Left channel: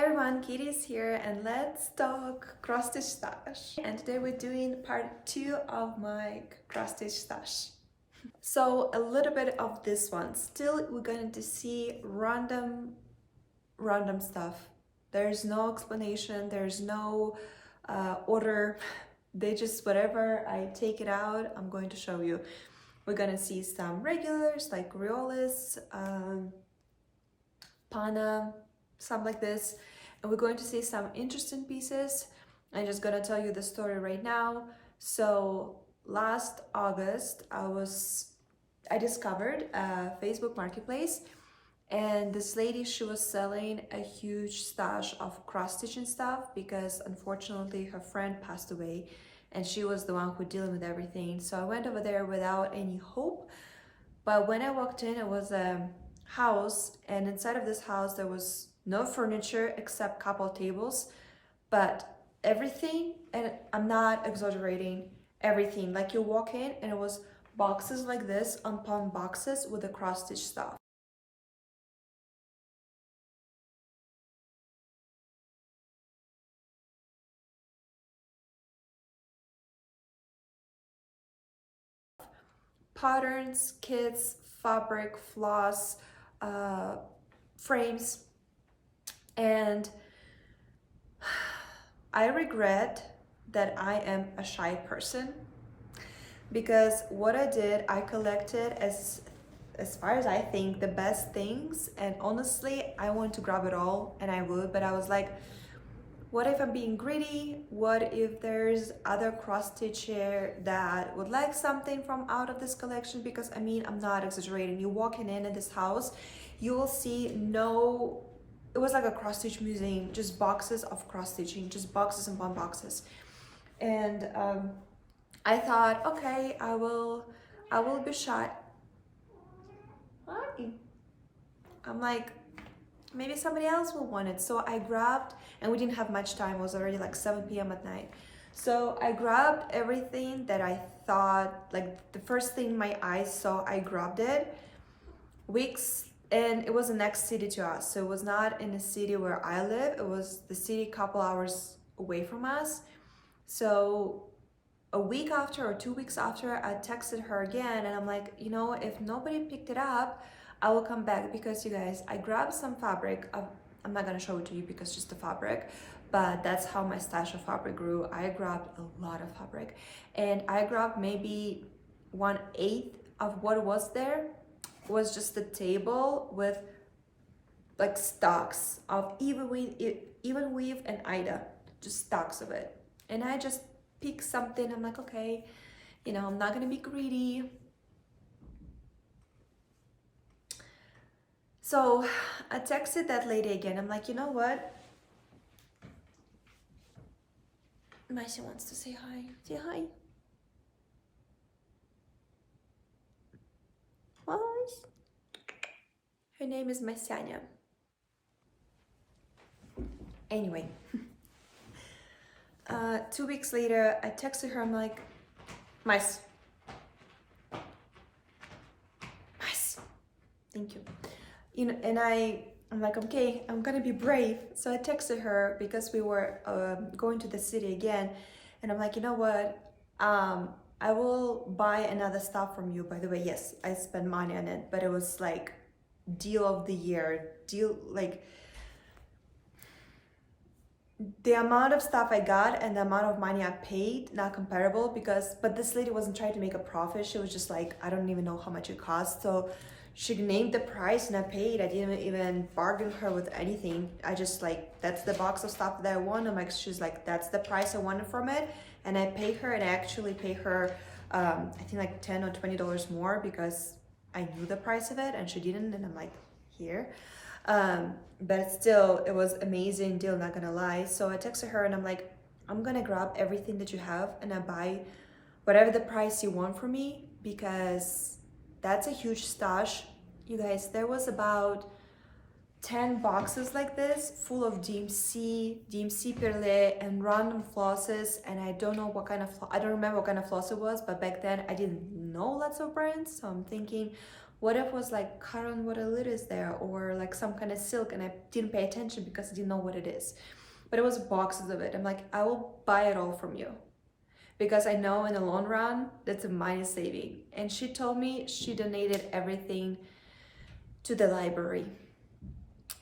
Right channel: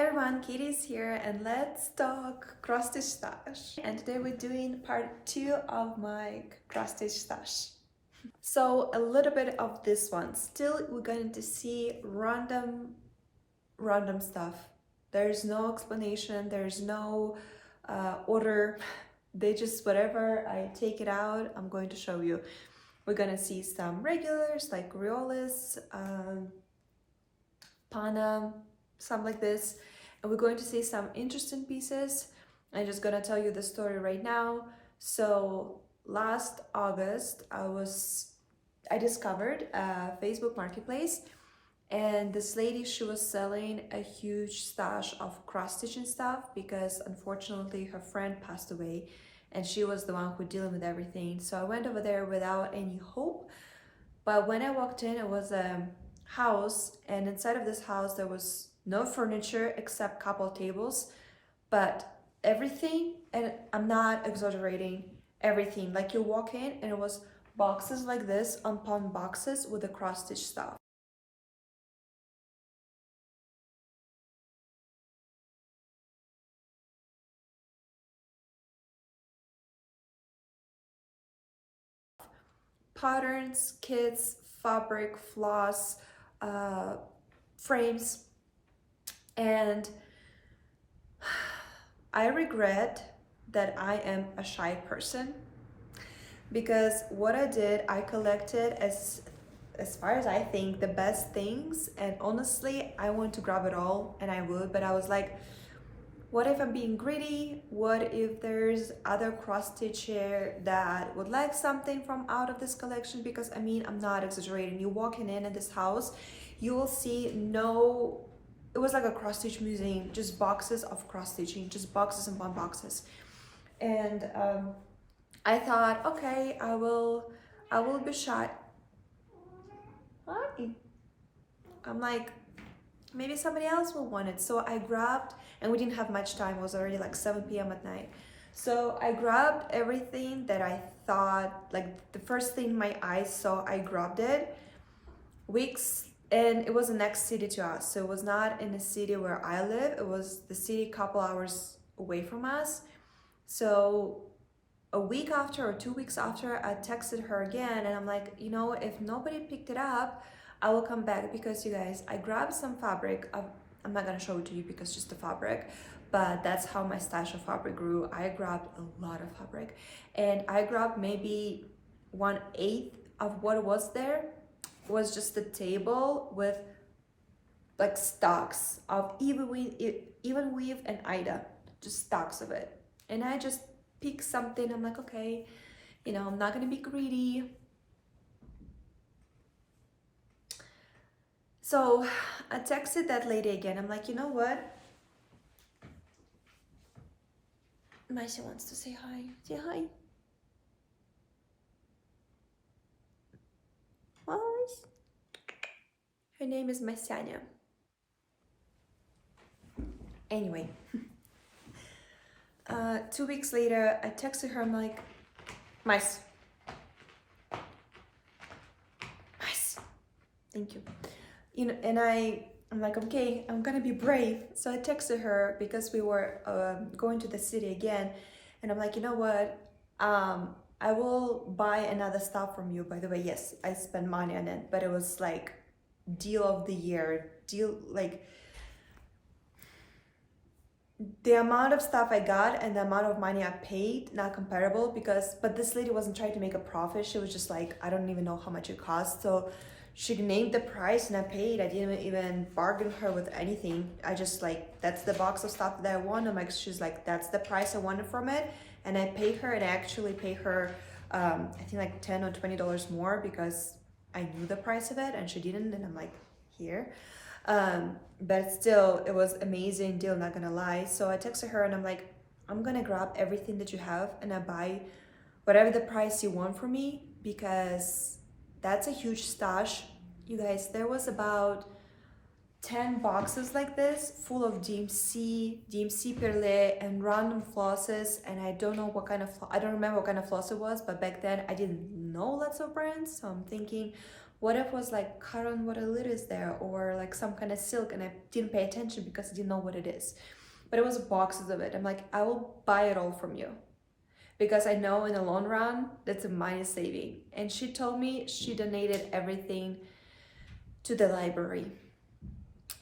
Everyone, Katie's here and let's talk cross-stitch stash. And today we're doing part 2 of my cross-stitch stash. So a little bit of this one. Still, we're going to see random stuff. There's no explanation, there's no order. They just, whatever I take it out, I'm going to show you. We're gonna see some regulars like Riolis, Pana, something like this, and we're going to see some interesting pieces. I'm just gonna tell you the story right now. So last August I discovered a Facebook marketplace, and this lady, she was selling a huge stash of cross-stitching stuff because unfortunately her friend passed away and she was the one who dealing with everything. So I went over there without any hope, but when I walked in, it was a house, and inside of this house there was no furniture except couple tables, but everything, and I'm not exaggerating, everything, like you walk in and it was boxes like this upon boxes with the cross-stitch stuff. Patterns, kits, fabric, floss, frames, and I regret that I am a shy person, because what I did, I collected as far as I think the best things, and honestly I want to grab it all and I would, but I was like, what if I'm being greedy? What if there's other cross-stitcher that would like something from out of this collection? Because I mean, I'm not exaggerating. You walking in this house, you will see no, it was like a cross-stitch museum, just boxes of cross-stitching, just boxes and boxes. And I thought, okay, I will be shy. Hi. I'm like, maybe somebody else will want it. So I grabbed, and we didn't have much time, it was already like 7 p.m. at night. So I grabbed everything that I thought, like the first thing my eyes saw, I grabbed it. And it was the next city to us. So it was not in a city where I live, it was the city a couple hours away from us. So a week after or 2 weeks after, I texted her again and I'm like, you know, if nobody picked it up, I will come back, because you guys, I grabbed some fabric. I'm not gonna show it to you because it's just the fabric, but that's how my stash of fabric grew. I grabbed a lot of fabric, and I grabbed maybe 1/8 of what was there was just the table with like stocks of even weave and Ida, just stocks of it. And I just picked something. I'm like, okay, you know, I'm not gonna be greedy. So I texted that lady again. I'm like, you know what? Maisha wants to say hi. Say hi. Hi. Her name is Maisanya. Anyway, 2 weeks later, I texted her. I'm like, Mais. Thank you. You know, and I'm like, okay, I'm gonna be brave. So I texted her because we were going to the city again, and I'm like, you know what? I will buy another stuff from you. By the way, yes, I spent money on it, but it was like deal of the year, deal, like the amount of stuff I got and the amount of money I paid, not comparable, because, but this lady wasn't trying to make a profit. She was just like, I don't even know how much it cost. So she named the price and I paid. I didn't even bargain her with anything. I just like, that's the box of stuff that I want. I'm like, she's like, that's the price I wanted from it. And I pay her, and I actually pay her, I think like $10 or $20 more, because I knew the price of it and she didn't. And I'm like, here. But still, it was amazing deal, not gonna lie. So I texted her and I'm like, I'm gonna grab everything that you have and I buy whatever the price you want for me, because that's a huge stash. You guys, there was about 10 boxes like this full of DMC Perle and random flosses, and I don't know what kind of I don't remember what kind of floss it was, but back then I didn't know lots of brands, so I'm thinking, What if it was like cotton water is there, or like some kind of silk, and I didn't pay attention because I didn't know what it is. But it was boxes of it. I'm like, I will buy it all from you, because I know in the long run that's a money saving. And she told me she donated everything to the library.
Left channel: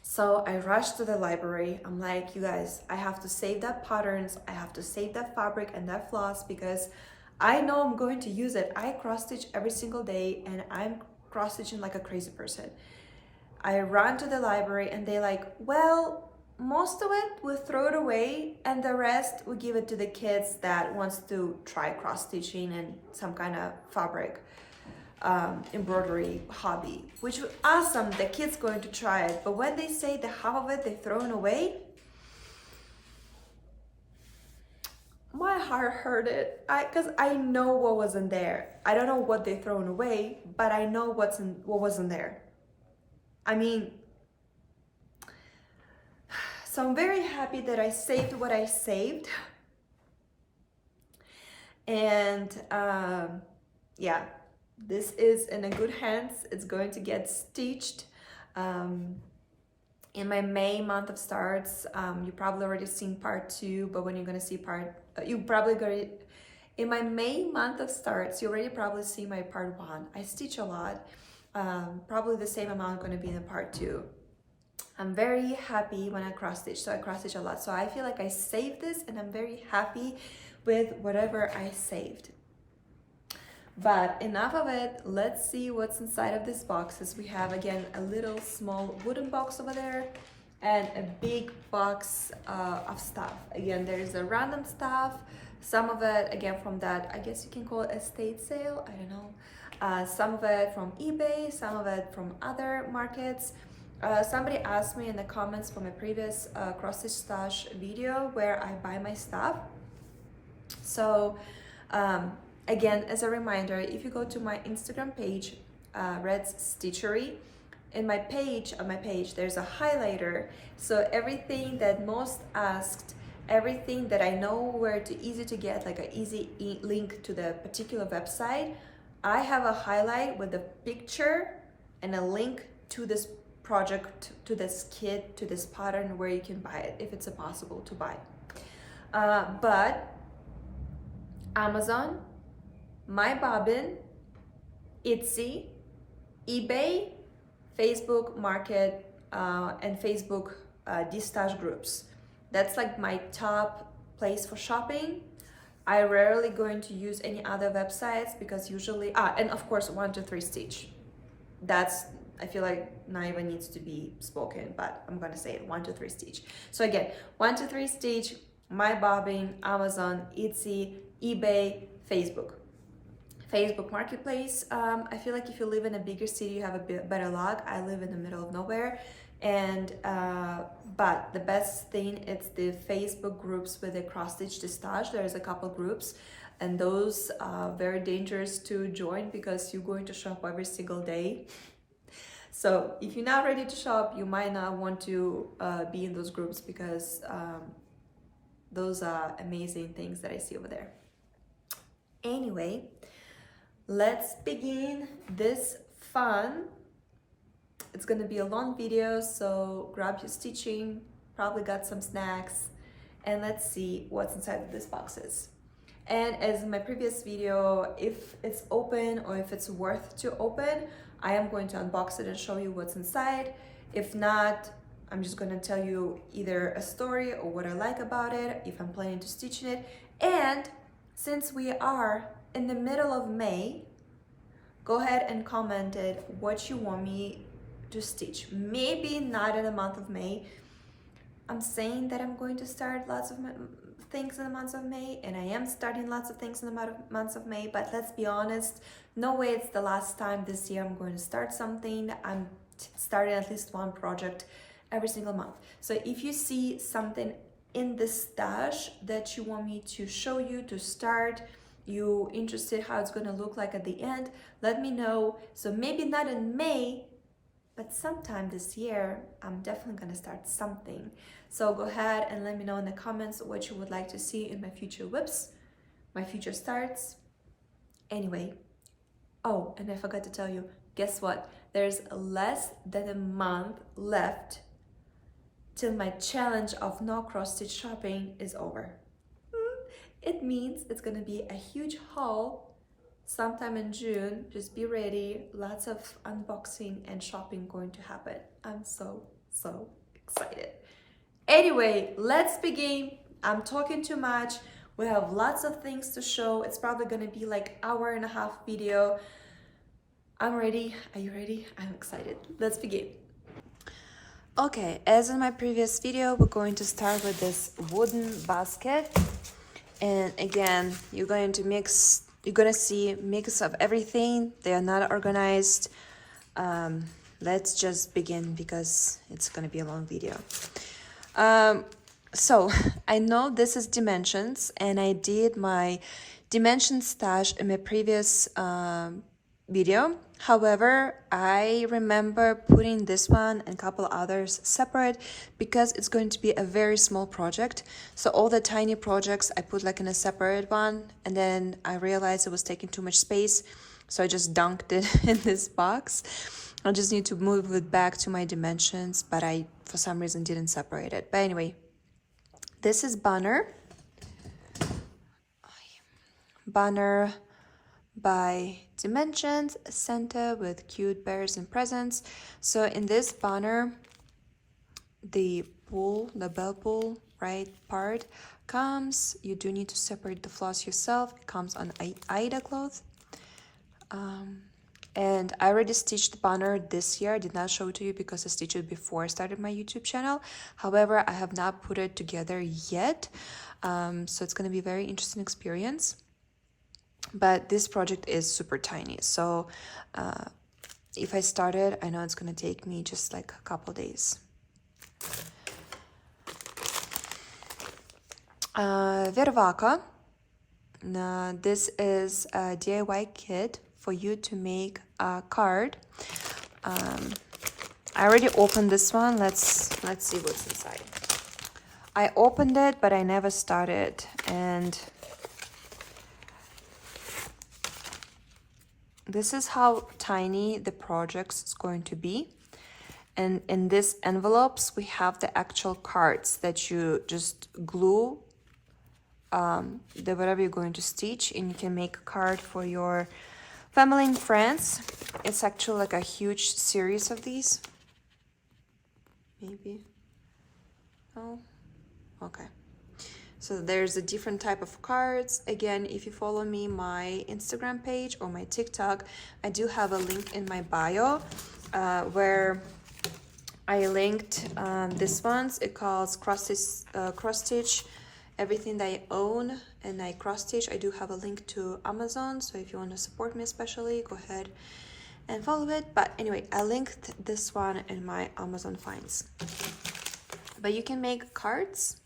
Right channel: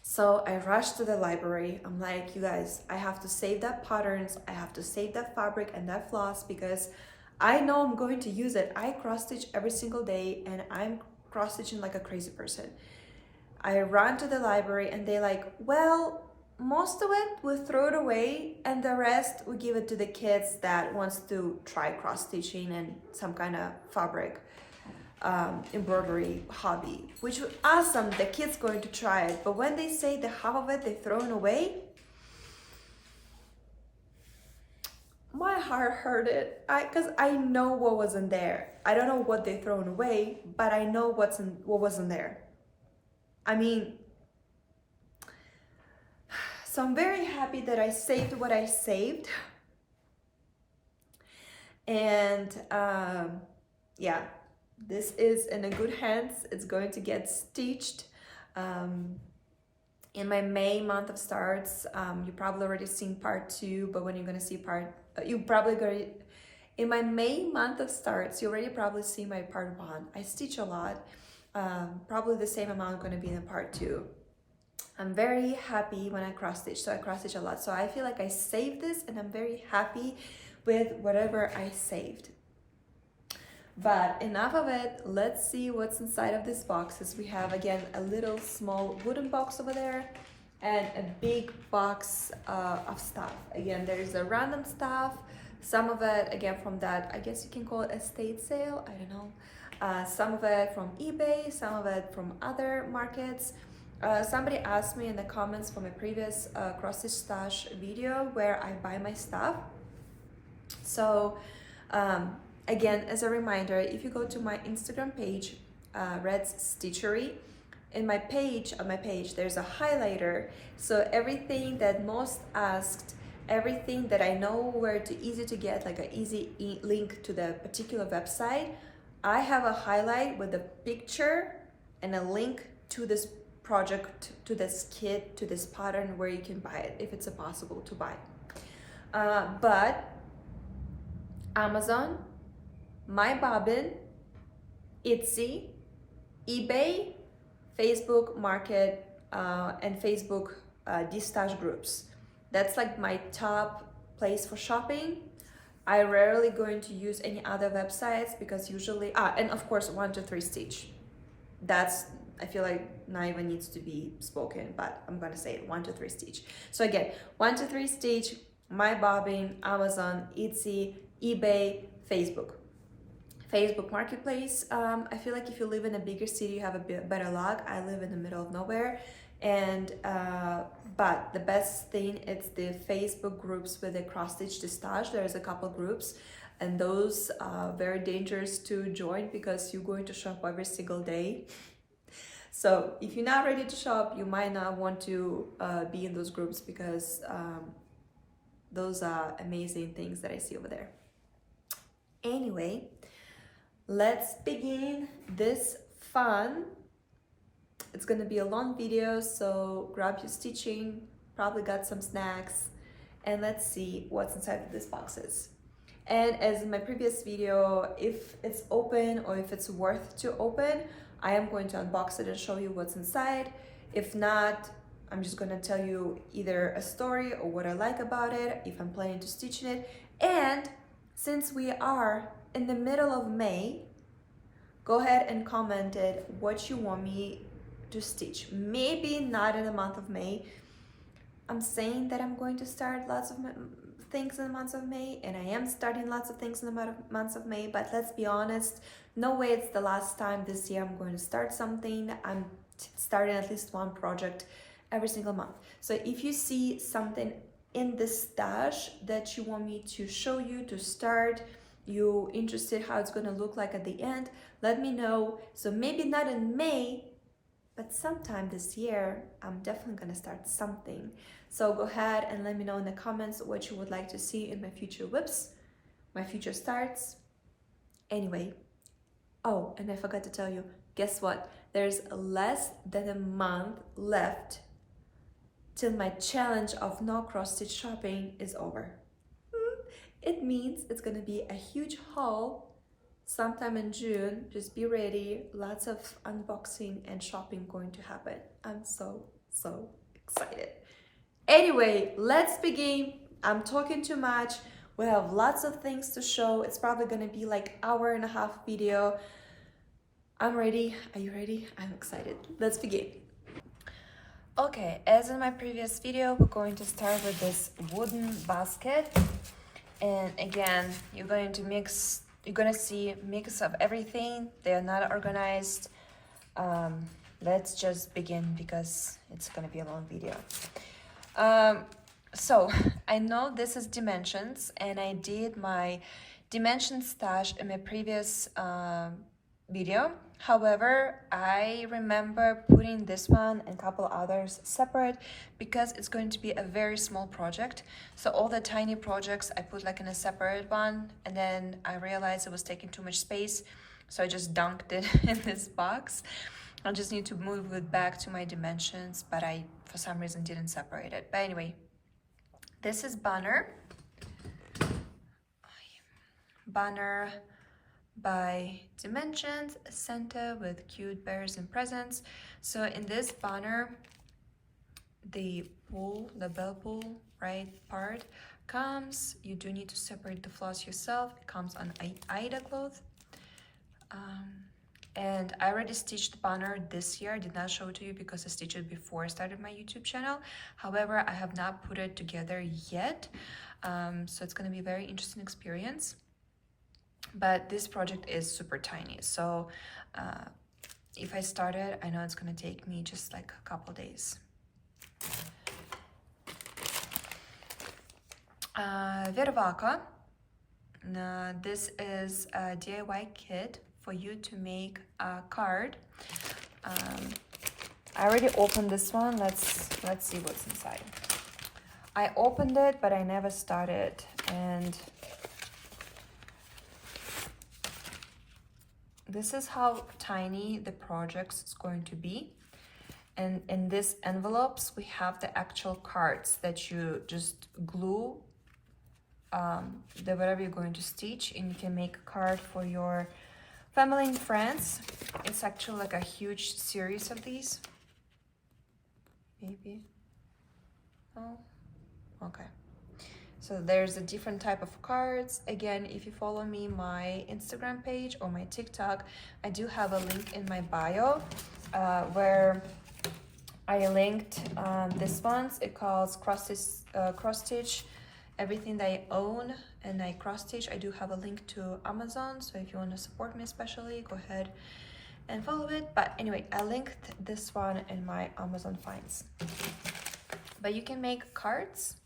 So I rushed to the library. I'm like, you guys, I have to save that patterns, I have to save that fabric and that floss, because I know I'm going to use it. I cross stitch every single day, and I'm cross stitching like a crazy person. I ran to the library and they like, well, most of it we throw it away, and the rest we give it to the kids that wants to try cross stitching and some kind of fabric embroidery hobby, which was awesome. The kids going to try it, but when they say the half of it they thrown away, my heart hurt it. Because I know what wasn't there. I don't know what they thrown away, but I know what wasn't there. I mean, so I'm very happy that I saved what I saved. And yeah, this is in a good hands. It's going to get stitched in my May month of starts. You probably already seen part 2, but when you're gonna see you probably gonna, in my May month of starts, you already probably see my part 1. I stitch a lot, probably the same amount gonna be in the part 2. I'm very happy when I cross stitch, so I cross stitch a lot. So I feel like I saved this, and I'm very happy with whatever I saved. But enough of it. Let's see what's inside of these boxes. We have again a little small wooden box over there, and a big box of stuff. Again, there is a random stuff. Some of it again from that, I guess you can call it estate sale, I don't know. Some of it from eBay, some of it from other markets. Somebody asked me in the comments from a previous cross stitch stash video where I buy my stuff. So again, as a reminder, if you go to my Instagram page, Red's Stitchery, on my page, there's a highlighter. So everything that most asked, everything that I know where to easy to get, like an easy link to the particular website, I have a highlight with a picture and a link to this project, to this kit, to this pattern where you can buy it if it's possible to buy. But Amazon, My Bobbin, Etsy, eBay, Facebook Market, and Facebook de-stash groups. That's like my top place for shopping. I rarely going to use any other websites because usually, and of course 123 Stitch. That's, I feel like not even needs to be spoken, but I'm gonna say it, 123 Stitch. So again, 123 Stitch, My Bobbin, Amazon, Etsy, eBay, Facebook. Facebook Marketplace, I feel like if you live in a bigger city, you have a bit better luck. I live in the middle of nowhere, and but the best thing is the Facebook groups with the cross stitch de-stash. There's a couple groups, and those are very dangerous to join because you're going to shop every single day. So if you're not ready to shop, you might not want to be in those groups, because those are amazing things that I see over there. Anyway, let's begin this fun. It's gonna be a long video, so grab your stitching, probably got some snacks, and let's see what's inside of these boxes. And as in my previous video, if it's open or if it's worth to open, I am going to unbox it and show you what's inside. If not, I'm just gonna tell you either a story or what I like about it, if I'm planning to stitch in it. And since we are in the middle of May, go ahead and comment it what you want me to stitch. Maybe not in the month of May. I'm saying that I'm going to start lots of things in the months of May, and I am starting lots of things in the months of May, but let's be honest, no way it's the last time this year I'm going to start something. I'm starting at least one project every single month. So if you see something in this stash that you want me to show you to start, you interested how it's going to look like at the end, let me know. So maybe not in May, but sometime this year, I'm definitely going to start something. So go ahead and let me know in the comments what you would like to see in my future whips, my future starts. Anyway, oh, and I forgot to tell you, guess what? There's less than a month left till my challenge of no cross-stitch shopping is over. It means it's gonna be a huge haul sometime in June. Just be ready. Lots of unboxing and shopping going to happen. I'm so excited. Anyway, let's begin. I'm talking too much. We have lots of things to show. It's probably gonna be like hour-and-a-half video. I'm ready. Are you ready? I'm excited. Let's begin. Okay, as in my previous video, we're going to start with this wooden basket. And again, you're going to see mix of everything. They are not organized. Let's just begin because it's going to be a long video. So I know this is dimensions, and I did my dimension stash in my previous video. However, I remember putting this one and a couple others separate because it's going to be a very small project. So all the tiny projects I put like in a separate one, and then I realized it was taking too much space, so I just dunked it in this box. I just need to move it back to my dimensions, but I for some reason didn't separate it. But anyway, this is banner by Dimensions, Santa with cute bears and presents. So in this banner, the bell pull, right, part comes. You do need to separate the floss yourself. It comes on Aida cloth. And I already stitched the banner this year. I did not show it to you because I stitched it before I started my YouTube channel. However, I have not put it together yet. So it's going to be a very interesting experience. But this project is super tiny, so if I start it, I know it's gonna take me just like a couple days. Vervaka. This is a DIY kit for you to make a card. I already opened this one. Let's see what's inside. I opened it, but I never started, and this is how tiny the project is going to be. And in these envelopes, we have the actual cards that you just glue whatever you're going to stitch, and you can make a card for your family and friends. It's actually like a huge series of these. Maybe. Oh, okay. So there's a different type of cards. Again, if you follow me, my Instagram page or my TikTok, I do have a link in my bio where I linked this ones. It calls cross stitch everything that I own, and I cross stitch. I do have a link to Amazon, so if you want to support me especially, go ahead and follow it. But anyway, I linked this one in my Amazon finds. But you can make cards.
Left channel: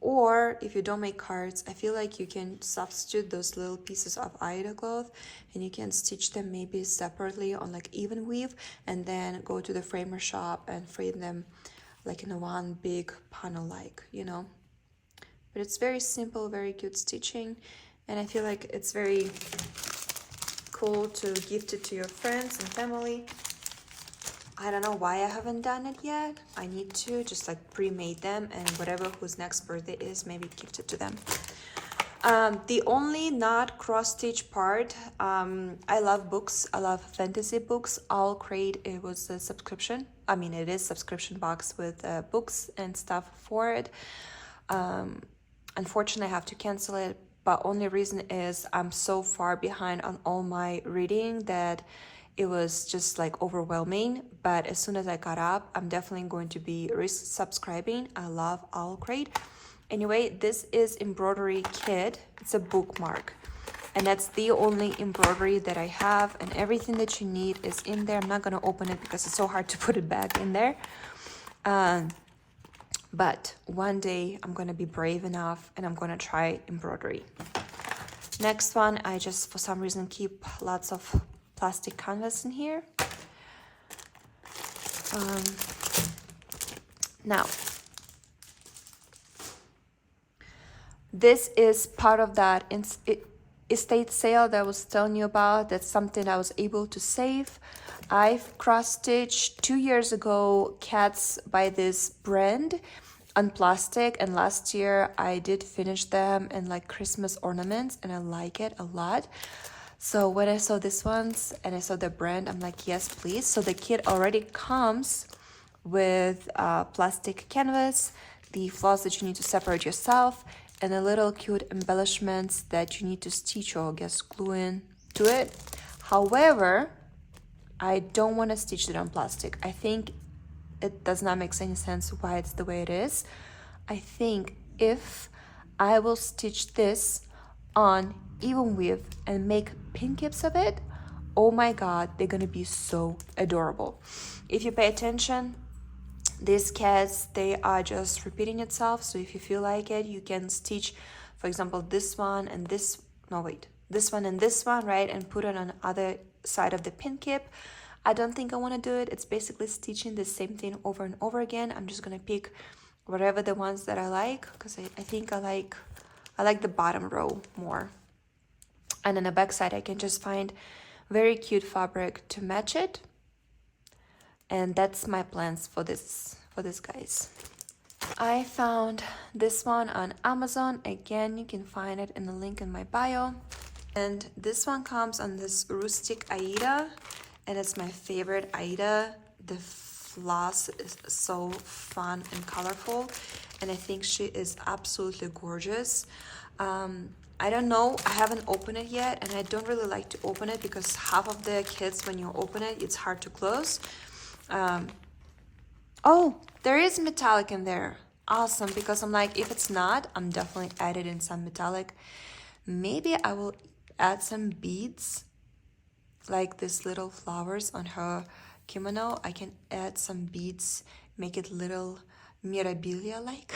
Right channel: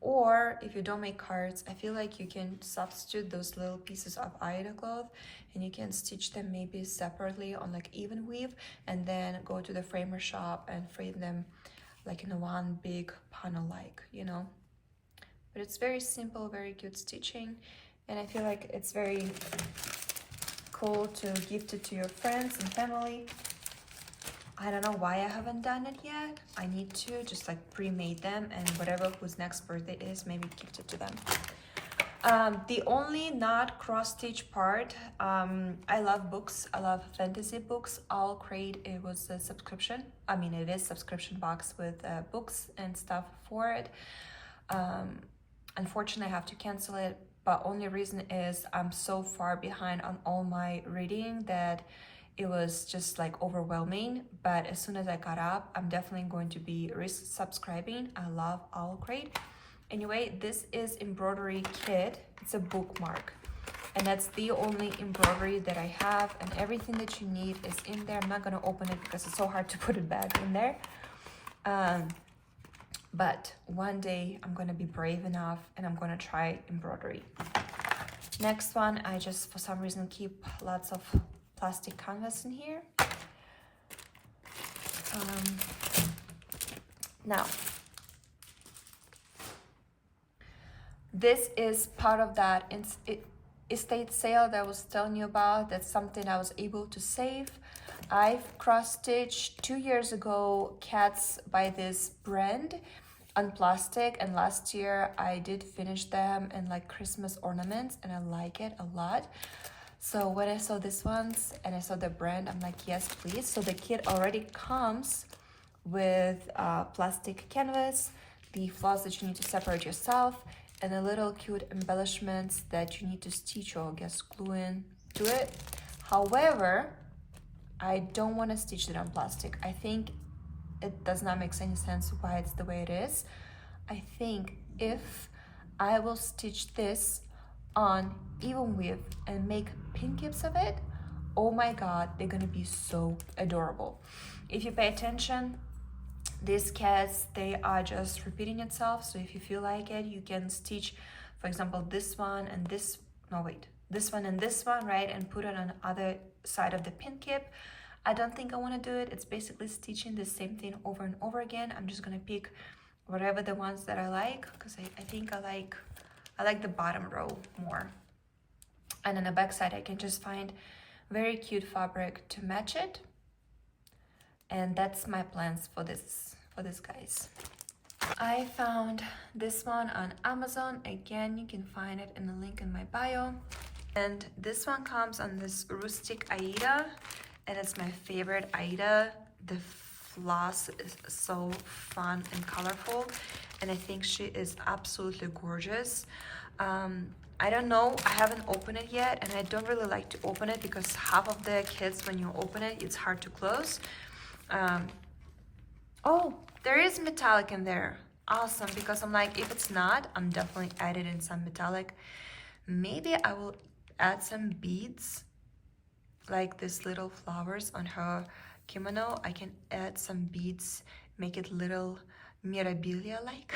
Or if you don't make cards, I feel like you can substitute those little pieces of Aida cloth, and you can stitch them maybe separately on like even weave, and then go to the framer shop and frame them like in one big panel, like, you know. But it's very simple, very good stitching, and I feel like it's very cool to gift it to your friends and family. I don't know why I haven't done it yet. I need to just like pre-made them, and whatever whose next birthday is, maybe gift it to them. The only not cross-stitch part, I love books. I love fantasy books. I'll create, it was a subscription. I mean, it is subscription box with books and stuff for it. Unfortunately, I have to cancel it, but only reason is I'm so far behind on all my reading that it was just like overwhelming. But as soon as I got up, I'm definitely going to be resubscribing. I love Owl Crate. Anyway, this is embroidery kit. It's a bookmark, and that's the only embroidery that I have, and everything that you need is in there. I'm not gonna open it because it's so hard to put it back in there. But one day I'm gonna be brave enough and I'm gonna try embroidery. Next one, I just for some reason keep lots of plastic canvas in here. Now, this is part of that estate sale that I was telling you about. That's something I was able to save. I've cross-stitched 2 years ago cats by this brand on plastic, and last year I did finish them in like Christmas ornaments, and I like it a lot. So when I saw this ones and I saw the brand, I'm like, yes, please. So the kit already comes with plastic canvas, the floss that you need to separate yourself, and a little cute embellishments that you need to stitch or guess glue in to it. However, I don't want to stitch it on plastic. I think it does not make any sense why it's the way it is. I think if I will stitch this on even weave and make pin caps of it, oh my god, they're gonna be so adorable. If you pay attention, these cats, they are just repeating itself. So if you feel like it, you can stitch, for example, this one and this, no wait, this one and this one, right, and put it on the other side of the pin cap. I don't think I want to do it. It's basically stitching the same thing over and over again. I'm just gonna pick whatever the ones that I like, because I think I like the bottom row more. And on the back side, I can just find very cute fabric to match it. And that's my plans for this guys. I found this one on Amazon. Again, you can find it in the link in my bio. And this one comes on this rustic Aida, and it's my favorite Aida. The floss is so fun and colorful, and I think she is absolutely gorgeous. I don't know, I haven't opened it yet, and I don't really like to open it because half of the kits, when you open it, it's hard to close. Oh, there is metallic in there. Awesome, because I'm like, if it's not, I'm definitely adding in some metallic. Maybe I will add some beads, like these little flowers on her kimono. I can add some beads, make it little Mirabilia like.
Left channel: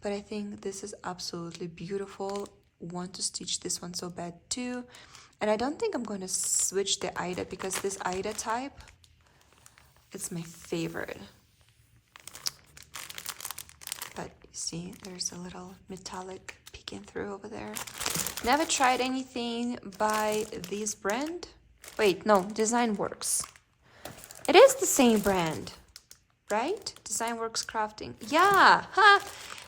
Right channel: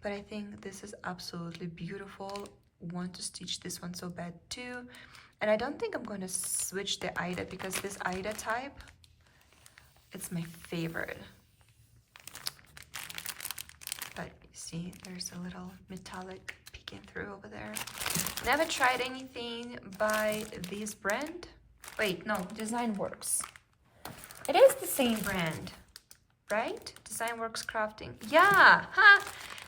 But I think this is absolutely beautiful. Want to stitch this one so bad too. And I don't think I'm going to switch the Aida, because this Aida type, it's my favorite. But you see, there's a little metallic peeking through over there. Never tried anything by this brand. Wait, no, Design Works. It is the same brand, right? Design Works Crafting. Yeah, huh?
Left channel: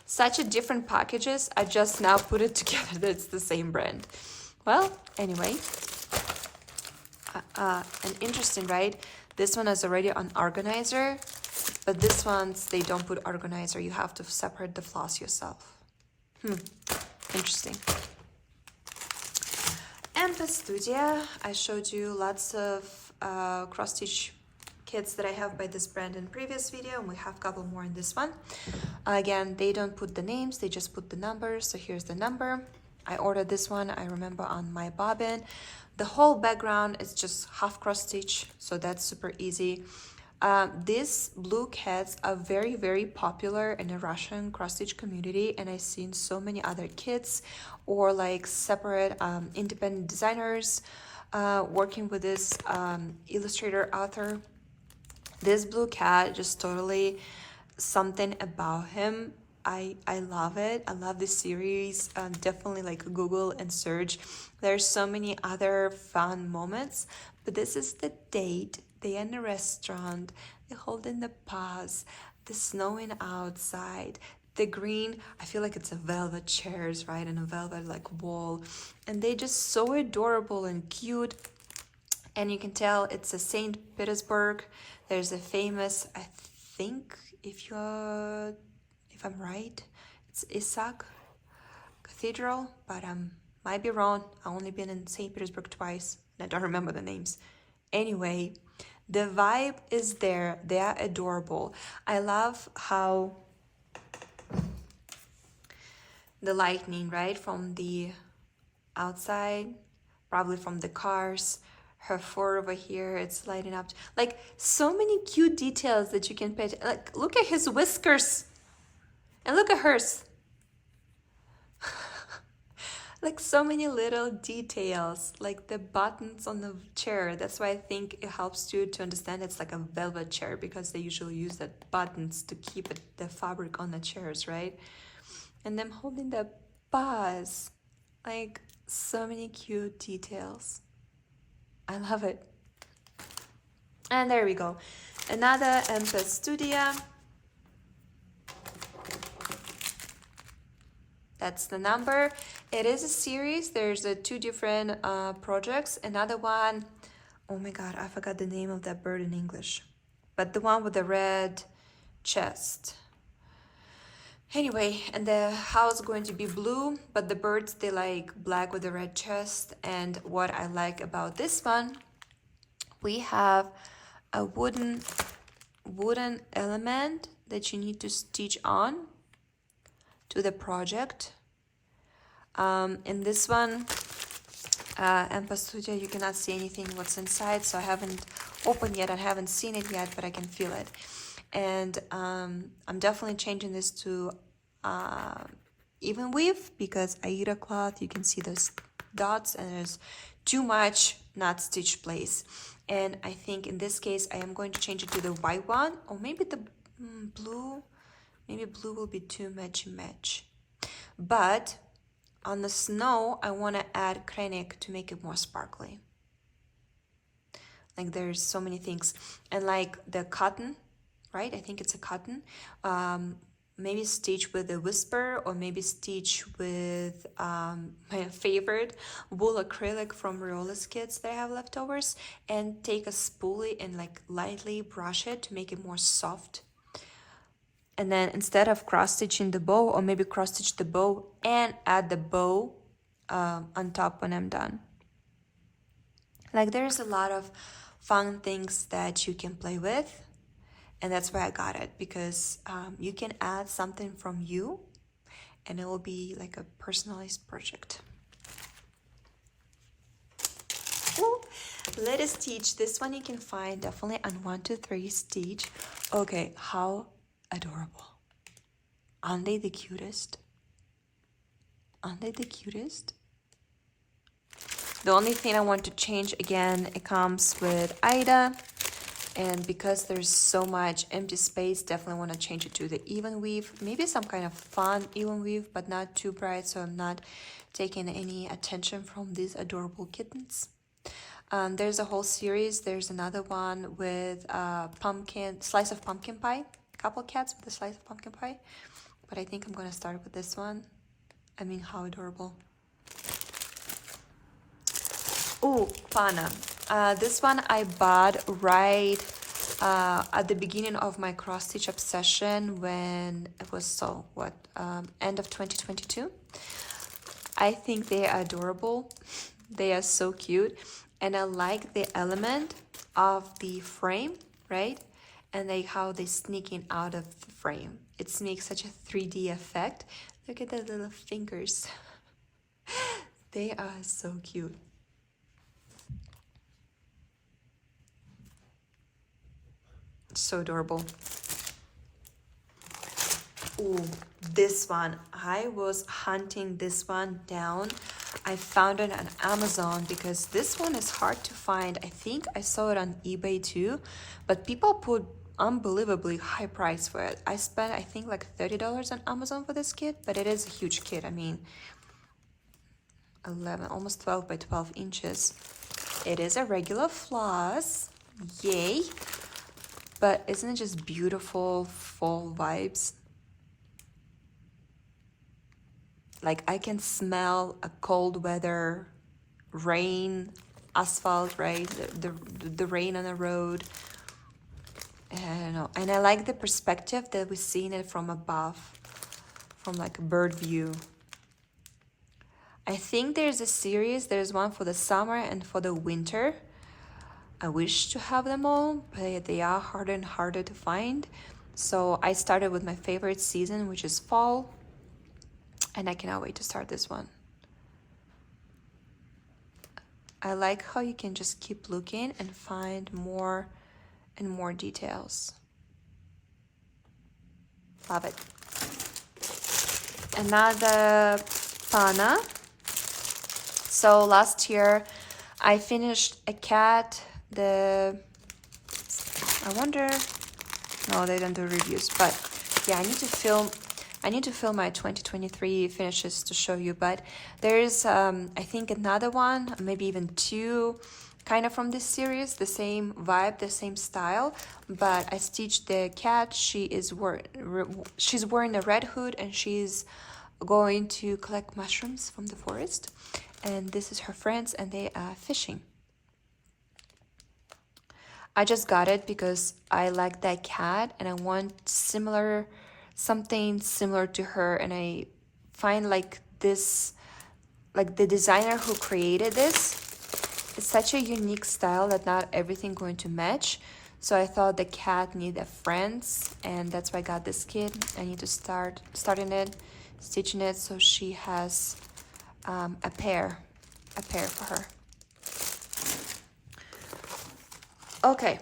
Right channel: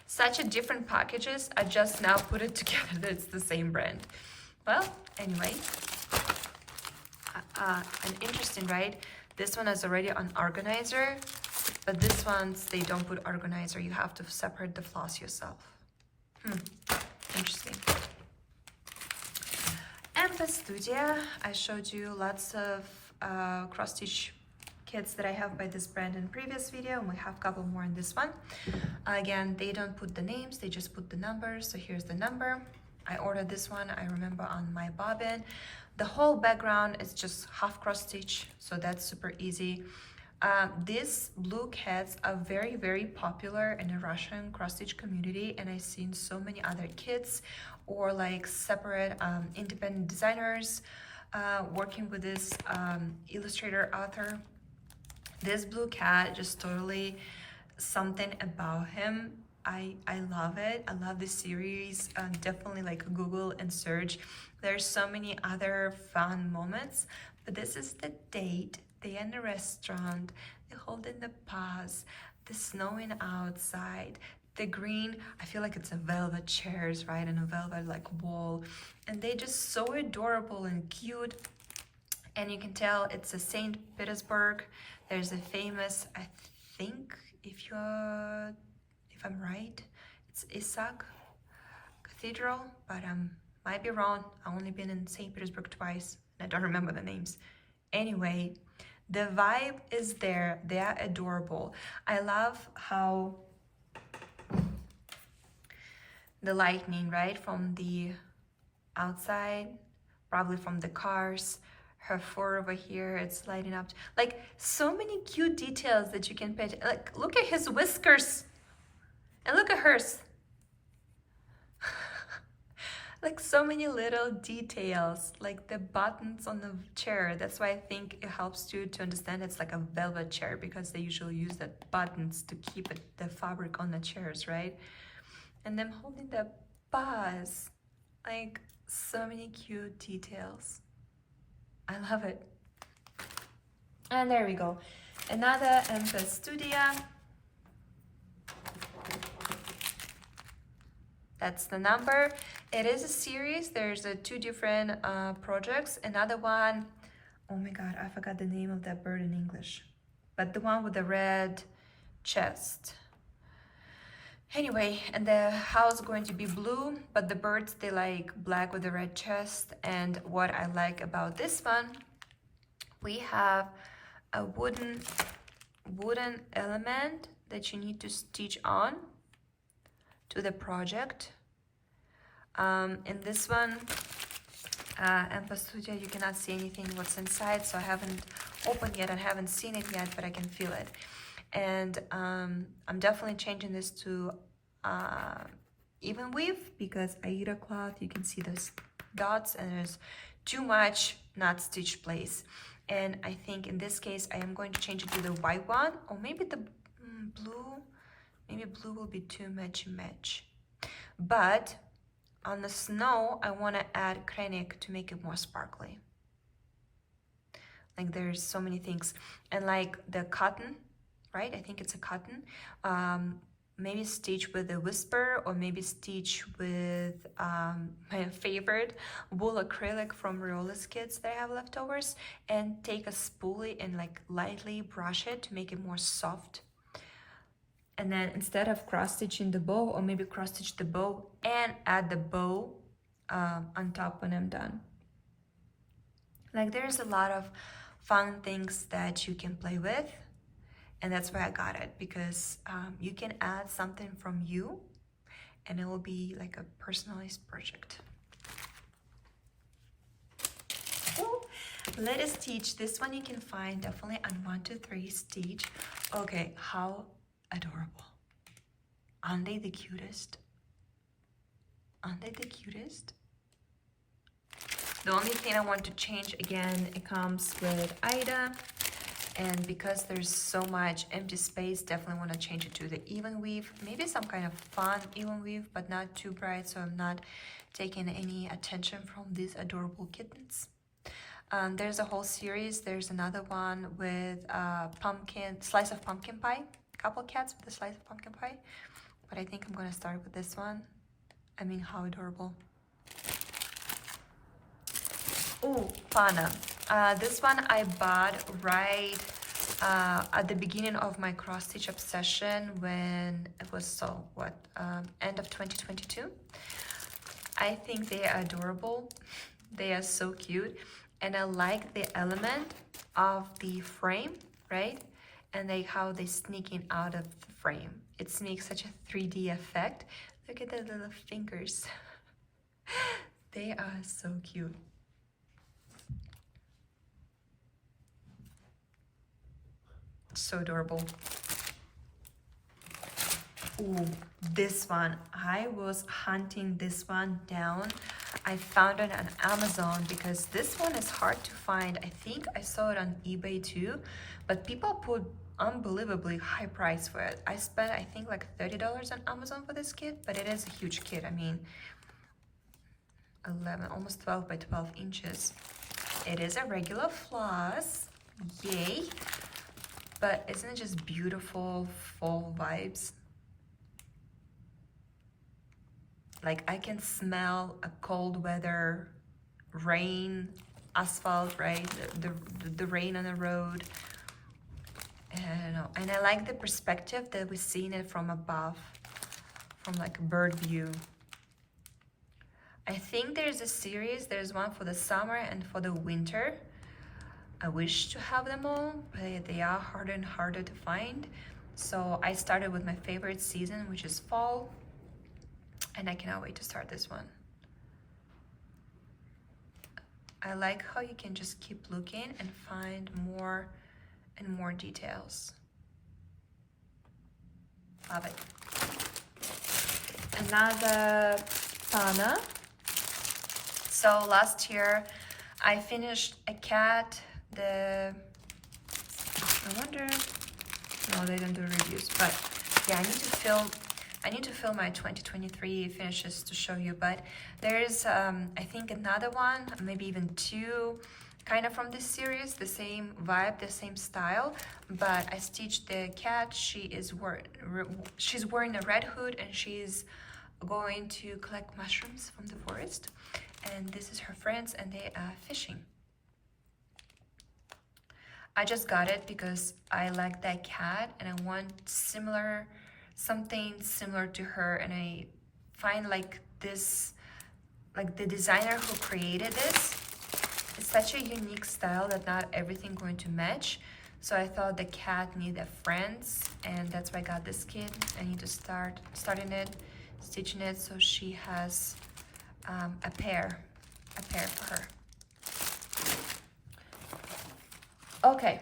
Such a different packages. I just now put it together that it's the same brand. Well, anyway. And interesting, right? This one is already an organizer, but this ones, they don't put organizer. You have to separate the floss yourself. Interesting. And Studio, I showed you lots of cross-stitch kits that I have by this brand in previous video, and we have a couple more in this one. Again, they don't put the names, they just put the numbers. So here's the number. I ordered this one, I remember, on my bobbin. The whole background is just half cross stitch, so that's super easy. These blue cats are very, very popular in the Russian cross stitch community, and I've seen so many other kits or like separate independent designers working with this illustrator author. This blue cat, just totally something about him. I love it. I love this series. Definitely like Google and search. There's so many other fun moments, but this is the date. They're in a restaurant, they're holding the paws, the snowing outside, the green, I feel like it's a velvet chairs, right? And a velvet like wall. And they're just so adorable and cute. And you can tell it's a St. Petersburg. There's a famous, I think, if I'm right, it's Isak Cathedral, but might be wrong. I've only been in St. Petersburg twice, and I don't remember the names. Anyway, the vibe is there. They are adorable. I love how the lightning, right, from the outside, probably from the cars, her fur over here, it's lighting up. Like, so many cute details that you can pay. Like, look at his whiskers, and look at hers. Like, so many little details, like the buttons on the chair. That's why I think it helps you to understand it's like a velvet chair, because they usually use the buttons to keep the fabric on the chairs, right? And them holding the paws. Like, so many cute details. I love it. And there we go. Another Empress Studia. That's the number. It is a series. There's two different projects. Another one, oh my god, I forgot the name of that bird in English. But the one with the red chest. Anyway, and the house is going to be blue, but the birds, they like black with the red chest. And what I like about this one, we have a wooden element that you need to stitch on to the project. In this one, Empress Studio, you cannot see anything what's inside, so I haven't opened yet, I haven't seen it yet, but I can feel it. And I'm definitely changing this to even weave, because Aida cloth, you can see those dots and there's too much not stitched place. And I think in this case I am going to change it to the white one, or maybe the blue. Maybe blue will be too matchy. But on the snow, I want to add Krenik to make it more sparkly. Like, there's so many things. And like the cotton, right? I think it's a cotton. Maybe stitch with a whisper, or maybe stitch with my favorite wool acrylic from Riola's kits that I have leftovers, and take a spoolie and like lightly brush it to make it more soft. And then instead of cross-stitching the bow, or maybe cross-stitch the bow and add the bow on top when I'm done. Like, there's a lot of fun things that you can play with. And that's why I got it, because you can add something from you and it will be like a personalized project. Ooh, let us stitch. This one you can find definitely on 1, 2, 3 stitch. Okay, how adorable. Aren't they the cutest? Aren't they the cutest? The only thing I want to change, again, it comes with Aida, and because there's so much empty space, definitely want to change it to the even weave. Maybe some kind of fun even weave, but not too bright, so I'm not taking any attention from these adorable kittens. There's a whole series. There's another one with slice of pumpkin pie. Couple cats with a slice of pumpkin pie, but I think I'm gonna start with this one. I mean, how adorable. Oh, Pana. This one I bought right at the beginning of my cross-stitch obsession, when it was end of 2022. I think they are adorable. They are so cute, and I like the element of the frame, right? And like how they sneaking out of the frame. It makes such a 3D effect. Look at the little fingers. They are so cute. So adorable. Ooh, this one. I was hunting this one down. I found it on Amazon because this one is hard to find. I think I saw it on eBay too, but people put unbelievably high price for it. I spent, I think, like $30 on Amazon for this kit, but it is a huge kit. I mean, almost 12 by 12 inches. It is a regular floss, yay! But isn't it just beautiful fall vibes? Like, I can smell a cold weather, rain, asphalt, right? The rain on the road. I don't know. And I like the perspective that we're seeing it from above, from like a bird view. I think there's a series. There's one for the summer and for the winter. I wish to have them all, but they are harder and harder to find. So I started with my favorite season, which is fall. And I cannot wait to start this one. I like how you can just keep looking and find more and more details. Love it. Another Pana. So last year I finished a cat. I wonder, no, they don't do reviews, but yeah, I need to film I need to film my 2023 finishes to show you, but there's I think another one, maybe even two, kind of from this series, the same vibe, the same style, but I stitched the cat. She's wearing a red hood and she's going to collect mushrooms from the forest, and this is her friends and they are fishing. I just got it because I like that cat and I want something similar to her, and I find like this, like the designer who created this, it's such a unique style that not everything going to match. So I thought the cat needed friends, and that's why I got this kit. I need to starting it, stitching it, so she has a pair for her. Okay,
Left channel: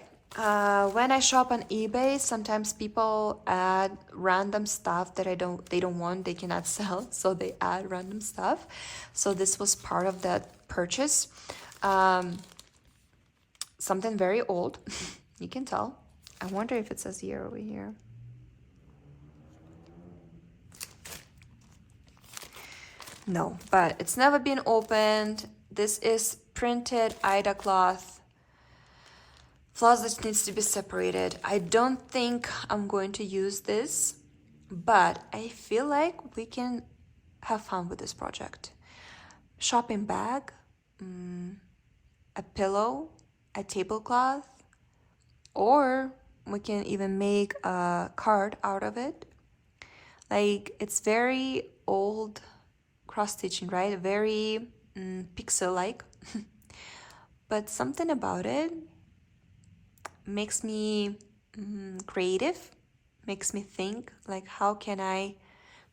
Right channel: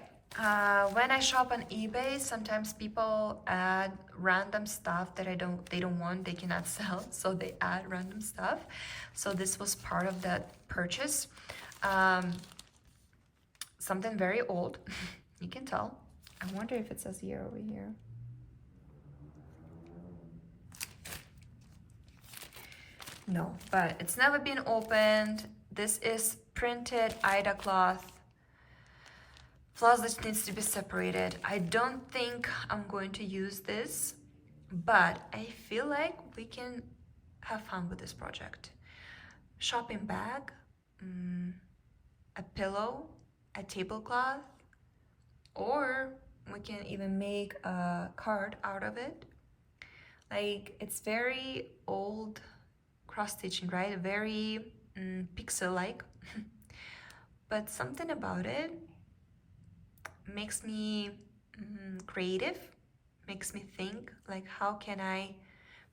when I shop on eBay, sometimes people add random stuff that they don't want, they cannot sell, so they add random stuff. So this was part of that purchase. Something very old, you can tell. I wonder if it says year over here. No, but it's never been opened. This is printed Ida cloth. Floss that needs to be separated. I don't think I'm going to use this, but I feel like we can have fun with this project. Shopping bag, a pillow, a tablecloth, or we can even make a card out of it. Like, it's very old cross-stitching, right? Very pixel-like, but something about it makes me creative, makes me think, like, how can I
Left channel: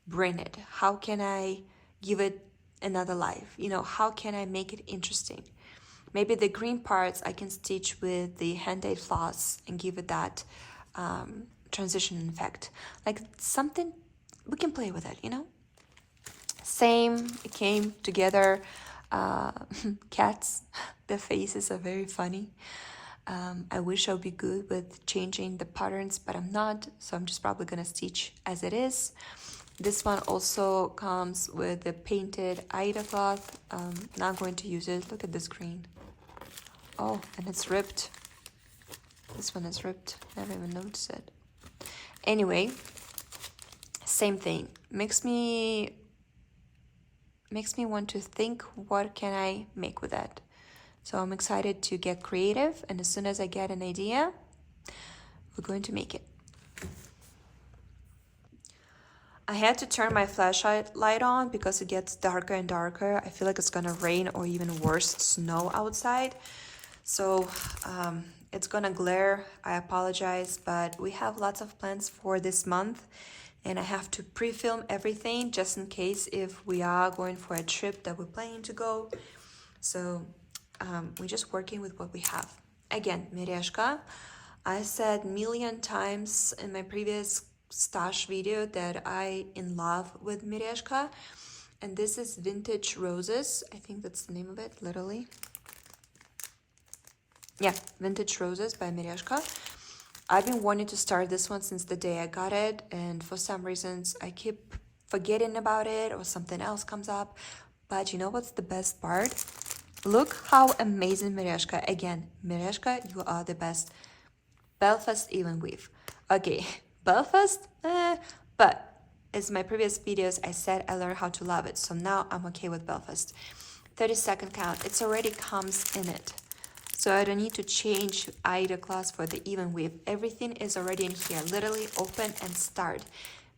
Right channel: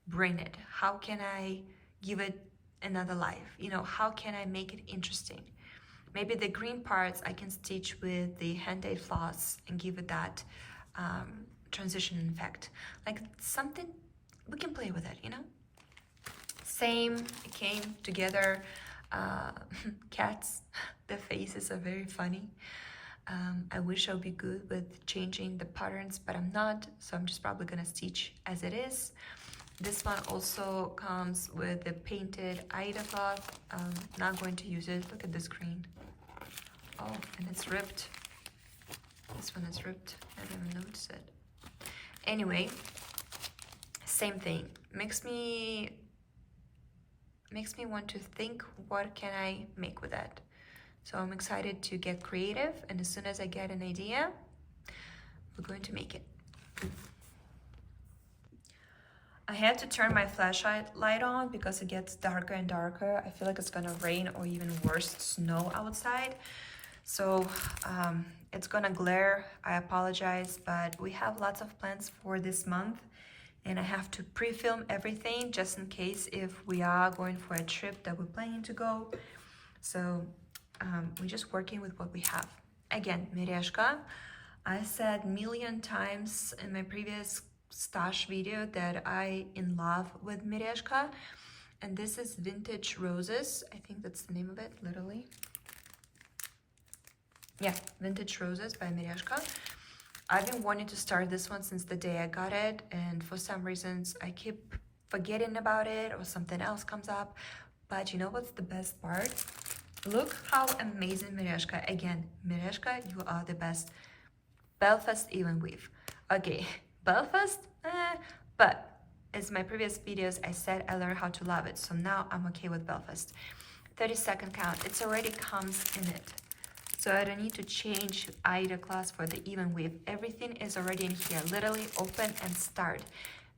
bring it? How can I give it another life? You know, how can I make it interesting? Maybe the green parts I can stitch with the hand-dyed floss and give it that transition effect. Like something, we can play with it, you know? Same, it came together. Cats, the faces are very funny. I wish I would be good with changing the patterns, but I'm not, so I'm just probably gonna stitch as it is. This one also comes with the painted Aida cloth. Not going to use it. Look at this green. Oh, and it's ripped. This one is ripped. I didn't even notice it. Anyway, same thing. Makes me want to think, what can I make with that? So I'm excited to get creative, and as soon as I get an idea, we're going to make it. I had to turn my flashlight light on because it gets darker and darker. I feel like it's gonna rain or even worse, snow outside. So it's gonna glare. I apologize, but we have lots of plans for this month, and I have to pre-film everything just in case if we are going for a trip that we're planning to go. So we're just working with what we have. Again, Mereshka. I said million times in my previous stash video that I in love with Mereshka, and this is Vintage Roses. I think that's the name of it, literally. Yeah, Vintage Roses by Mereshka. I've been wanting to start this one since the day I got it, and for some reasons I keep forgetting about it or something else comes up. But you know what's the best part? Look how amazing Mereshka. Again, Mereshka, you are the best. Belfast even weave. Okay, Belfast, but as my previous videos, I said I learned how to love it. So now I'm okay with Belfast. 30-second count. It's already comes in it. So I don't need to change Aida class for the even weave. Everything is already in here. Literally open and start.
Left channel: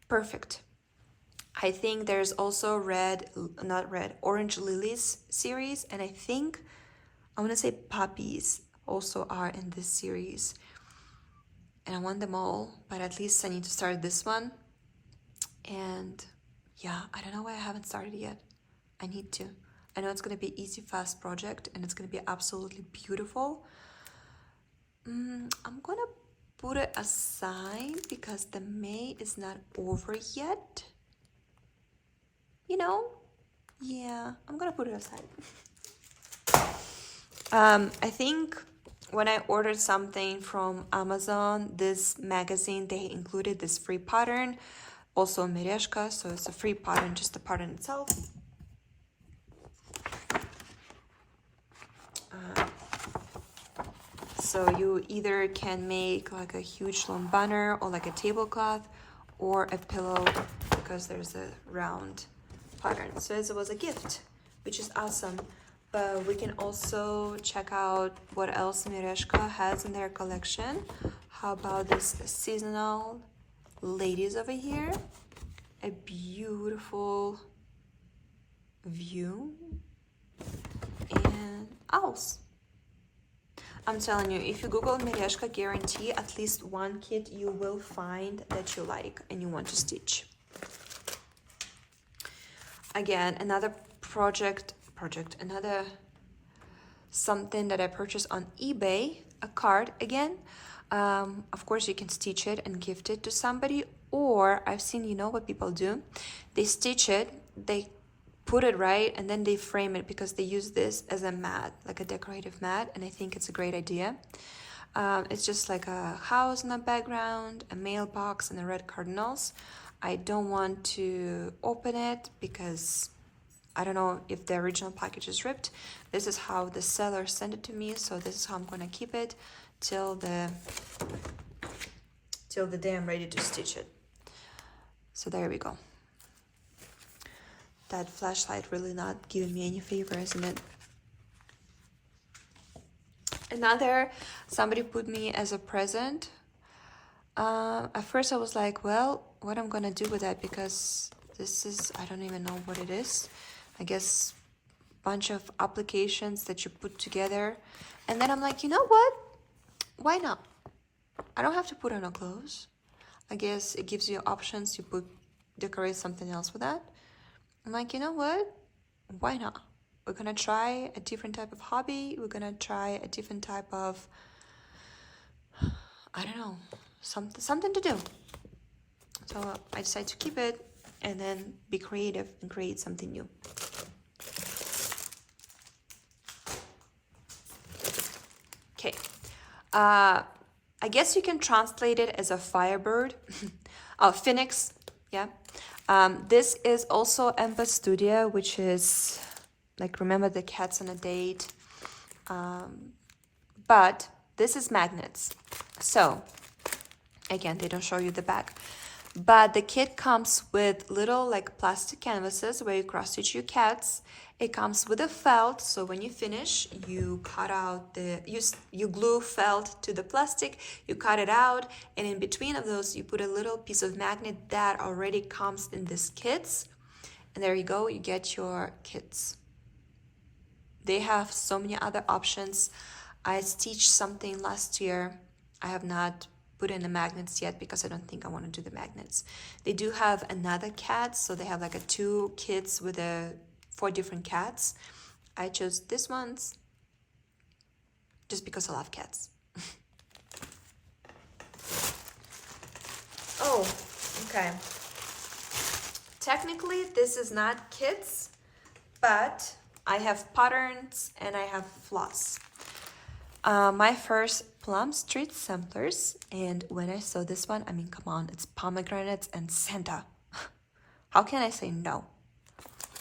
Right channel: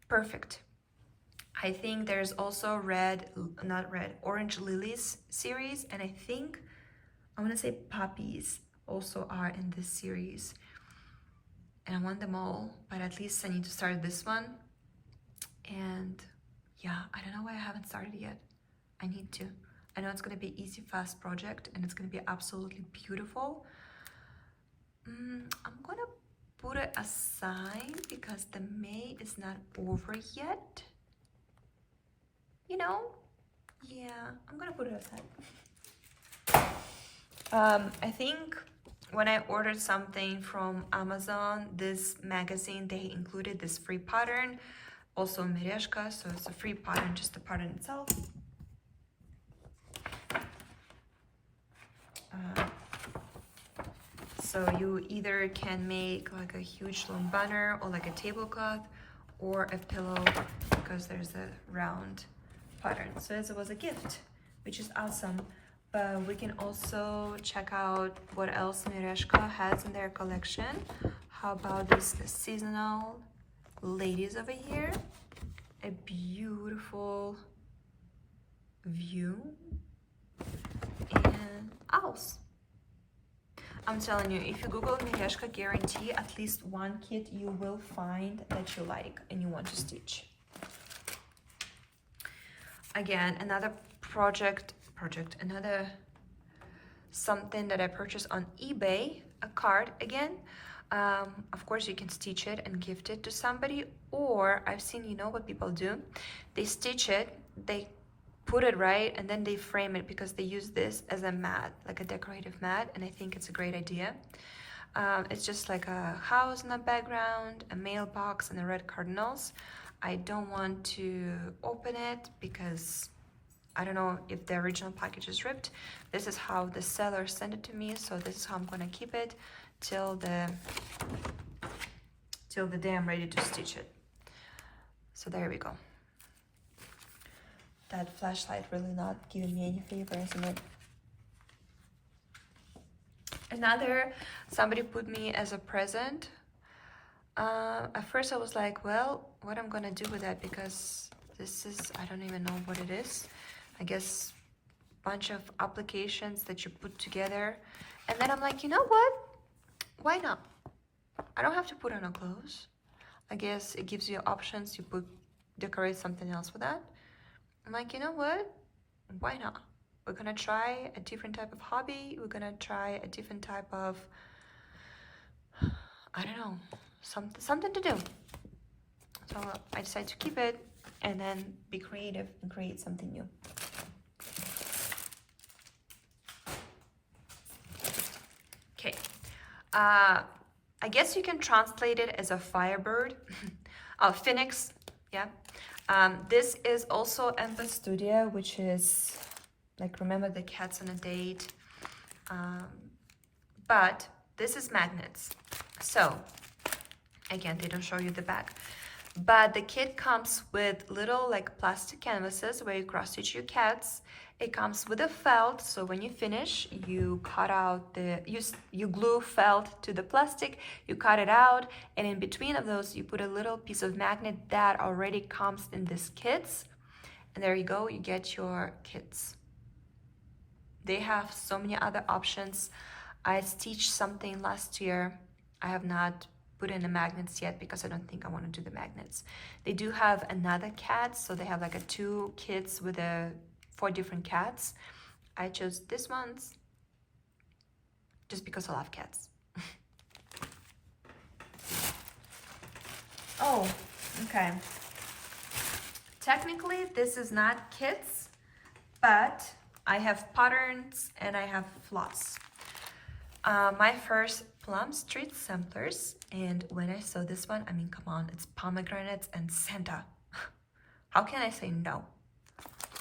Perfect. I think there's also orange lilies series, and I think, I want to say puppies also are in this series. And I want them all, but at least I need to start this one. And yeah, I don't know why I haven't started yet. I need to. I know it's going to be easy, fast project, and it's going to be absolutely beautiful. I'm going to put it aside because the May is not over yet. You know? Yeah, I'm going to put it aside. I think when I ordered something from Amazon, this magazine, they included this free pattern. Also Mereshka, so it's a free pattern, just the pattern itself. So you either can make like a huge long banner or like a tablecloth or a pillow, because there's a round pattern. So it was a gift, which is awesome. But we can also check out what else Mereshka has in their collection. How about this seasonal ladies over here? A beautiful view and owls. I'm telling you, if you Google Mereshka, guarantee at least one kit you will find that you like and you want to stitch. Again, another another something that I purchased on eBay, a card again. Of course, you can stitch it and gift it to somebody, or I've seen, you know what people do? They stitch it, they put it right, and then they frame it because they use this as a mat, like a decorative mat, and I think it's a great idea. It's just like a house in the background, a mailbox, and the red cardinals. I don't want to open it because I don't know if the original package is ripped. This is how the seller sent it to me, so this is how I'm gonna keep it till the day I'm ready to stitch it. So there we go. That flashlight really not giving me any favor, isn't it? Another, somebody put me as a present. At first I was like, well, what I'm gonna do with that, because this is, I don't even know what it is. I guess bunch of applications that you put together. And then I'm like, you know what? Why not? I don't have to put on a clothes. I guess it gives you options. You decorate something else with that. I'm like, you know what? Why not? We're gonna try a different type of hobby. We're gonna try a different type of, I don't know, something to do. So I decided to keep it and then be creative and create something new. Okay. I guess you can translate it as a firebird. Oh, phoenix. Yeah. This is also Empa Studio, which is like, remember the cats on a date. But this is magnets. So again, they don't show you the back. But the kit comes with little like plastic canvases where you cross stitch your cats. It comes with a felt, so when you finish, you cut out the, you glue felt to the plastic, you cut it out, and in between of those, you put a little piece of magnet that already comes in these kits. And there you go, you get your kits. They have so many other options. I stitched something last year. I have not put in the magnets yet because I don't think I want to do the magnets. They do have another cat, so they have like a 2 kits with 4 different cats. I chose this ones just because I love cats. Oh, okay. Technically, this is not kits, but I have patterns and I have floss. My first Plum Street samplers, and when I saw this one, I mean, come on, it's pomegranates and Santa. How can I say no?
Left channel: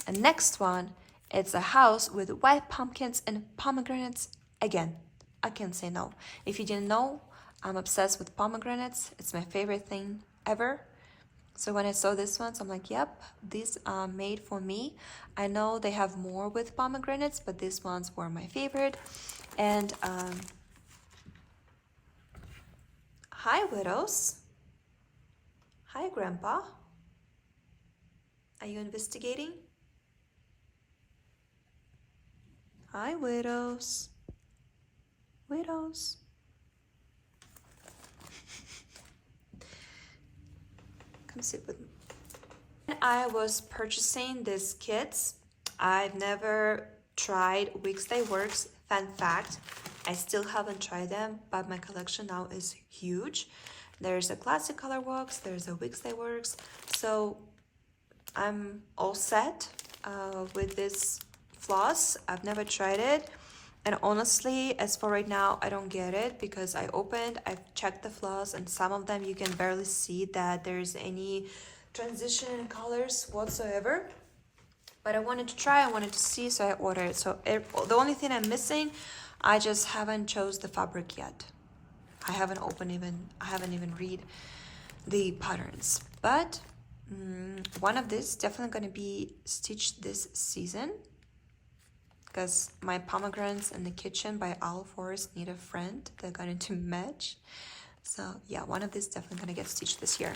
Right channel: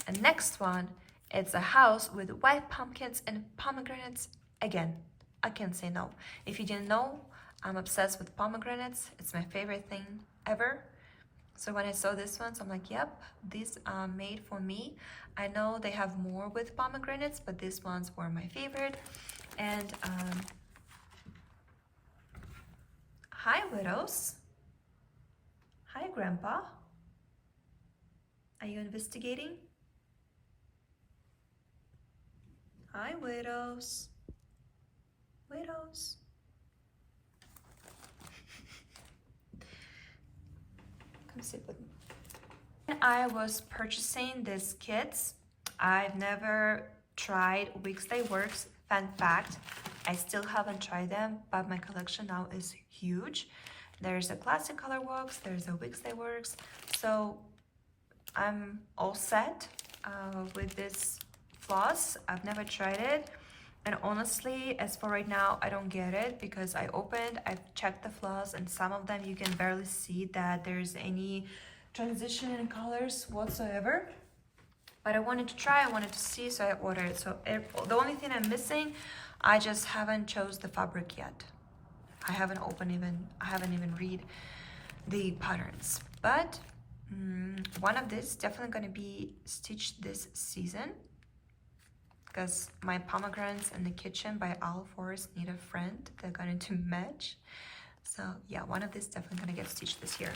And next one, it's a house with white pumpkins and pomegranates. Again, I can't say no. If you didn't know, I'm obsessed with pomegranates. It's my favorite thing ever. So when I saw this one, so I'm like, yep, these are made for me. I know they have more with pomegranates, but these ones were my favorite. And hi, widows. Hi, Grandpa. Are you investigating? Hi, widows. Widows. Come sit with me. When I was purchasing these kits, I've never tried Weeks Day Works. Fun fact, I still haven't tried them, but my collection now is huge. There's a Classic Color Works, there's a Weeks Day Works, so I'm all set with this floss. I've never tried it, and honestly, as for right now, I don't get it because I've checked the floss, and some of them you can barely see that there's any transition in colors whatsoever. But I wanted to try, I wanted to see, so I ordered it. So the only thing I'm missing, I just haven't chose the fabric yet. I haven't even read the patterns. But one of this definitely gonna be stitched this season, because my pomegranates in the kitchen by Owl Forest need a friend. They're going to match. So yeah, one of these definitely gonna get stitched this year.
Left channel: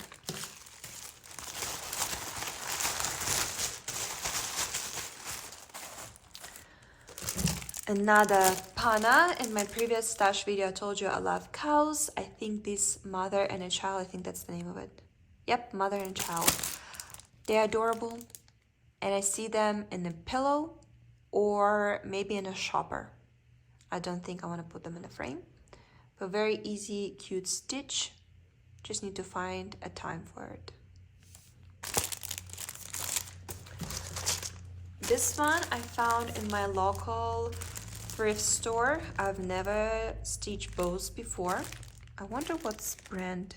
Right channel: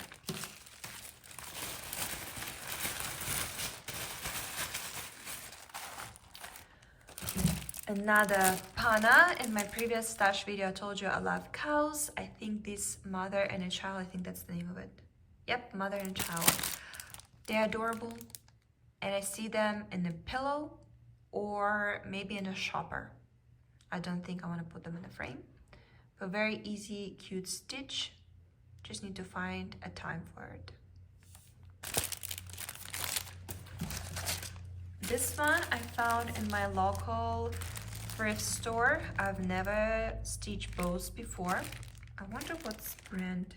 Another pana. In my previous stash video, I told you I love cows. I think this mother and a child, I think that's the name of it. Yep, mother and child. They're adorable. And I see them in a pillow or maybe in a shopper. I don't think I want to put them in a frame. But very easy, cute stitch. Just need to find a time for it. This one I found in my local thrift store. I've never stitched bows before. I wonder what's brand.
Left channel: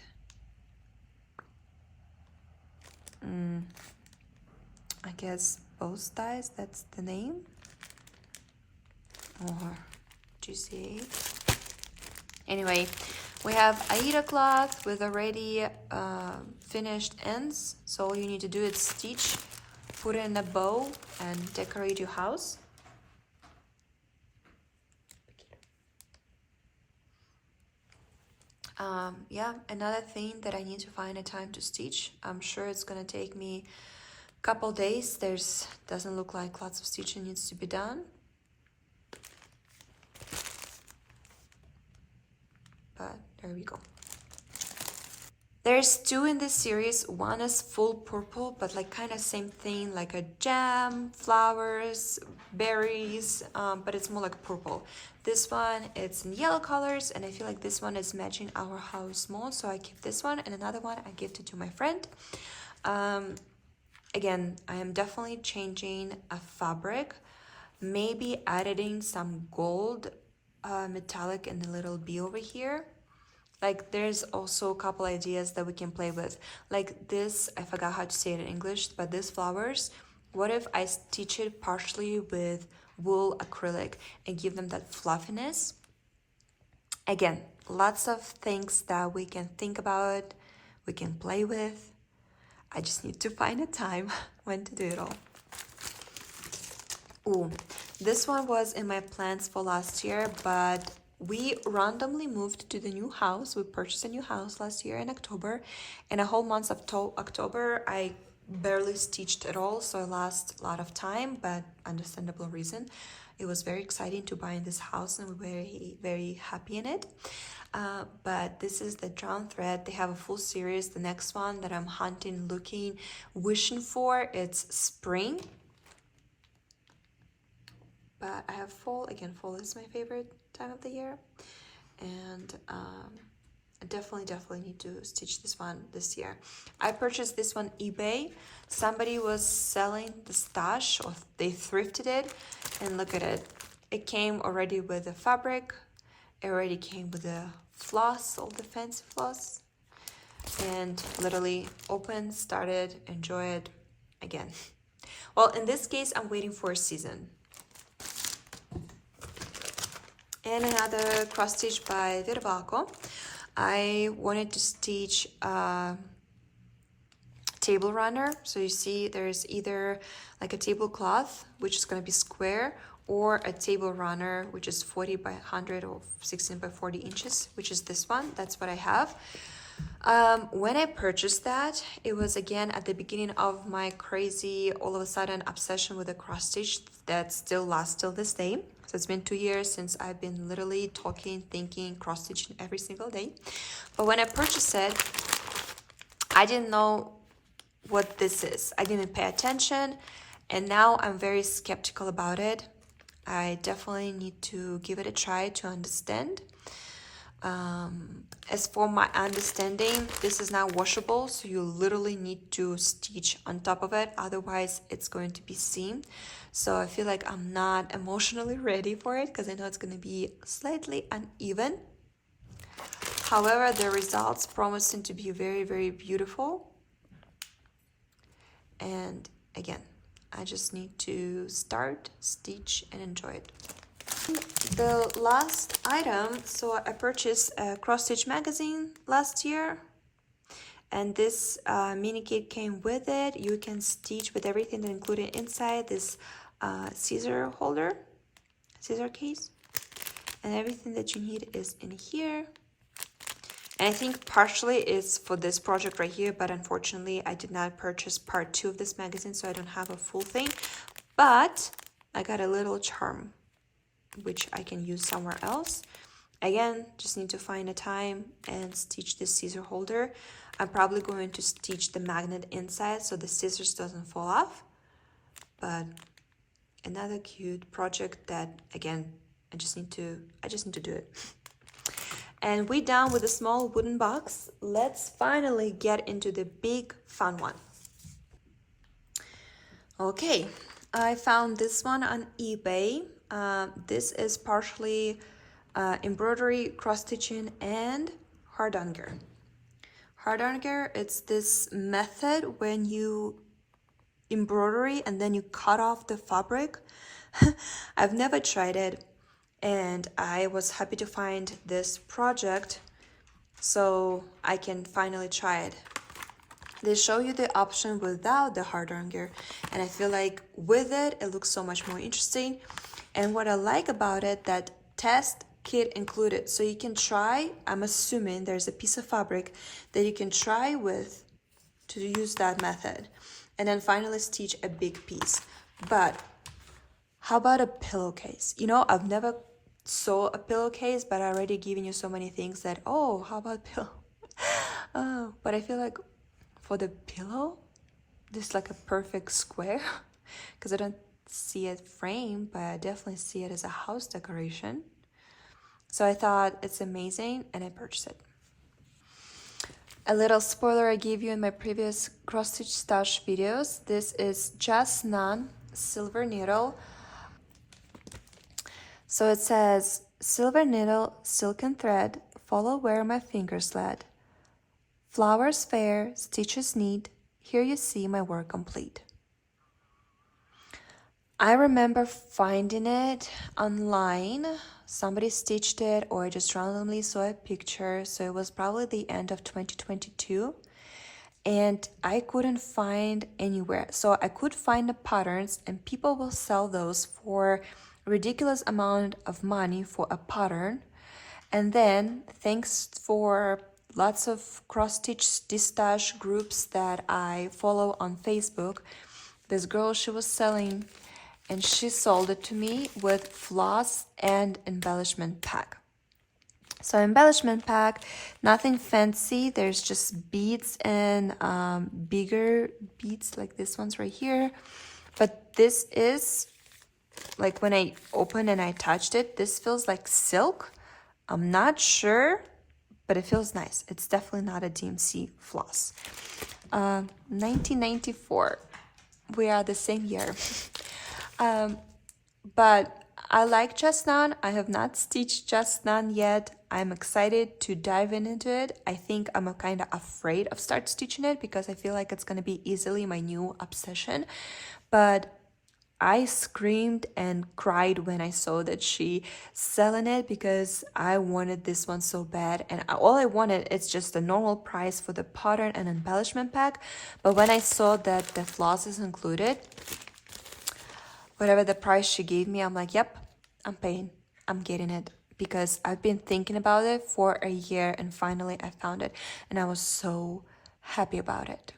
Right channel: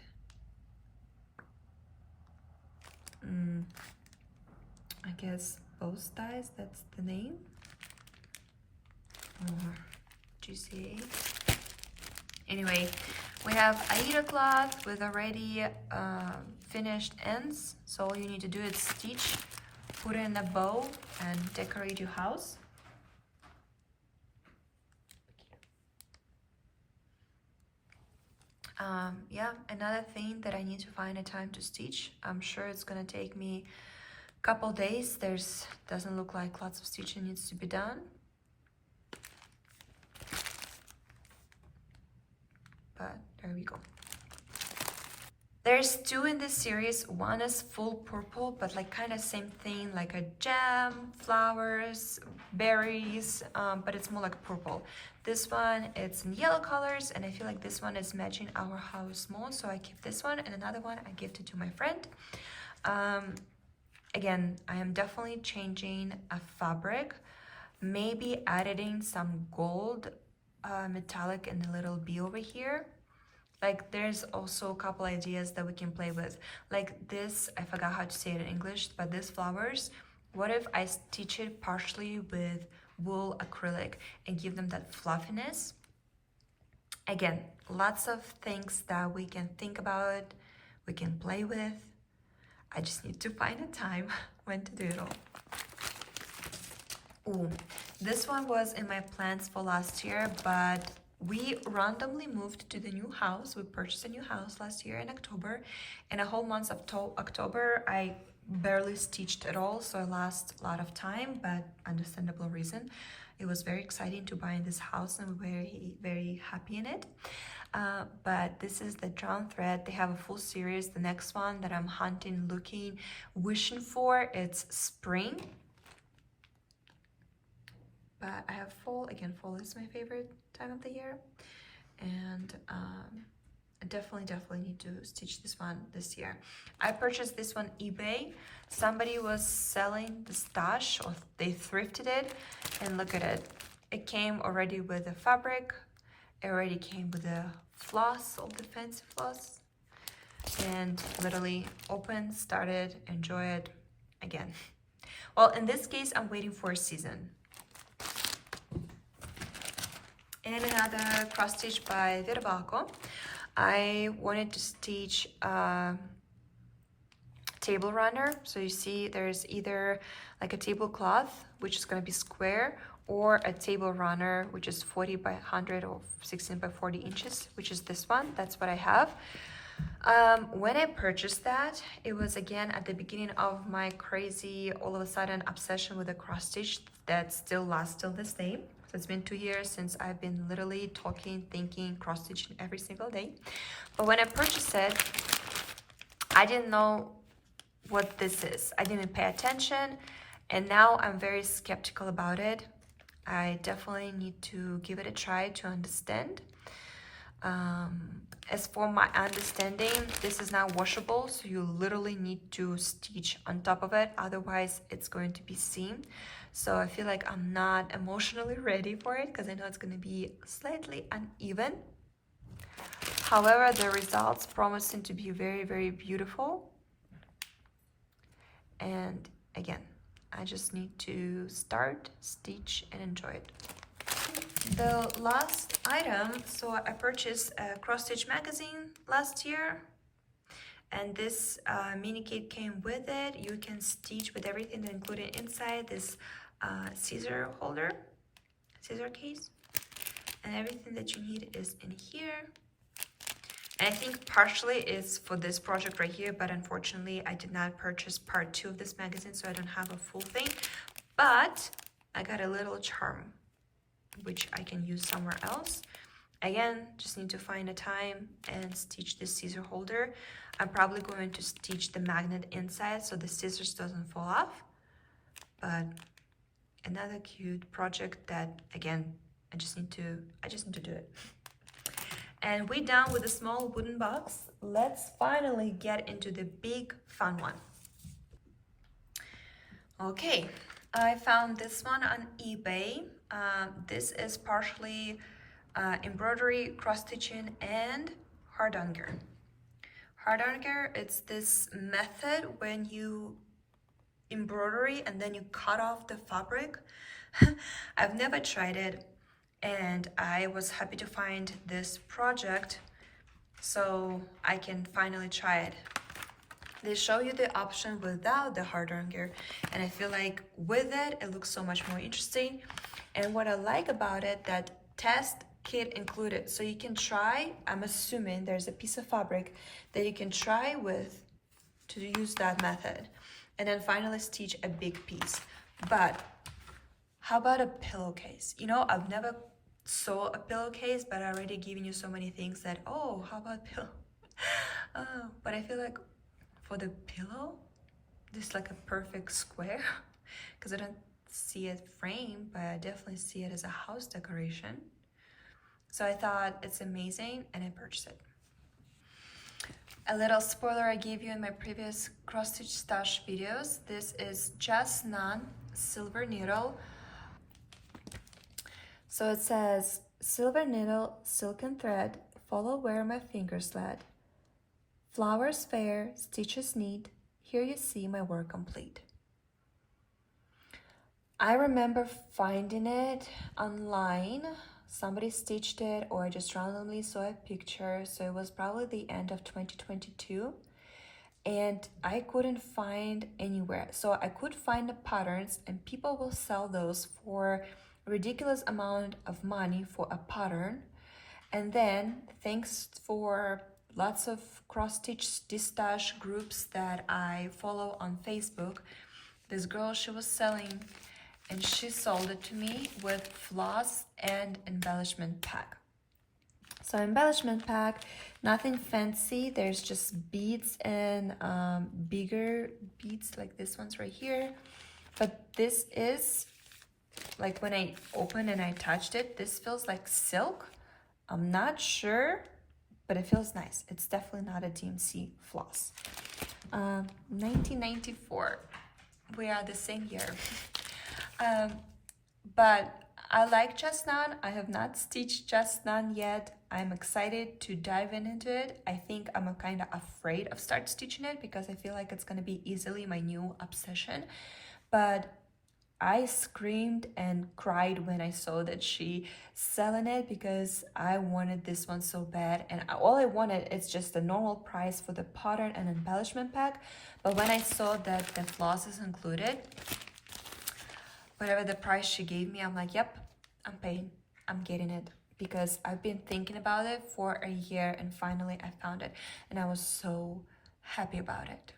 I guess Bows Ties, that's the name. Or do you see it? Anyway, we have Aida cloth with already finished ends. So all you need to do is stitch, put it in a bow, and decorate your house. Yeah, another thing that I need to find a time to stitch. I'm sure it's gonna take me a couple days. Doesn't look like lots of stitching needs to be done. But there we go. There's two in this series. One is full purple, but like kind of same thing, like a jam, flowers, berries, but it's more like purple. This one, it's in yellow colors, and I feel like this one is matching our house more, so I keep this one, and another one I gifted to my friend. Again, I am definitely changing a fabric, maybe adding some gold metallic in the little B over here. Like there's also a couple ideas that we can play with. Like this, I forgot how to say it in English, but this flowers, what if I stitch it partially with wool acrylic and give them that fluffiness? Again, lots of things that we can think about, we can play with. I just need to find a time when to do it all. Ooh, this one was in my plans for last year, but we randomly moved to the new house. We purchased a new house last year in October, and a whole month of October I barely stitched at all, so I lost a lot of time, but understandable reason. It was very exciting to buy in this house, and we're very, very happy in it. But this is the Drown Thread. They have a full series. The next one that I'm hunting, looking, wishing for, it's spring. But I have fall. Again, fall is my favorite time of the year, and I definitely need to stitch this one this year. I purchased this one eBay. Somebody was selling the stash, or they thrifted it, and look at it. It came already with the fabric. It already came with the floss, all the fancy floss, and literally open, started, enjoy it again. Well, in this case, I'm waiting for a season. And another cross stitch by Mirabilia. I wanted to stitch a table runner. So you see there's either like a tablecloth, which is going to be square, or a table runner, which is 40 by 100 or 16 by 40 inches, which is this one. That's what I have. When I purchased that, it was again at the beginning of my crazy, all of a sudden, obsession with a cross stitch that still lasts till this day. So it's been 2 years since I've been literally talking, thinking, cross stitching every single day. But when I purchased it, I didn't know what this is. I didn't pay attention, and now I'm very skeptical about it. I definitely need to give it a try to understand. As for my understanding, this is not washable, so you literally need to stitch on top of it, otherwise it's going to be seamed. So I feel like I'm not emotionally ready for it, because I know it's going to be slightly uneven. However, the results promising to be very, very beautiful. And again, I just need to start, stitch, and enjoy it. The last item, so I purchased a cross stitch magazine last year, and this mini kit came with it. You can stitch with everything that included inside this scissor case, and everything that you need is in here. And I think partially it's for this project right here, but unfortunately I did not purchase part 2 of this magazine, so I don't have a full thing. But I got a little charm, which I can use somewhere else. Again, just need to find a time and stitch this scissor holder. I'm probably going to stitch the magnet inside so the scissors doesn't fall off. But another cute project that, again, I just need to do it. And we're done with the small wooden box. Let's finally get into the big fun one. Okay, I found this one on eBay. This is partially embroidery, cross-stitching, and hardanger. Hardanger, it's this method when you embroidery and then you cut off the fabric. I've never tried it, and I was happy to find this project so I can finally try it. They show you the option without the hardanger, and I feel like with it, it looks so much more interesting. And what I like about it, that test kit included, so you can try, I'm assuming there's a piece of fabric that you can try with to use that method, and then finally stitch a big piece. But how about a pillowcase? You know, I've never saw a pillowcase, but I already given you so many things that, oh, how about pillow? But I feel like for the pillow, this is like a perfect square, because I don't see it framed, but I definitely see it as a house decoration. So I thought it's amazing, and I purchased it. A little spoiler I gave you in my previous cross-stitch stash videos. This is Jeannette silver needle. So it says, silver needle, silken thread, follow where my fingers led. Flowers fair, stitches neat, here you see my work complete. I remember finding it online. Somebody stitched it, or I just randomly saw a picture, so it was probably the end of 2022. And I couldn't find anywhere. So I could find the patterns, and people will sell those for ridiculous amount of money for a pattern. And then thanks for lots of cross-stitch stash groups that I follow on Facebook, this girl, she was selling, and she sold it to me with floss and embellishment pack. So embellishment pack, nothing fancy, there's just beads and bigger beads like this one's right here. But this is, like when I opened and I touched it, this feels like silk. I'm not sure, but it feels nice. It's definitely not a DMC floss. 1994, we are the same year. But I like Jeannette. I have not stitched Jeannette yet. I'm excited to dive into it. I think I'm kind of afraid of start stitching it because I feel like it's going to be easily my new obsession. But I screamed and cried when I saw that she selling it because I wanted this one so bad, and all I wanted is just the normal price for the pattern and embellishment pack. But when I saw that the floss is included, whatever the price she gave me, I'm like, yep, I'm paying, I'm getting it, because I've been thinking about it for a year and finally I found it, and I was so happy about it.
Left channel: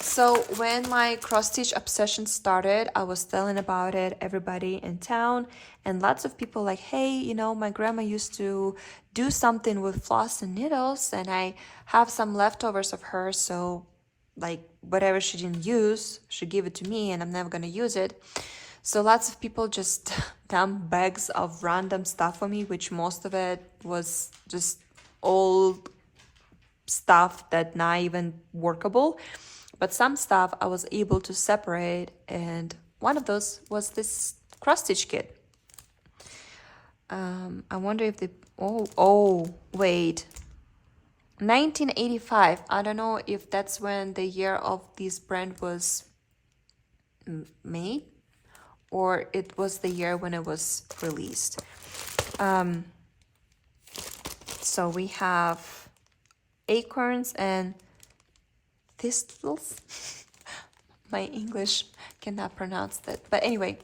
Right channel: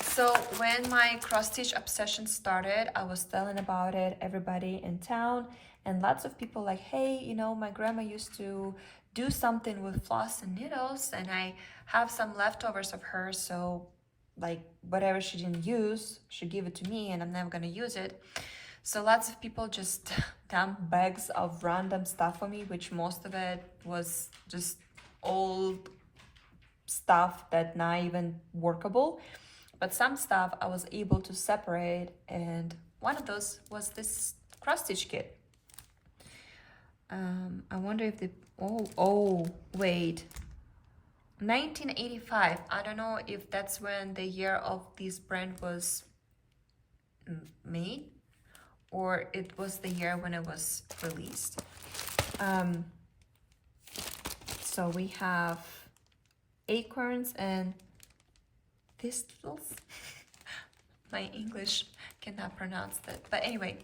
So when my cross-stitch obsession started, I was telling about it everybody in town, and lots of people like, hey, you know, my grandma used to do something with floss and needles, and I have some leftovers of hers, so like whatever she didn't use, she gave it to me and I'm never gonna use it. So lots of people just dump bags of random stuff for me, which most of it was just old stuff that not even workable. But some stuff I was able to separate, and one of those was this cross-stitch kit. I wonder if the, oh, wait. 1985. I don't know if that's when the year of this brand was made, or it was the year when it was released. So we have acorns and thistles. My English cannot pronounce that. But anyway,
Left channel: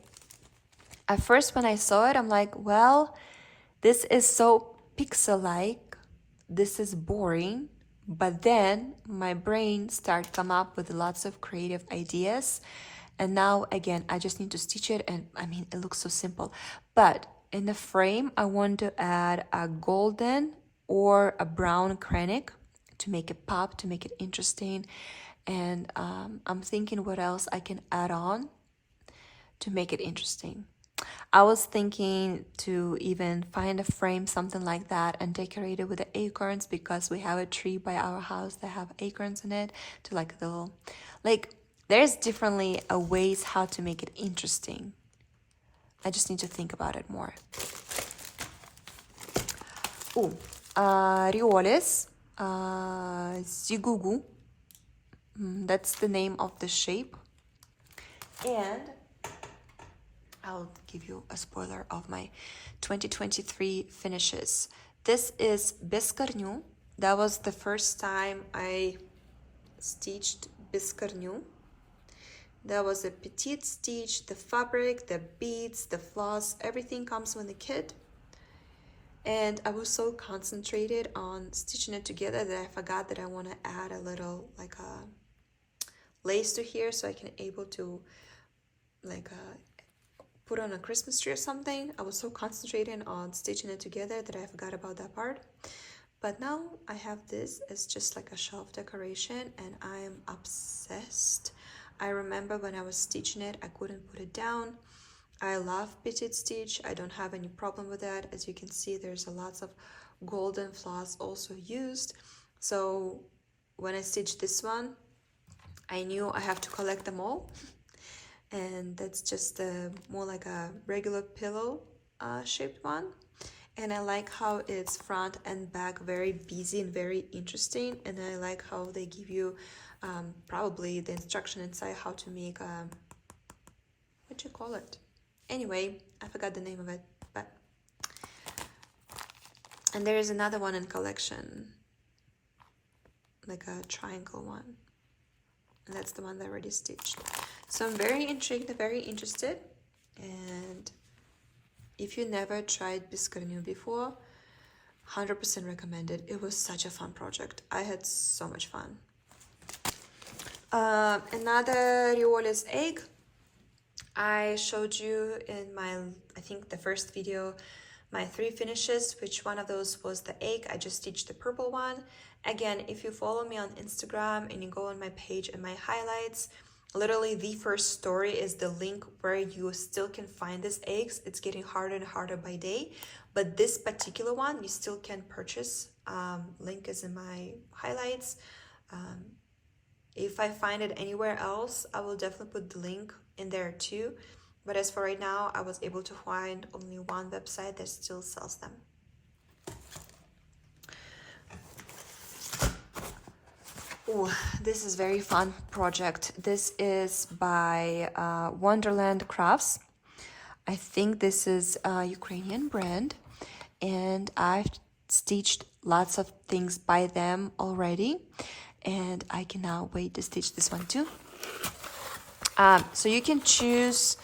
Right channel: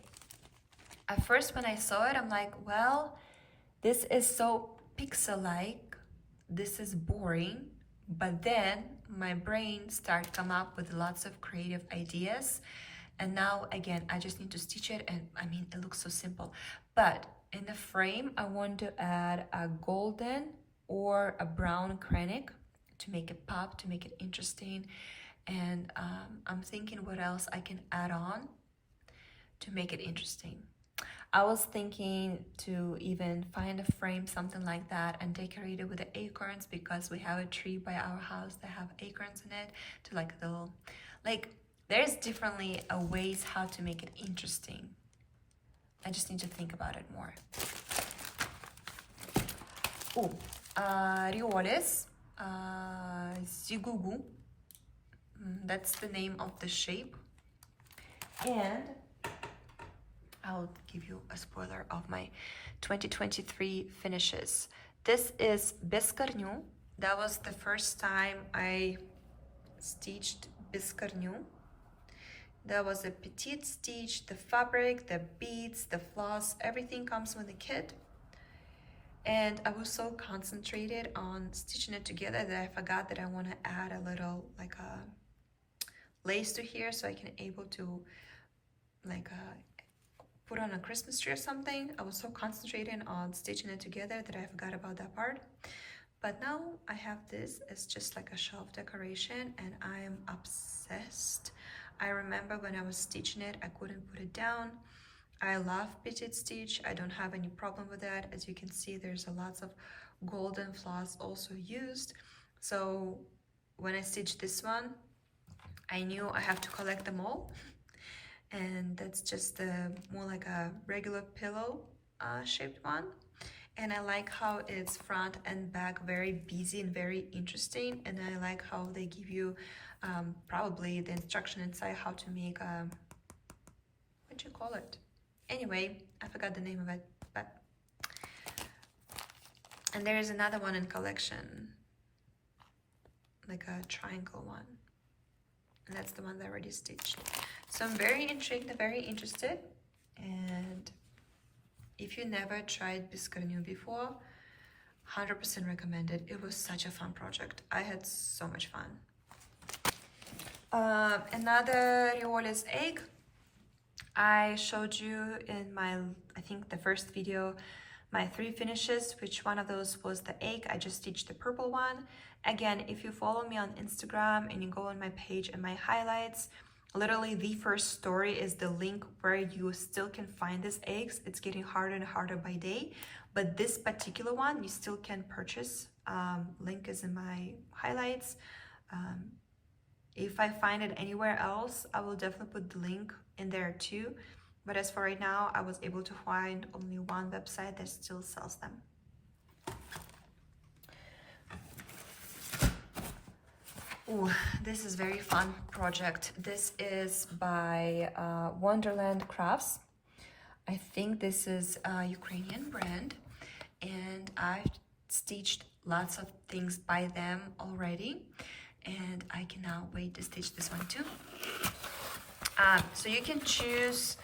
at first when I saw it, I'm like, well, this is so pixel-like. This is boring. But then my brain started come up with lots of creative ideas. And now, again, I just need to stitch it. And I mean, it looks so simple. But in the frame, I want to add a golden or a brown cranach to make it pop, to make it interesting. And I'm thinking what else I can add on to make it interesting. I was thinking to even find a frame, something like that, and decorate it with the acorns, because we have a tree by our house that have acorns in it, to like the little, like, there's differently ways how to make it interesting. I just need to think about it more. Oh, Rioles, Zigugu. That's the name of the shape. And I'll give you a spoiler of my 2023 finishes. This is Biscarnu. That was the first time I stitched Biscarnu. That was a petite stitch, the fabric, the beads, the floss, everything comes with the kit. And I was so concentrated on stitching it together that I forgot that I want to add a little like a lace to here, so I can able to like put on a Christmas tree or something. I was so concentrated on stitching it together that I forgot about that part. But now I have this as just like a shelf decoration, and I'm obsessed. I remember when I was stitching it, I couldn't put it down. I love petite stitch. I don't have any problem with that. As you can see, there's a lots of golden floss also used. So when I stitched this one, I knew I have to collect them all. And that's just more like a regular pillow shaped one. And I like how it's front and back very busy and very interesting. And I like how they give you probably the instruction inside how to make what do you call it? Anyway, I forgot the name of it, but and there is another one in collection, like a triangle one, and that's the one that I already stitched. So I'm very intrigued, very interested. And if you never tried Biscarnu before, 100% recommended. It was such a fun project. I had so much fun. Another Rioles egg. I showed you in my, I think the first video, my 3 finishes. Which one of those was the egg? I just stitched the purple one. Again, if you follow me on Instagram and you go on my page and my highlights, literally the first story is the link where you still can find these eggs. It's getting harder and harder by day, but this particular one you still can purchase. Link is in my highlights. If I find it anywhere else, I will definitely put the link in there too. But as for right now, I was able to find only one website that still sells them. Oh, this is very fun project. This is by Wonderland Crafts. I think this is a Ukrainian brand, and I've stitched lots of things by them already, and I cannot wait to stitch this one too. So you can choose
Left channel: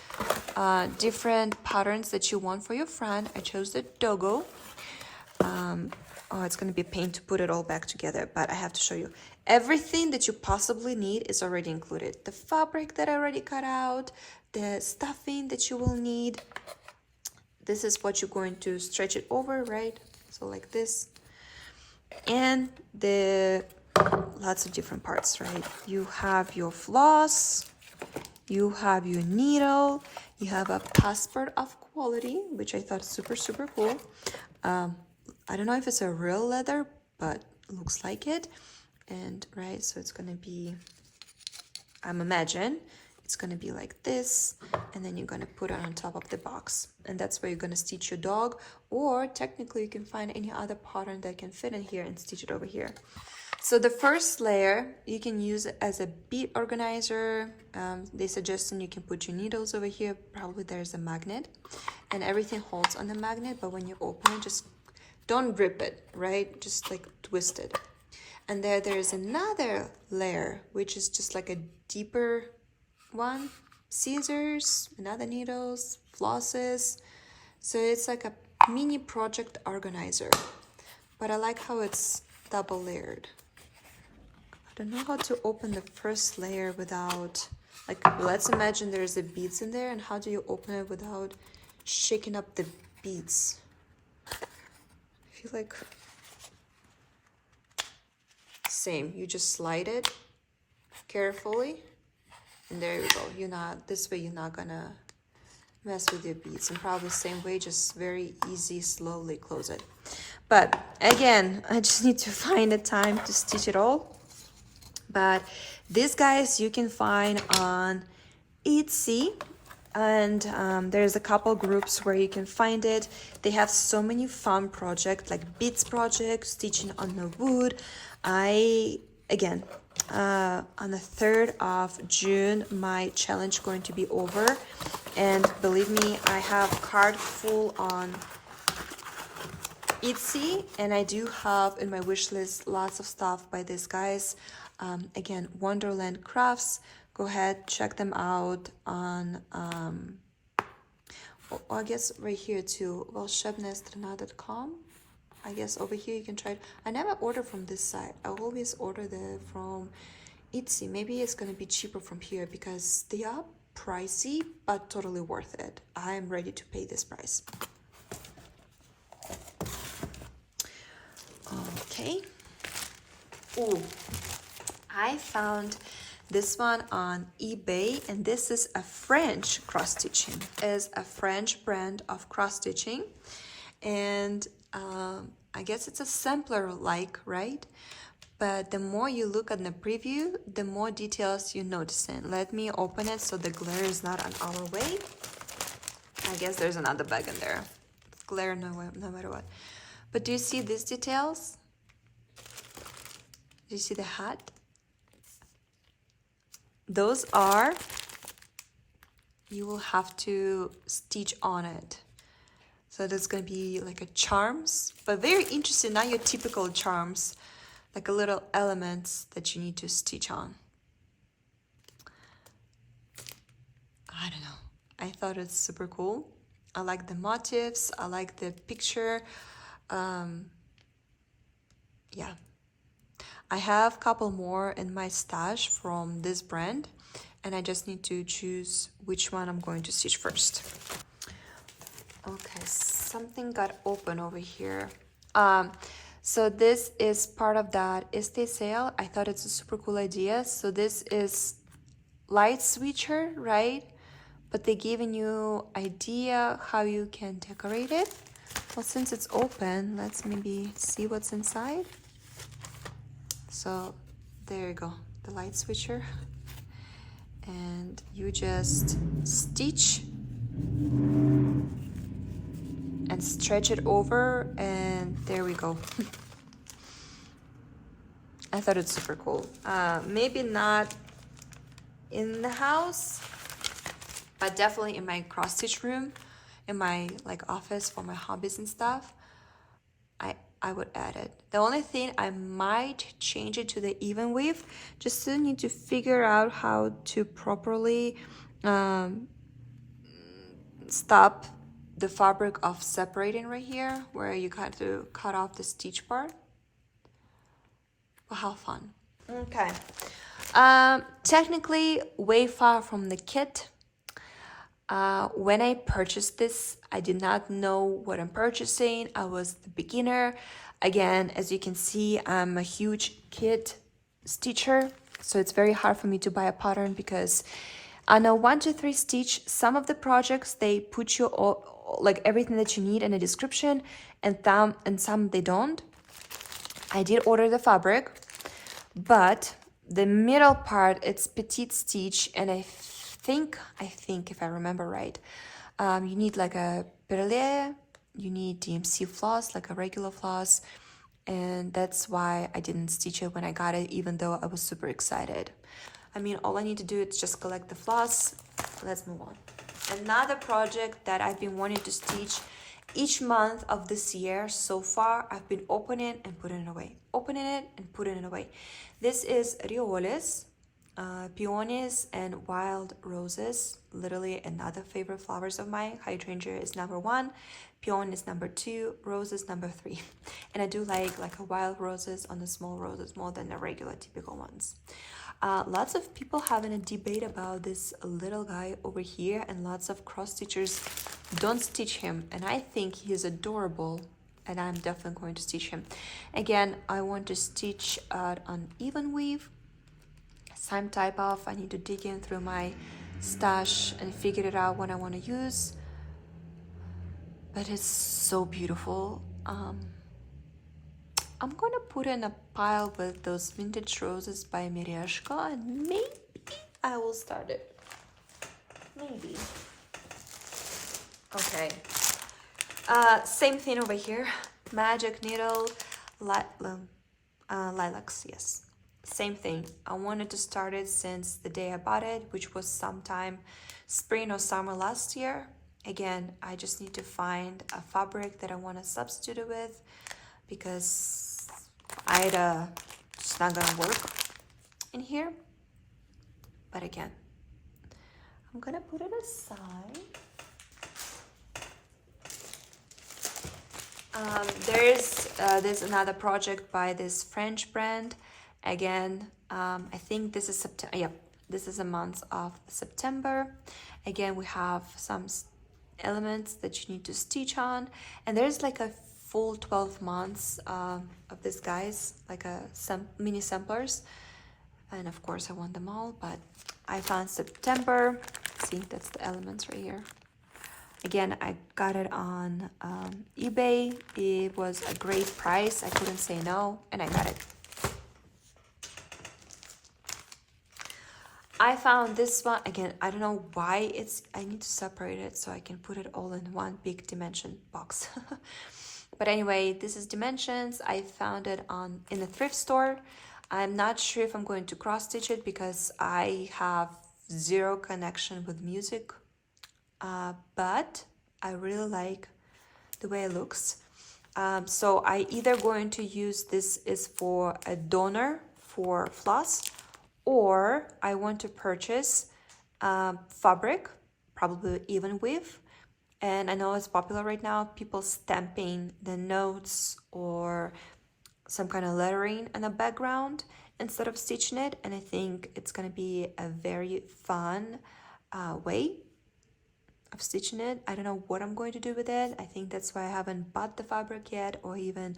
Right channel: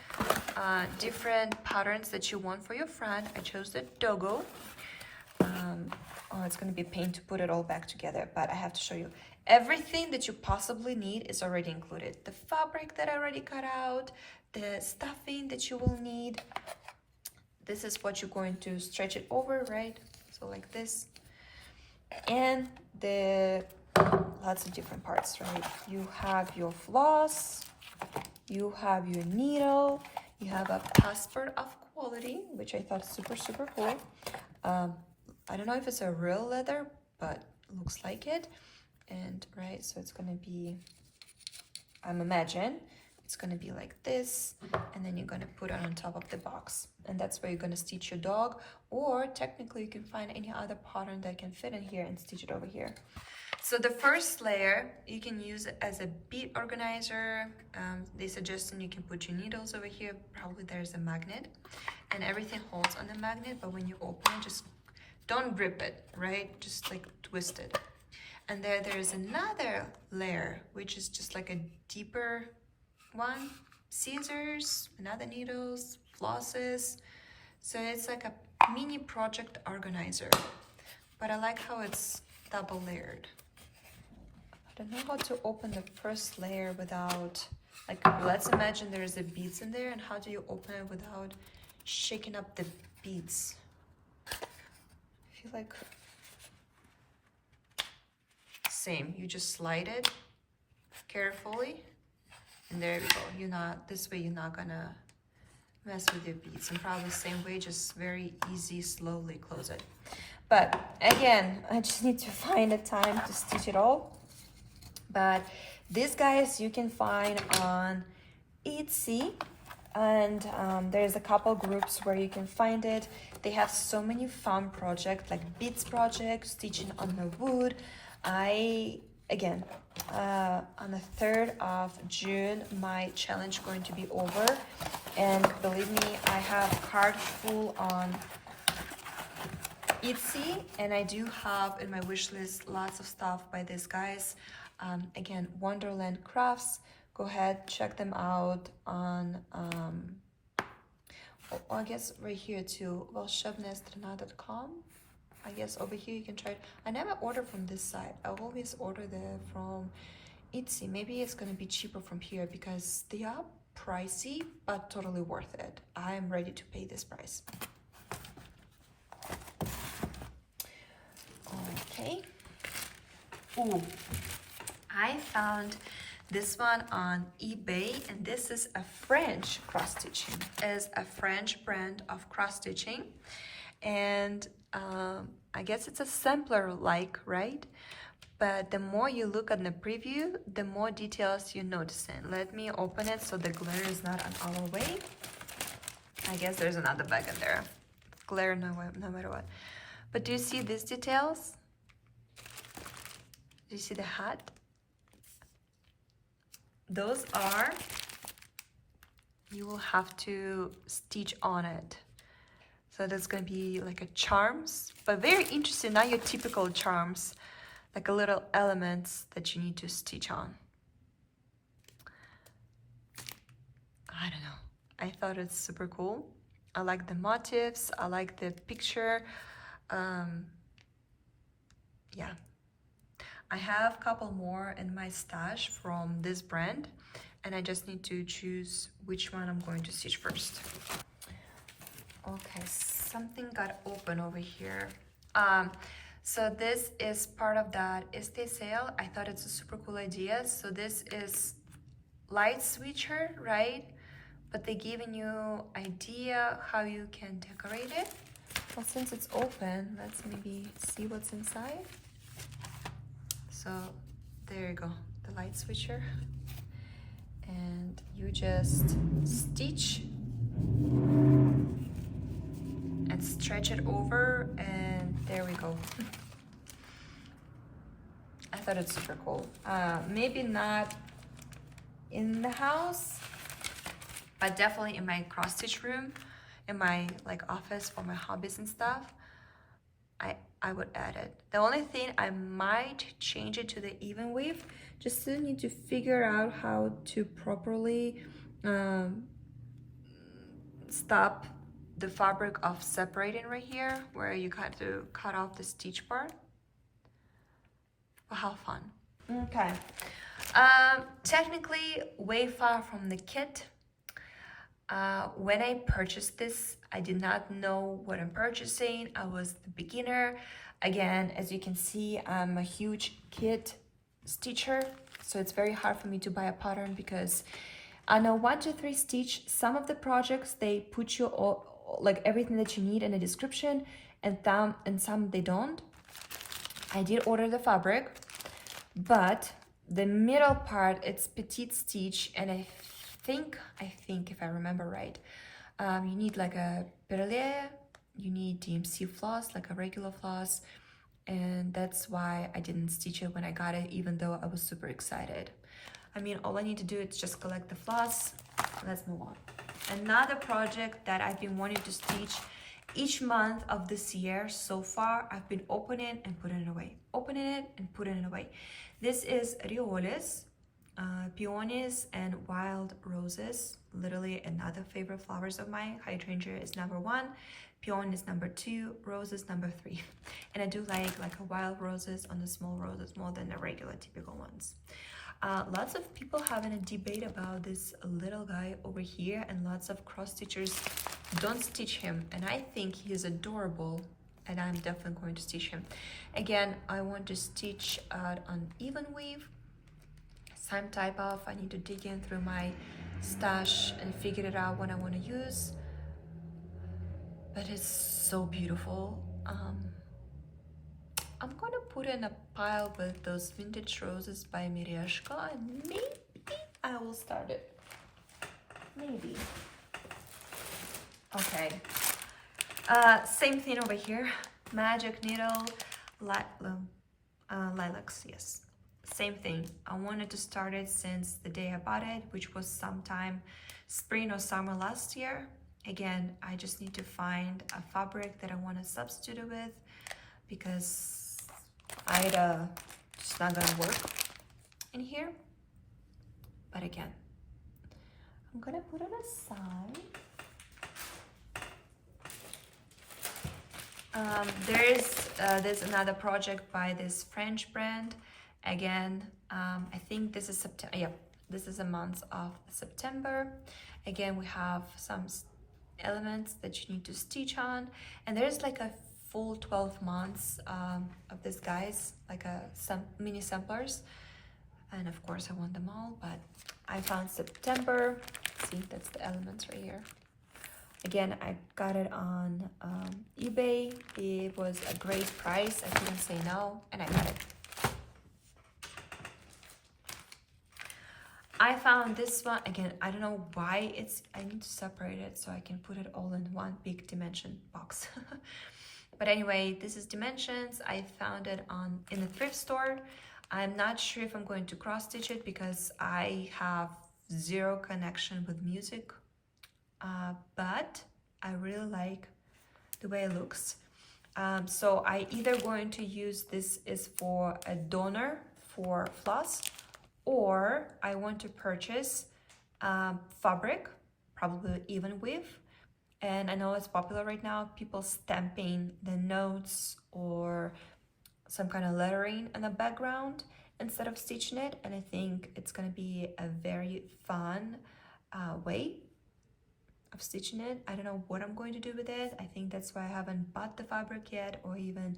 different patterns that you want for your friend. I chose the Dogo. Oh, it's going to be a pain to put it all back together, but I have to show you. Everything that you possibly need is already included. The fabric that I already cut out, the stuffing that you will need. This is what you're going to stretch it over, right? So like this. And the lots of different parts, right? You have your floss, you have your needle, you have a passport of quality, which I thought super, super cool. I don't know if it's a real leather, but it looks like it. And right, so it's gonna be, I'm imagine it's gonna be like this, and then you're gonna put it on top of the box, and that's where you're gonna stitch your dog, or technically you can find any other pattern that can fit in here and stitch it over here. So the first layer you can use it as a bead organizer. They suggested you can put your needles over here. Probably there's a magnet, and everything holds on the magnet, but when you open it, just don't rip it, right? Just like twist it. And there is another layer, which is just like a deeper one. Scissors, another needles, flosses. So it's like a mini project organizer. But I like how it's double layered. I don't know how to open the first layer without, like, let's imagine there's a beads in there, and how do you open it without shaking up the beads? I feel like same, you just slide it carefully, and there you go. This way you're not gonna mess with your beads, and probably the same way, just very easy, slowly close it. But again, I just need to find a time to stitch it all. But these guys you can find on Etsy, and there's a couple groups where you can find it. They have so many fun projects, like beads projects, stitching on the wood. Again, on the 3rd of June, my challenge going to be over, and believe me, I have a cart full on Etsy, and I do have in my wish list lots of stuff by these guys. Again, Wonderland Crafts. Go ahead, check them out on I guess right here too, Volshebnestranad.com. I guess over here you can try it. I never order from this side. I always order from Etsy. Maybe it's gonna be cheaper from here because they are pricey, but totally worth it. I am ready to pay this price. Okay. Ooh, I found this one on eBay, and this is a French cross stitching. It's a French brand of cross stitching, and I guess it's a sampler right? But the more you look at the preview, the more details you notice in. Let me open it so the glare is not on our way. I guess there's another bag in there. Glare no matter what. But do you see these details? Do you see the hat? Those are, you will have to stitch on it. So that's gonna be like a charms, but very interesting, not your typical charms, like a little elements that you need to stitch on. I don't know. I thought it's super cool. I like the motifs. I like the picture. Yeah. I have a couple more in my stash from this brand, and I just need to choose which one I'm going to stitch first. Okay, something got open over here. So this is part of that estate sale. I thought it's a super cool idea. So this is light switcher, right? But they're giving you idea how you can decorate it. Well, since it's open, let's maybe see what's inside. So there you go, the light switcher. And you just stitch and stretch it over, and there we go. I thought it's super cool. Maybe not in the house, but definitely in my cross stitch room, in my like office for my hobbies and stuff. I would add it. The only thing, I might change it to the even weave. Just still need to figure out how to properly stop the fabric of separating right here, where you got to cut off the stitch part. But how fun. Okay. Technically way far from the kit. When I purchased this, I did not know what I'm purchasing. I was the beginner. Again, as you can see, I'm a huge kit stitcher, so it's very hard for me to buy a pattern because on a 1, 2, 3 stitch, some of the projects, they put you all, like everything that you need in a description, and some they don't. I did order the fabric, but the middle part, it's petite stitch, and I think if I remember right, you need like a Mirabilia, you need DMC floss, like a regular floss, and that's why I didn't stitch it when I got it, even though I was super excited. I mean, all I need to do is just collect the floss. Let's move on. Another project that I've been wanting to stitch each month of this year so far, I've been opening and putting it away, opening it and putting it away. This is Rioles, peonies and wild roses, literally another favorite flowers of mine. Hydrangea is number 1, peony is number 2, roses number 3. And I do like a wild roses on the small roses more than the regular typical ones. Lots of people having a debate about this little guy over here, and lots of cross stitchers don't stitch him, and I think he's adorable, and I'm definitely going to stitch him. Again, I want to stitch on even weave, some type of, I need to dig in through my stash and figure it out what I want to use, but it's so beautiful. I'm going to put in a pile with those vintage roses by Mirabilia, and maybe I will start it. Maybe. Okay. Same thing over here. Magic needle, lilacs, yes. Same thing. I wanted to start it since the day I bought it, which was sometime spring or summer last year. Again, I just need to find a fabric that I want to substitute it with, because I'd just not gonna work in here. But again, I'm gonna put it aside. There's another project by this French brand. Again, I think this is September. Yeah, this is a month of September. Again, we have some elements that you need to stitch on, and there's like a full 12 months of this guys, like a mini samplers, and of course I want them all, but I found September. See, that's the elements right here. Again, I got it on eBay. It was a great price, I couldn't say no, and I got it. I found this one, again, I don't know why I need to separate it so I can put it all in one big dimension box. But anyway, this is dimensions. I found it in a thrift store. I'm not sure if I'm going to cross stitch it because I have zero connection with music, but I really like the way it looks. So I either going to use this is for a donor for floss, or I want to purchase fabric, probably even weave. And I know it's popular right now, people stamping the notes or some kind of lettering in the background instead of stitching it. And I think it's gonna be a very fun way of stitching it. I don't know what I'm going to do with it. I think that's why I haven't bought the fabric yet or even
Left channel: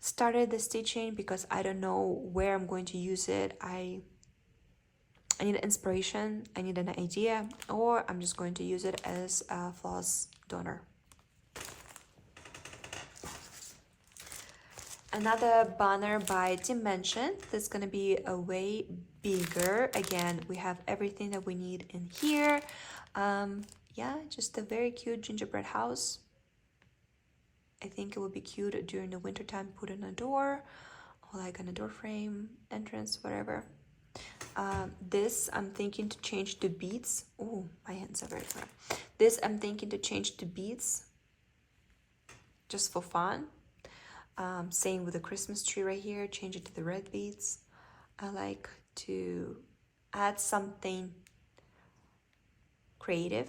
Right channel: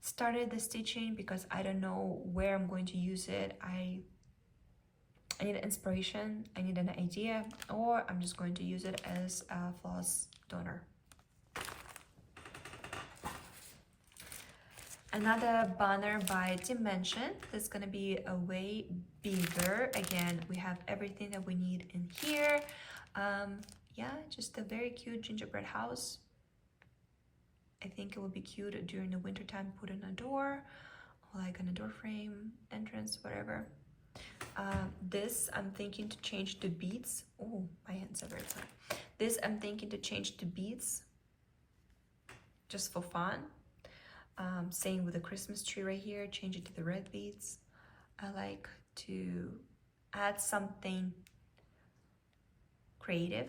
started the stitching, because I don't know where I'm going to use it. I need inspiration, I need an idea, or I'm just going to use it as a floss donor. Another banner by Dimension. This is gonna be a way bigger. Again, we have everything that we need in here. Yeah, just a very cute gingerbread house. I think it would be cute during the winter time, put in a door, or like on a door frame, entrance, whatever. This I'm thinking to change to beads. Oh, my hands are very tight. This I'm thinking to change to beads, just for fun. Same with the Christmas tree right here, change it to the red beads. I like to add something creative.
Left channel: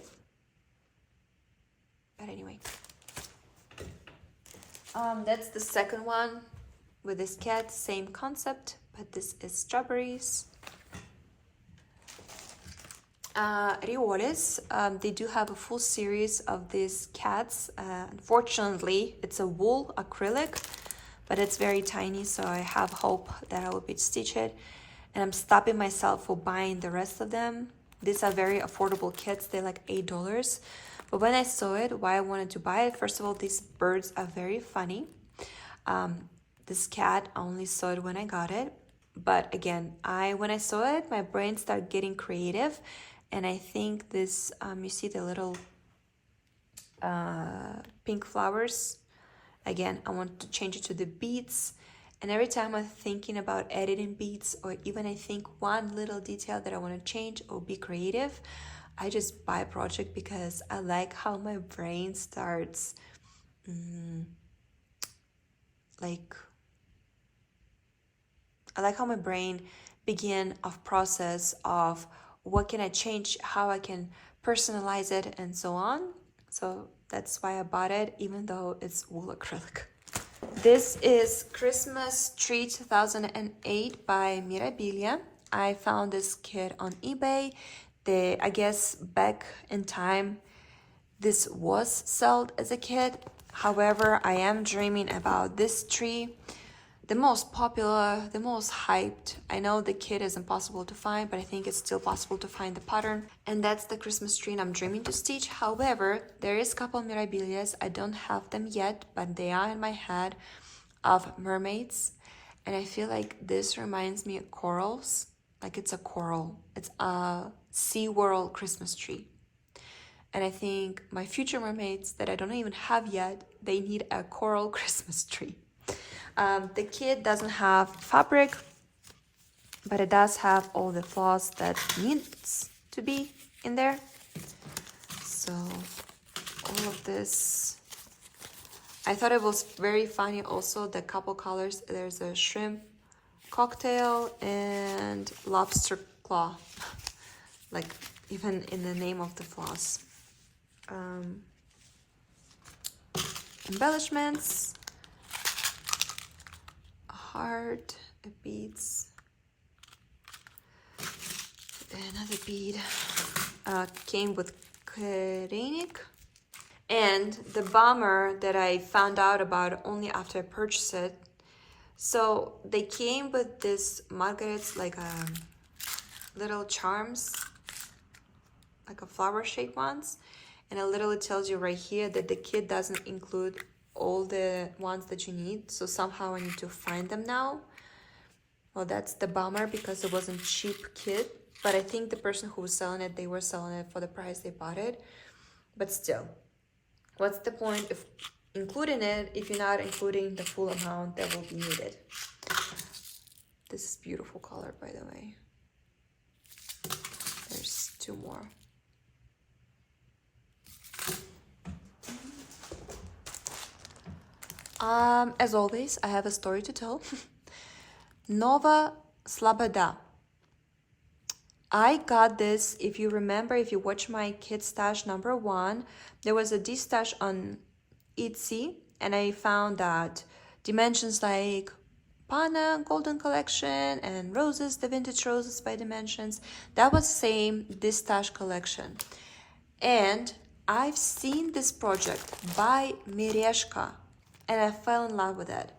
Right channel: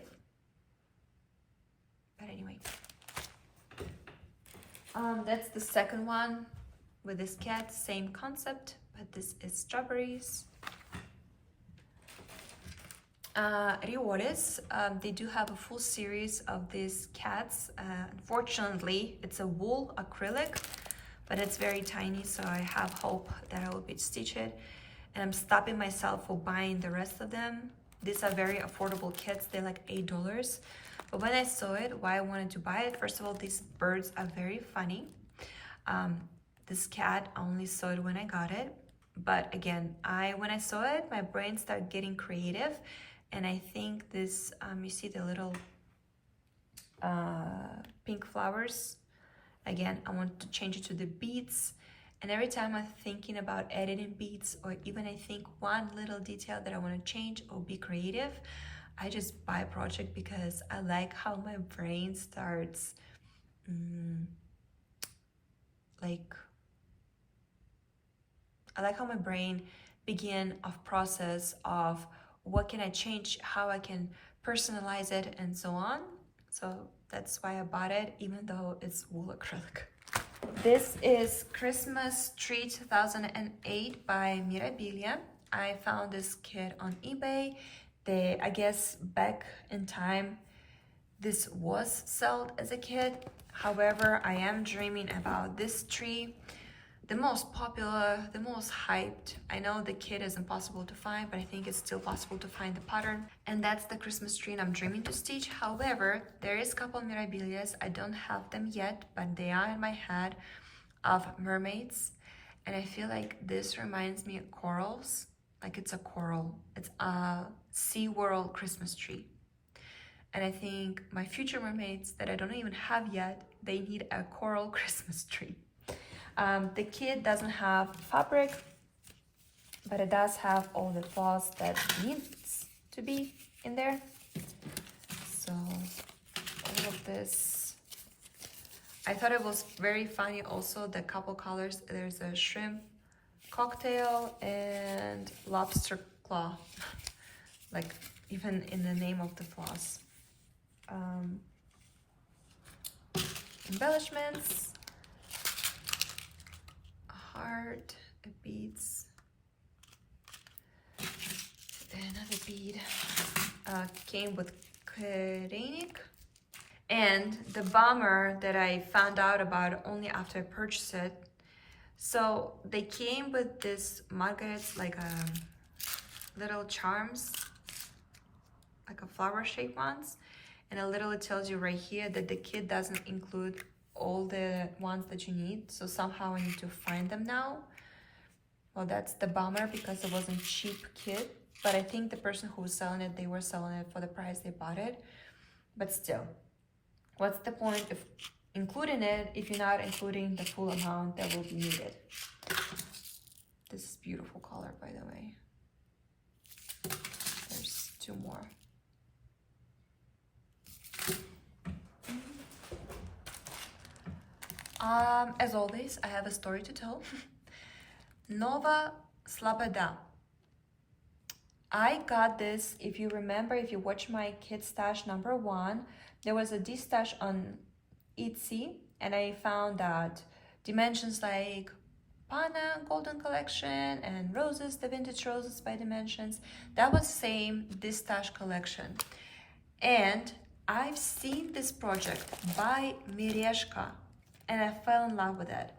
But anyway, that's the second one with this cat, same concept, but this is strawberries. Rioles, they do have a full series of these cats. Unfortunately, it's a wool acrylic, but it's very tiny, so I have hope that I will be able to stitch it. And I'm stopping myself for buying the rest of them. These are very affordable kits, they're like $8. But when I saw it, why I wanted to buy it, first of all, these birds are very funny. This cat, I only saw it when I got it. But again, when I saw it, my brain started getting creative. And I think this, you see the little pink flowers. Again, I want to change it to the beads. And every time I'm thinking about editing beads, or even I think one little detail that I want to change or be creative, I just buy a project because I like how my brain starts I like how my brain begin of process of what can I change, how I can personalize it, and so on. So that's why I bought it, even though it's wool acrylic. This is Christmas Tree 2008 by Mirabilia. I found this kit on eBay. I guess back in time, this was sold as a kit. However, I am dreaming about this tree. The most popular, the most hyped. I know the kit is impossible to find, but I think it's still possible to find the pattern. And that's the Christmas tree and I'm dreaming to stitch. However, there is a couple Mirabilias. I don't have them yet, but they are in my head, of mermaids. And I feel like this reminds me of corals. Like it's a coral. It's a SeaWorld Christmas tree. And I think my future mermaids that I don't even have yet, they need a coral Christmas tree. The kit doesn't have fabric, but it does have all the floss that needs to be in there. So all of this, I thought it was very funny also, the couple colors. There's a shrimp cocktail and lobster claw, like even in the name of the floss. Embellishments, heart, beads, another bead, came with Kreinik, and the bomber that I found out about only after I purchased it. So they came with this margarets, like little charms, like a flower shaped ones, and it literally tells you right here that the kit doesn't include all the ones that you need, so somehow I need to find them now. Well, that's the bummer because it wasn't cheap kit, but I think the person who was selling it, they were selling it for the price they bought it. But still, what's the point of including it if you're not including the full amount that will be needed? This is beautiful color, by the way. There's two more. As always, I have a story to tell. Nova Slabada. I got this, if you remember, if you watch my kit stash #1, there was a D-stash on Etsy, and I found that dimensions like Pana Golden Collection and Roses, the Vintage Roses by Dimensions, that was same D-stash collection. And I've seen this project by Mireshka, and I fell in love with it.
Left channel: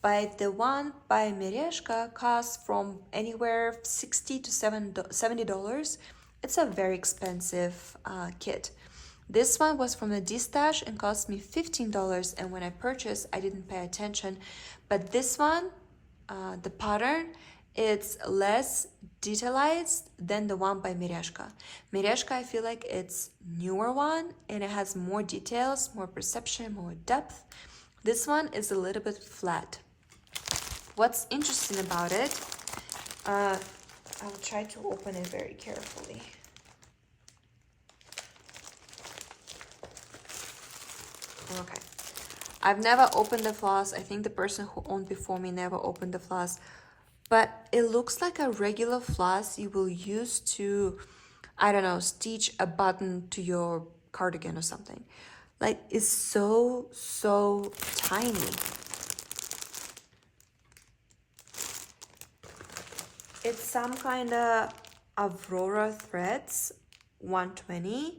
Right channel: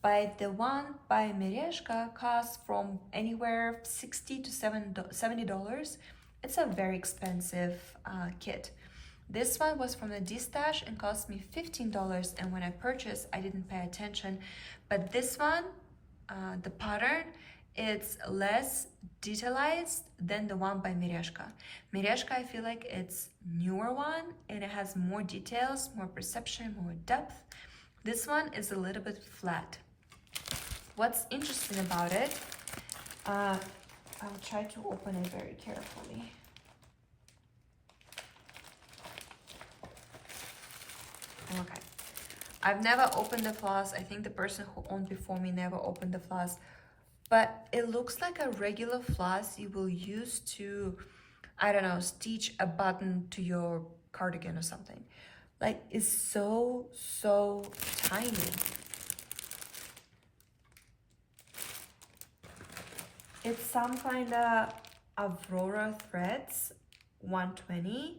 But the one by Mireshka costs from anywhere $60 to $70. It's a very expensive kit. This one was from the D-stash and cost me $15, and when I purchased, I didn't pay attention. But this one, the pattern, it's less detailized than the one by Mireshka. Mireshka, I feel like it's newer one, and it has more details, more perception, more depth. This one is a little bit flat. What's interesting about it, I'll try to open it very carefully. Okay, I've never opened the floss. I think the person who owned before me never opened the floss, but it looks like a regular floss you will use to, I don't know, stitch a button to your cardigan or something. Like, it's so tiny. It's some kind of Aurora Threads 120.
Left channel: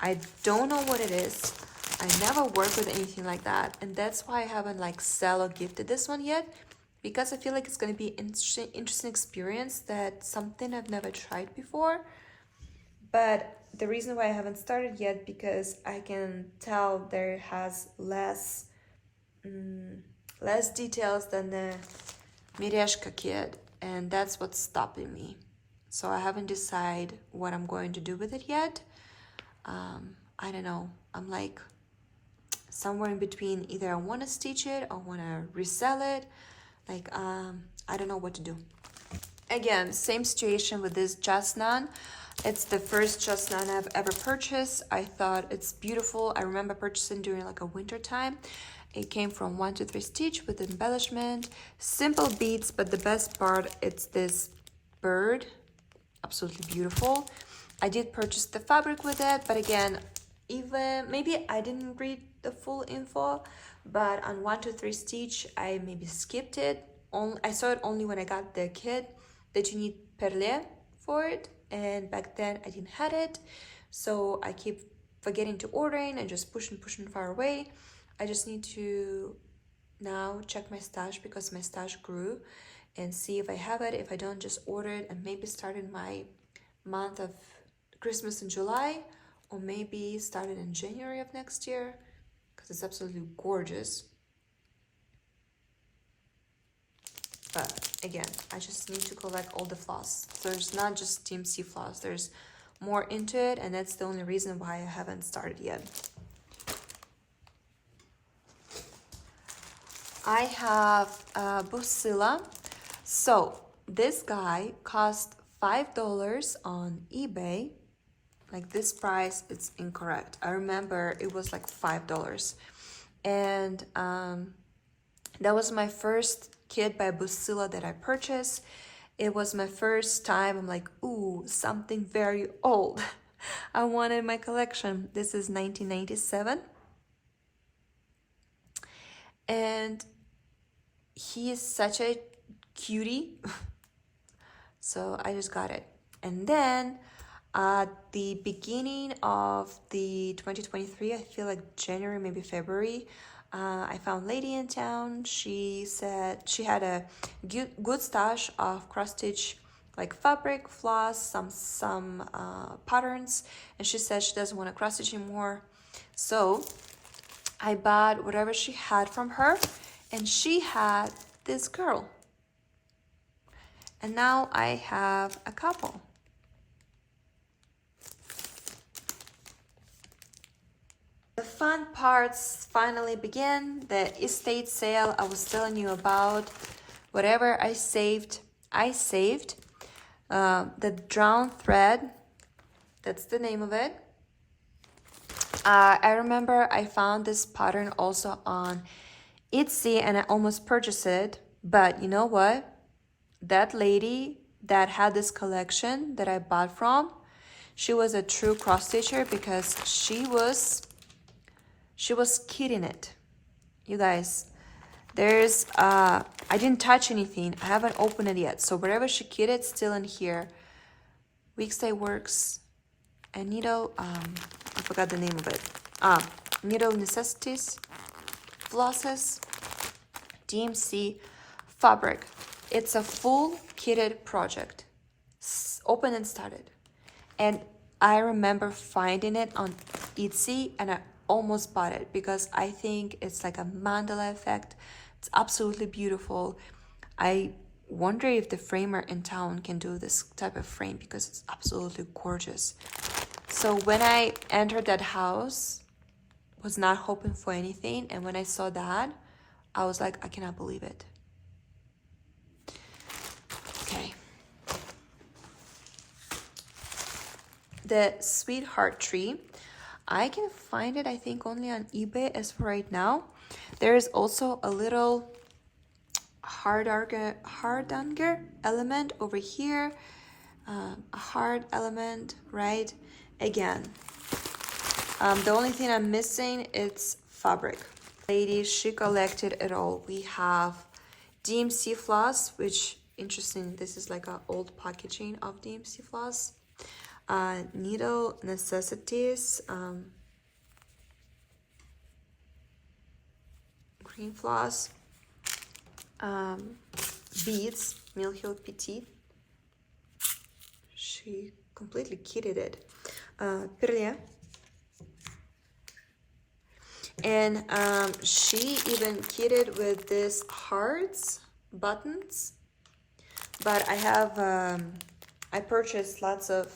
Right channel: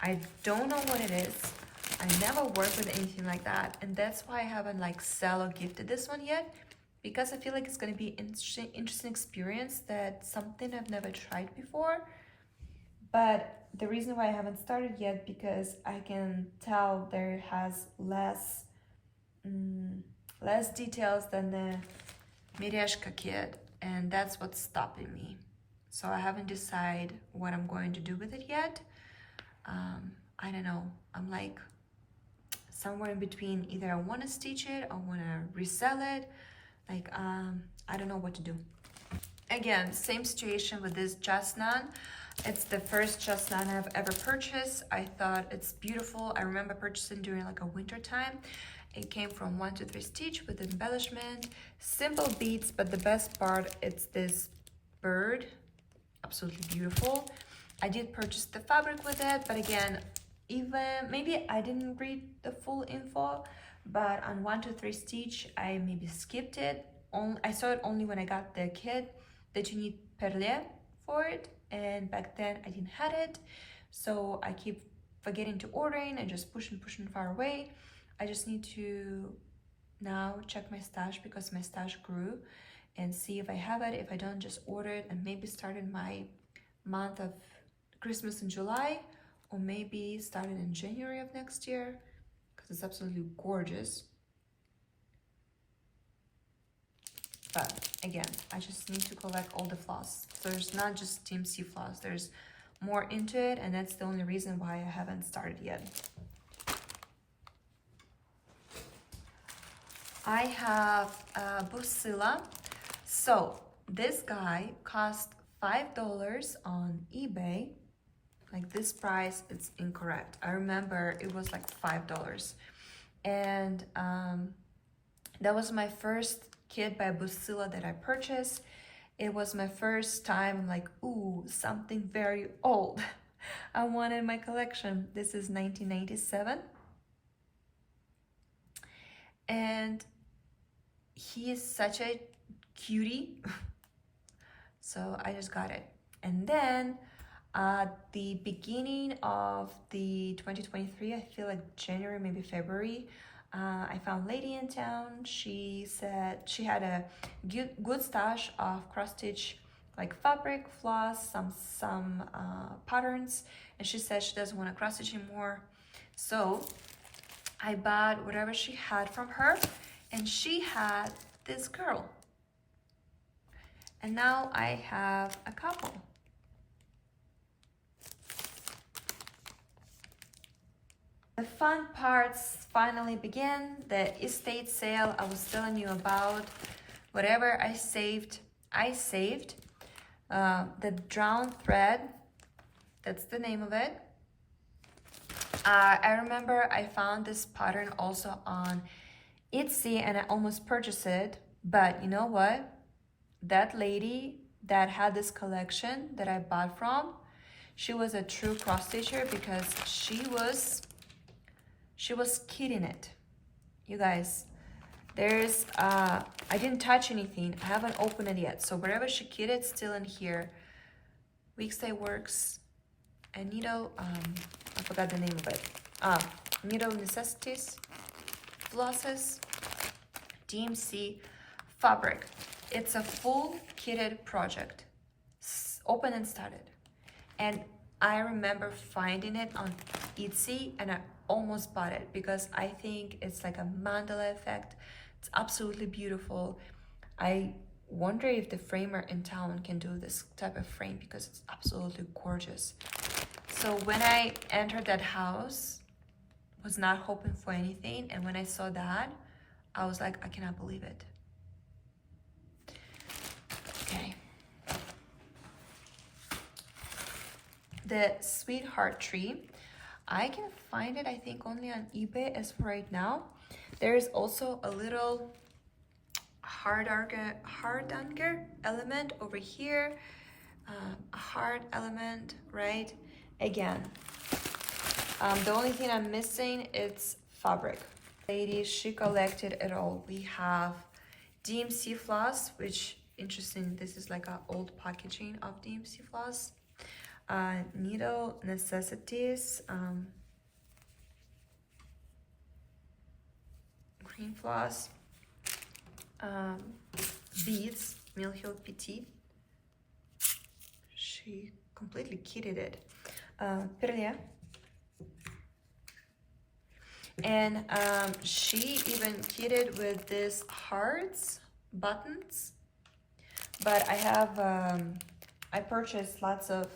I don't know what it is. I never worked with anything like that, and that's why I haven't like sell or gifted this one yet, because I feel like it's going to be an interesting experience, that something I've never tried before. But the reason why I haven't started yet, because I can tell there has less details than the Mireshka kit, and that's what's stopping me. so I haven't decided what I'm going to do with it yet. I don't know. I'm like somewhere in between. Either I want to stitch it or want to resell it. Like, I don't know what to do. Again, same situation with this chestnut. It's the first chestnut I've ever purchased. I thought it's beautiful. I remember purchasing during like a winter time. It came from 1 2 3 Stitch with embellishment, simple beads, but the best part, it's this bird, absolutely beautiful. I did purchase the fabric with it, but again, even maybe I didn't read the full info, but on 1 2 3 Stitch, I maybe skipped it. I saw it only when I got the kit that you need perle for it, and back then I didn't have it, so I keep forgetting to ordering and just pushing far away. I just need to now check my stash because my stash grew and see if I have it. If I don't, just order it and maybe start in my month of Christmas in July, or maybe start it in January of next year because it's absolutely gorgeous. But again, I just need to collect all the floss. So there's not just DMC floss, there's more into it, and that's the only reason why I haven't started yet. I have Bucilla. So this guy cost $5 on eBay. Like, this price, it's incorrect. I remember it was like $5. And that was my first kit by Bucilla that I purchased. It was my first time. I'm like, ooh, something very old. I wanted my collection. This is 1997. And he is such a cutie. So I just got it. And then at the beginning of the 2023, I feel like January, maybe February, I found Lady in town. She said she had a good stash of cross-stitch, like fabric, floss, some patterns, and she said she doesn't want to cross-stitch anymore. So I bought whatever she had from her, and she had this girl. And now I have a couple. The fun parts finally begin. The estate sale I was telling you about. Whatever I saved. The Drowned Thread, that's the name of it. I remember I found this pattern also on Etsy and I almost purchased it. But you know what? That lady that had this collection that I bought from, she was a true cross stitcher because she was kidding it. You guys, there's I didn't touch anything. I haven't opened it yet. So whatever she kidded, still in here. Weekday Works, a needle, I forgot the name of it. Needle Necessities, Flosses, DMC fabric. It's a full kitted project, open and started. And I remember finding it on Etsy and I almost bought it because I think it's like a mandala effect. It's absolutely beautiful. I wonder if the framer in town can do this type of frame because it's absolutely gorgeous. So when I entered that house, was not hoping for anything, and when I saw that, I was like, I cannot believe it. Okay. The Sweetheart Tree. I can find it, I think, only on eBay as for right now. There is also a little hardanger element over here. A hard element, right? Again, the only thing I'm missing is fabric. Lady, she collected it all. We have DMC floss, which, interesting, this is like an old packaging of DMC floss. Needle Necessities, green floss, beads, Mill Hill Petit. She completely kitted it. Perle. And she even kitted with this hearts buttons. But I have I purchased lots of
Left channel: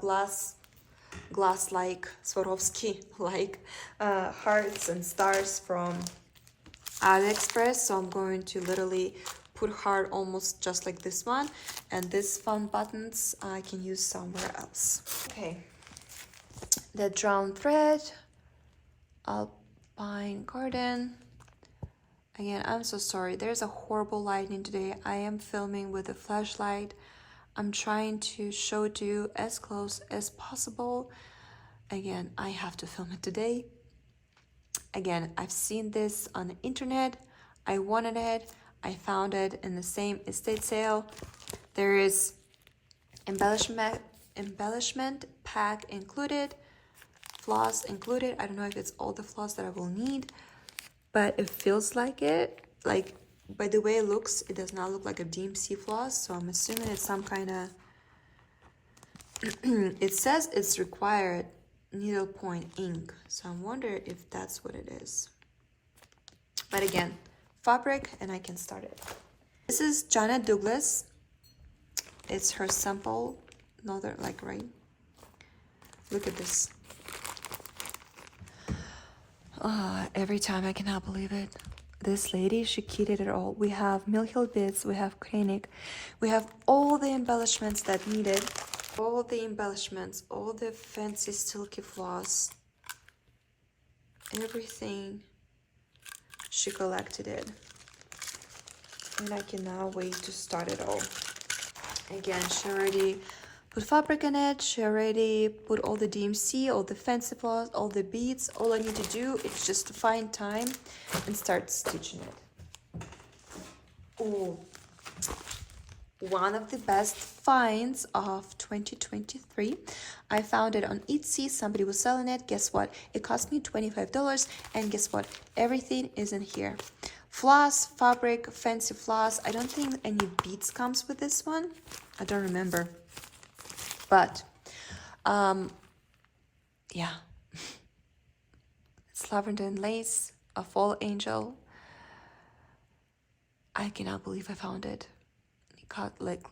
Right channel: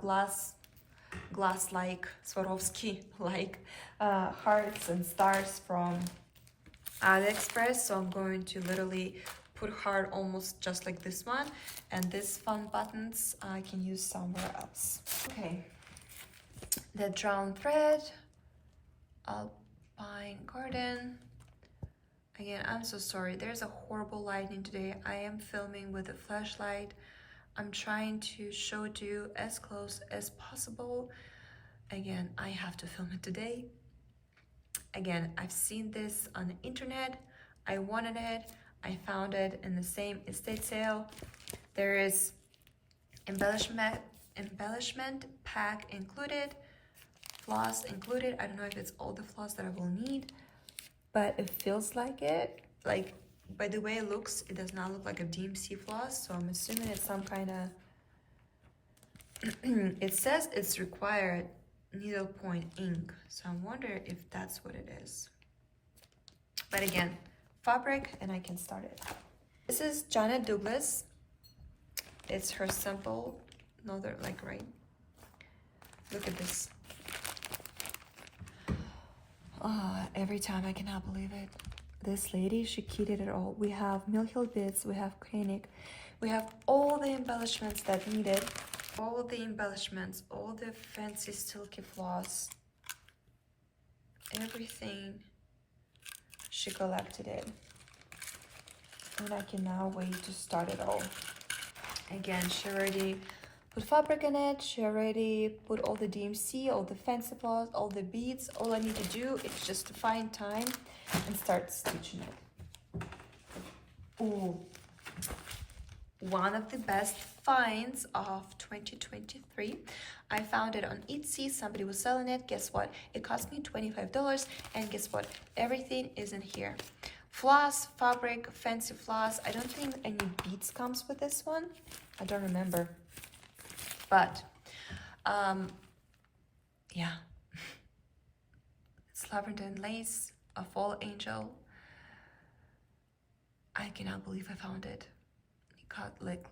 glass-like Swarovski-like hearts and stars from AliExpress. So I'm going to literally put heart almost just like this one, and this fun buttons I can use somewhere else. Okay, the drawn thread, Alpine Garden. Again, I'm so sorry. There's a horrible lighting today. I am filming with a flashlight. I'm trying to show it to you as close as possible. Again, I have to film it today. Again, I've seen this on the internet. I wanted it. I found it in the same estate sale. There is embellishment pack included, floss included. I don't know if it's all the floss that I will need, but it feels like it. Like, by the way it looks, it does not look like a DMC floss, so I'm assuming it's some kind of it says it's required needlepoint ink, so I'm wondering if that's what it is. But again, fabric, and I can start it. This is Jeannette Douglas. It's her sample. No, they're like right. Look at this. Every time I cannot believe it. This lady, she kitted it all. We have Mill Hill bits, we have Koenig, we have all the embellishments that needed, all the embellishments, all the fancy silky floss, everything. She collected it, and I cannot wait to start it all. Again, she already put fabric in it, she already put all the DMC, all the fancy floss, all the beads. All I need to do is just find time and start stitching it. Ooh, one of the best finds of 2023. I found it on Etsy. Somebody was selling it. Guess what? It cost me $25, and guess what? Everything is in here. Floss, fabric, fancy floss. I don't think any beads comes with this one. I don't remember. But, yeah. It's lavender and lace, a fall angel. I cannot believe I found it. It got like,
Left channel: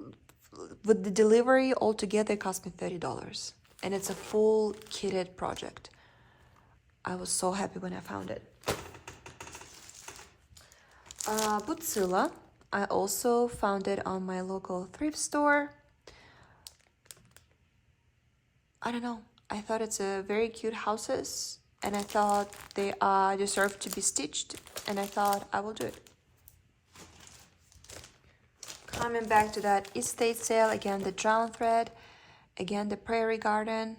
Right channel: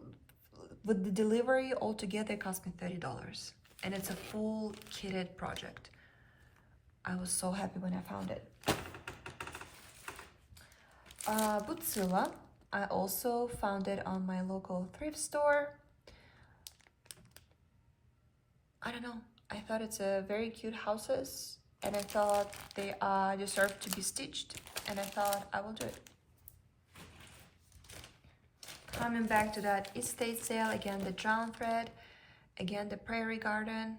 with the delivery altogether, it cost me $30. And it's a full kitted project. I was so happy when I found it. Bucilla. I also found it on my local thrift store. I don't know. I thought it's a very cute houses, and I thought they deserve to be stitched, and I thought I will do it. Coming back to that estate sale, again the drawn thread, again the Prairie Garden.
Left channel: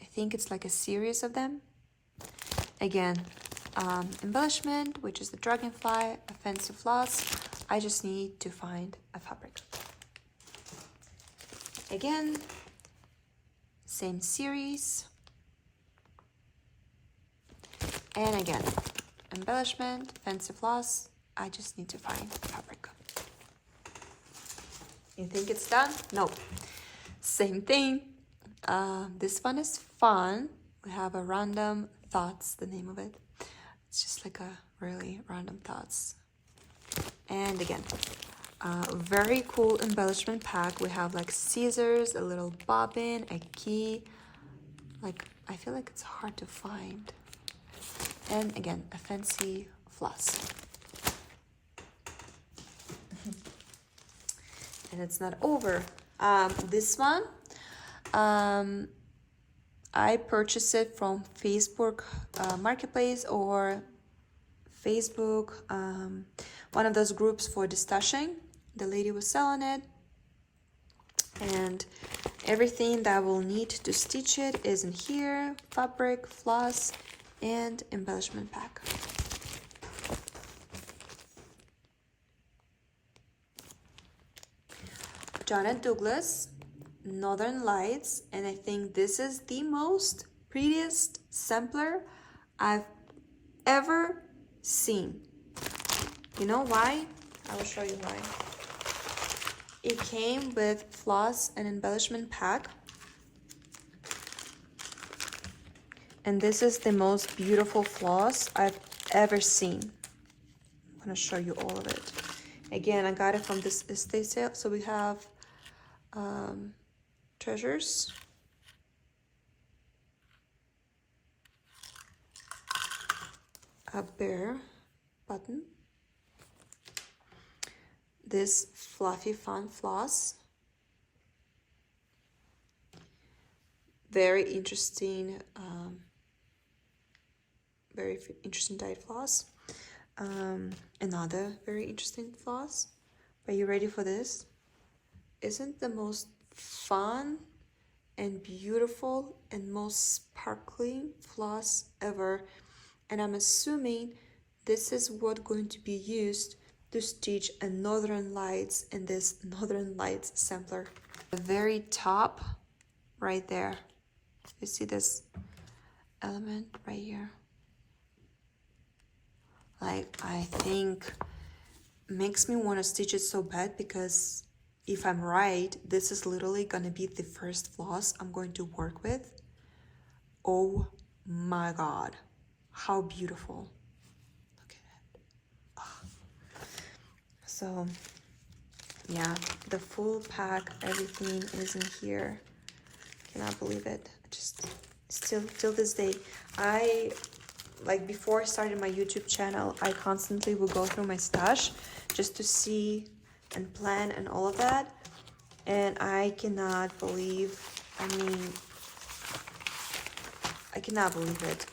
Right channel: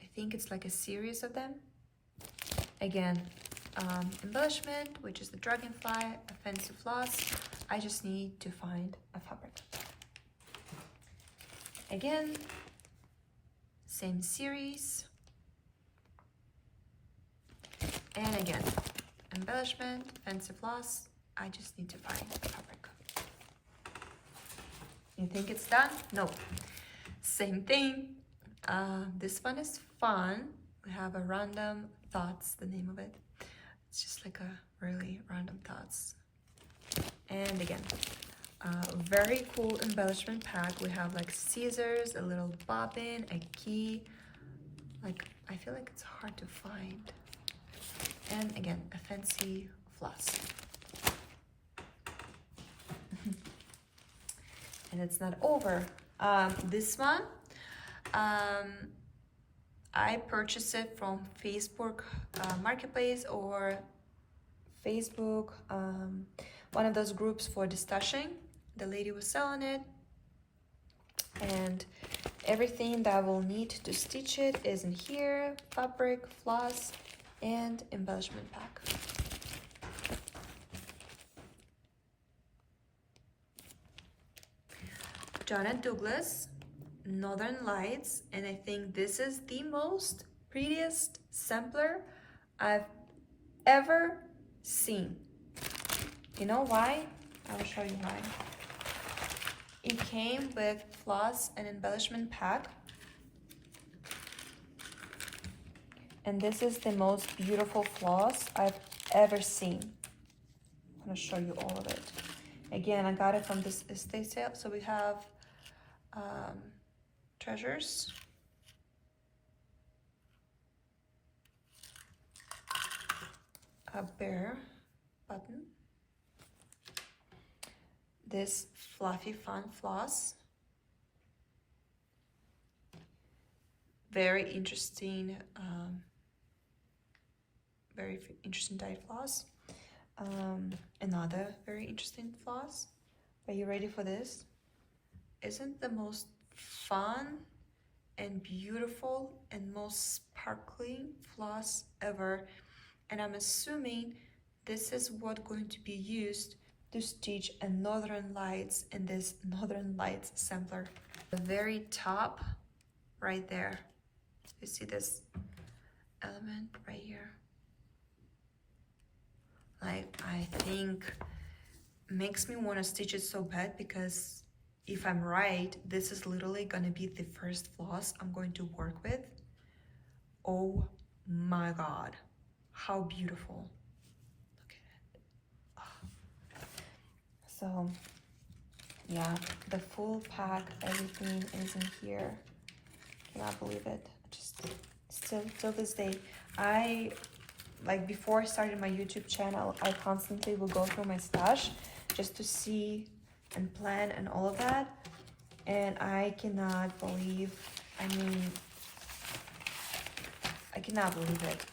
I think it's like a series of them. Again, embellishment, which is the dragonfly, a fancy floss. I just need to find a fabric. Again, same series. And again, embellishment, fancy floss. I just need to find fabric. You think it's done? No. Same thing. This one is fun. We have a random thoughts, the name of it. It's just like a really random thoughts. And again, very cool embellishment pack. We have like scissors, a little bobbin, a key. Like, I feel like it's hard to find. And again, a fancy floss. And it's not over. This one, I purchased it from Facebook Marketplace or Facebook, one of those groups for destashing. The lady was selling it, and everything that we'll need to stitch it is in here: fabric, floss, and embellishment pack. Jeannette Douglas, Northern Lights, and I think this is the most prettiest sampler I've ever seen. You know why? I'll show you why. It came with floss and embellishment pack, and this is the most beautiful floss I've ever seen. I'm gonna show you all of it. Again, I got it from this estate sale. So we have treasures, a bear button, this fluffy fun floss, very interesting dyed floss, another very interesting floss. Are you ready for this? Isn't the most fun and beautiful and most sparkling floss ever? And I'm assuming this is what's going to be used to stitch a Northern Lights in this Northern Lights sampler. The very top right there, you see this element right here? Like, I think makes me want to stitch it so bad, because if I'm right, this is literally gonna be the first floss I'm going to work with. Oh my god, how beautiful. Look at it. Oh. So yeah, the full pack, everything is in here. Cannot believe it. Just still till this day, I like before I started my YouTube channel, I constantly would go through my stash just to see and plan and all of that, and I cannot believe, I mean, I cannot believe it.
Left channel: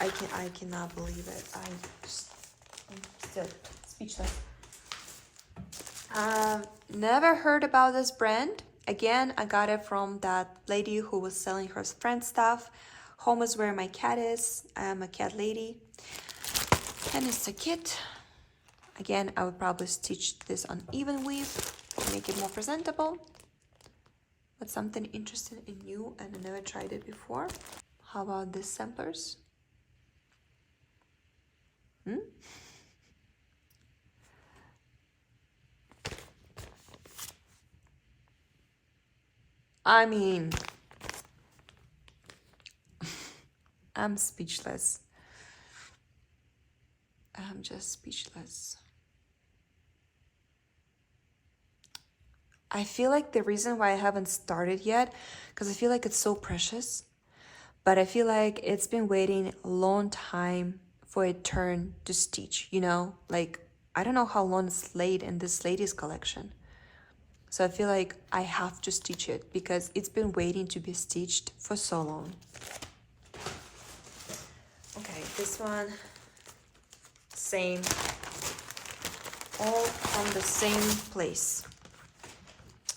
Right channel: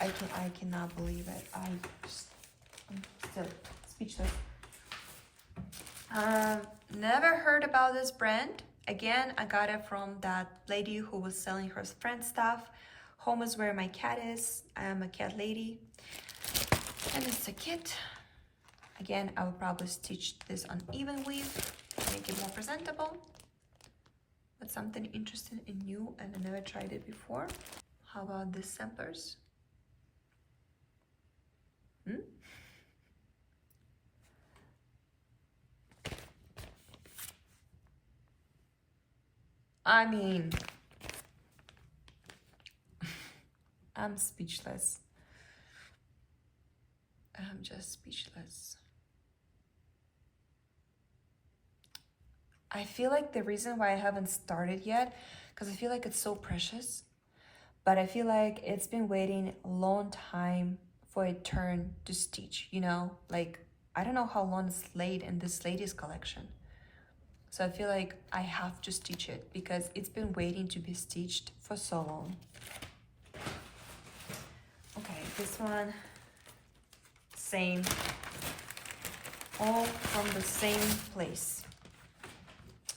I cannot believe it. I'm still speechless. Never heard about this brand. Again, I got it from that lady who was selling her friend stuff. Home is where my cat is. I'm a cat lady. And it's a kit. Again, I would probably stitch this on even weave to make it more presentable. But something interesting and new, and I never tried it before. How about these samplers? I mean, I'm speechless. I'm just speechless. I feel like the reason why I haven't started yet, because I feel like it's so precious, but I feel like it's been waiting a long time for a turn to stitch, you know? Like, I don't know how long it's laid in this lady's collection. So I feel like I have to stitch it because it's been waiting to be stitched for so long. Okay, this one, same, all from the same place.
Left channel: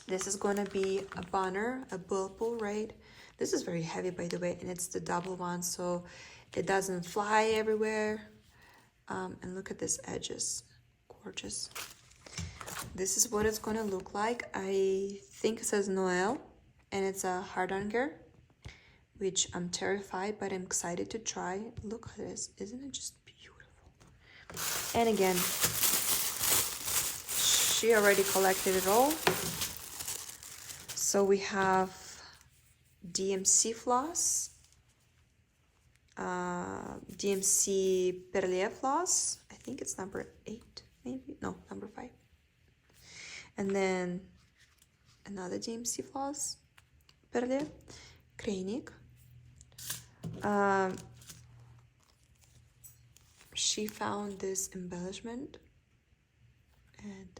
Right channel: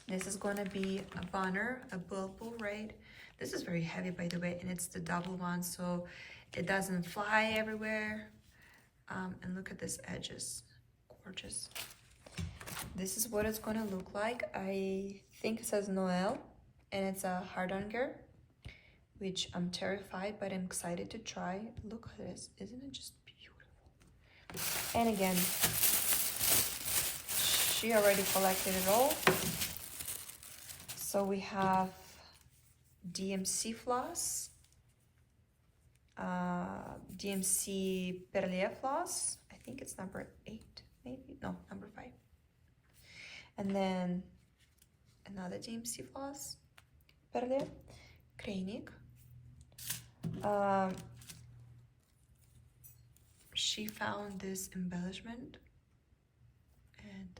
This is going to be a banner, a bulbul, right? This is very heavy, by the way, and it's the double one, so it doesn't fly everywhere. And look at these edges, gorgeous. This is what it's going to look like. I think it says Noel, and it's a hardanger, which I'm terrified, but I'm excited to try. Look at this, isn't it just beautiful? And again, she already collected it all. So we have DMC floss, DMC Perlier floss, I think it's number 8, maybe, no, number 5. And then another DMC floss, Perlier, Kreinik. She found this embellishment, and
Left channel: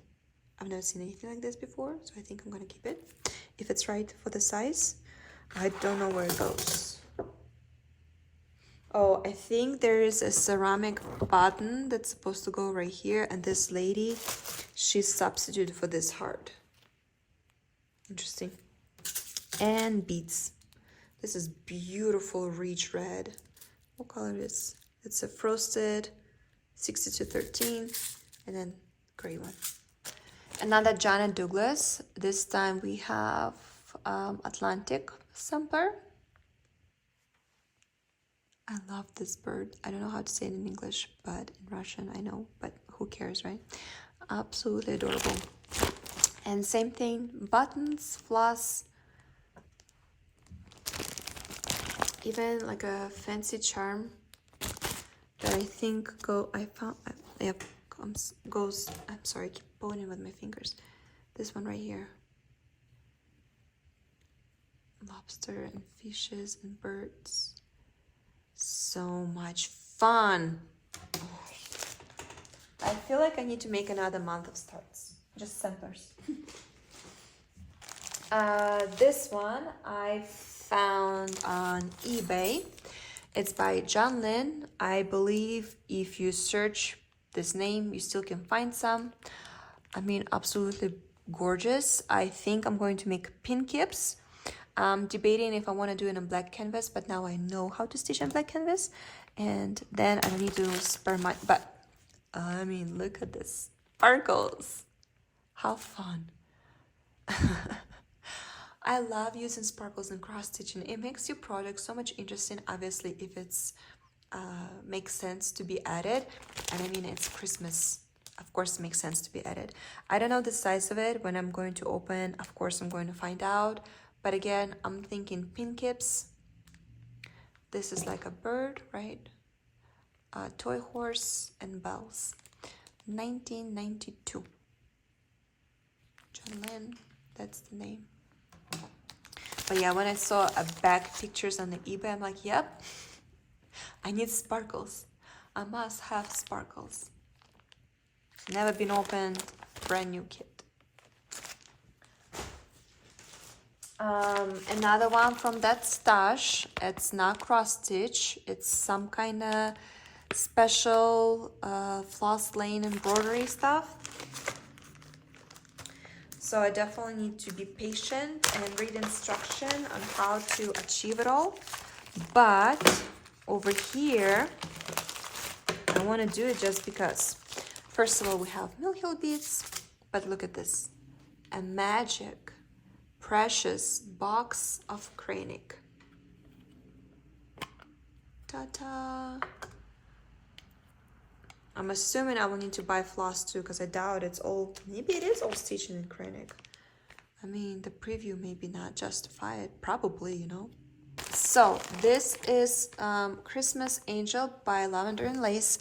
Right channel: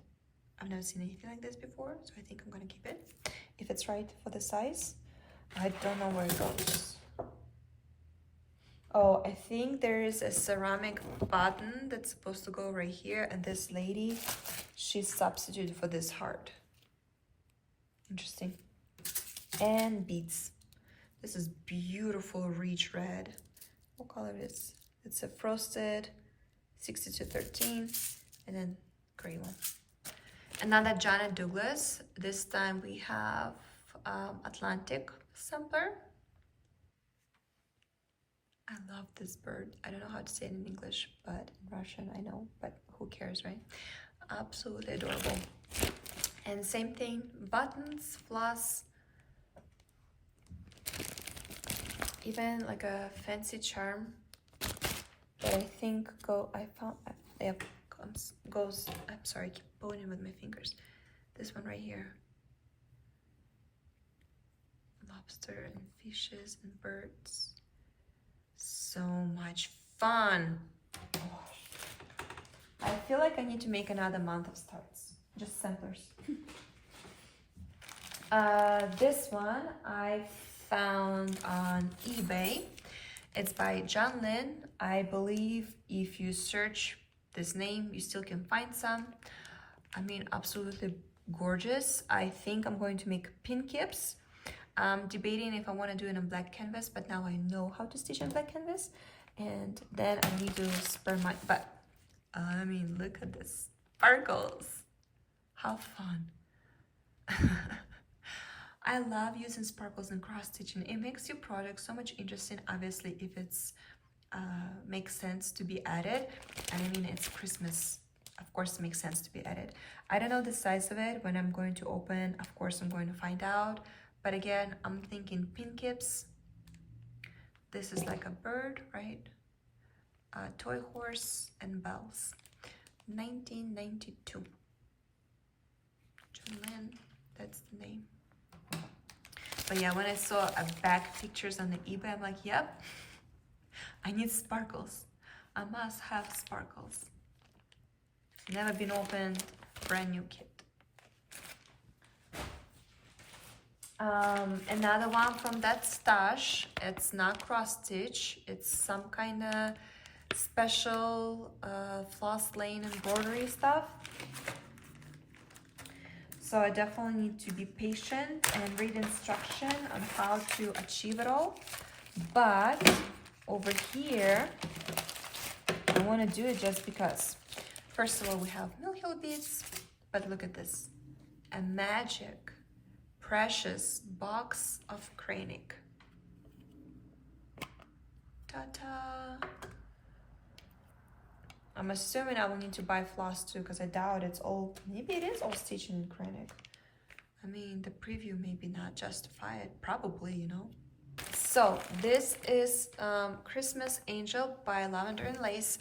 I've never seen anything like this before, so I think I'm gonna keep it. If it's right for the size, I don't know where it goes. Oh, I think there is a ceramic button that's supposed to go right here, and this lady, she substituted for this heart. Interesting. And beads. This is beautiful rich red. What color is this? It's a frosted 6213, and then gray one. Another Jeannette Douglas. This time we have Atlantic sampler. I love this bird. I don't know how to say it in English, but in Russian I know, but who cares, right? Absolutely adorable. And same thing, buttons, floss, even like a fancy charm that I think I'm sorry, I keep pointing with my fingers. This one right here. Lobster and fishes and birds. So much fun. I feel like I need to make another month of starts. Just samplers. This one I found on eBay. It's by John Lynn. I believe if you search this name, you still can find some. I mean, absolutely gorgeous. I think I'm going to make pin keeps. I'm debating if I want to do it on black canvas, but now I know how to stitch on black canvas. And then I need to spare my, but I mean, look at this sparkles. How fun. I love using sparkles and cross stitching. It makes your project so much interesting, obviously, if it's makes sense to be added. And I mean, it's Christmas, of course it makes sense to be added. I don't know the size of it. When I'm going to open, of course I'm going to find out, but again, I'm thinking pin keeps. This is like a bird, right? Toy horse and bells. 1992. John Lynn, that's the name. But yeah, when I saw a back pictures on the eBay, I'm like, yep, I need sparkles. I must have sparkles. Never been opened, brand new kit. Another one from that stash. It's not cross stitch. It's some kind of special floss lane embroidery stuff. So I definitely need to be patient and read instruction on how to achieve it all. But over here, I want to do it just because. First of all, we have Mill Hill beads, but look at this. A magic, precious box of Kreinik. Ta-ta! I'm assuming I will need to buy floss too, because I doubt it's all, maybe it is all stitching in Kreinik. I mean, the preview maybe not justify it, probably, you know. So this is Christmas Angel by Lavender and Lace.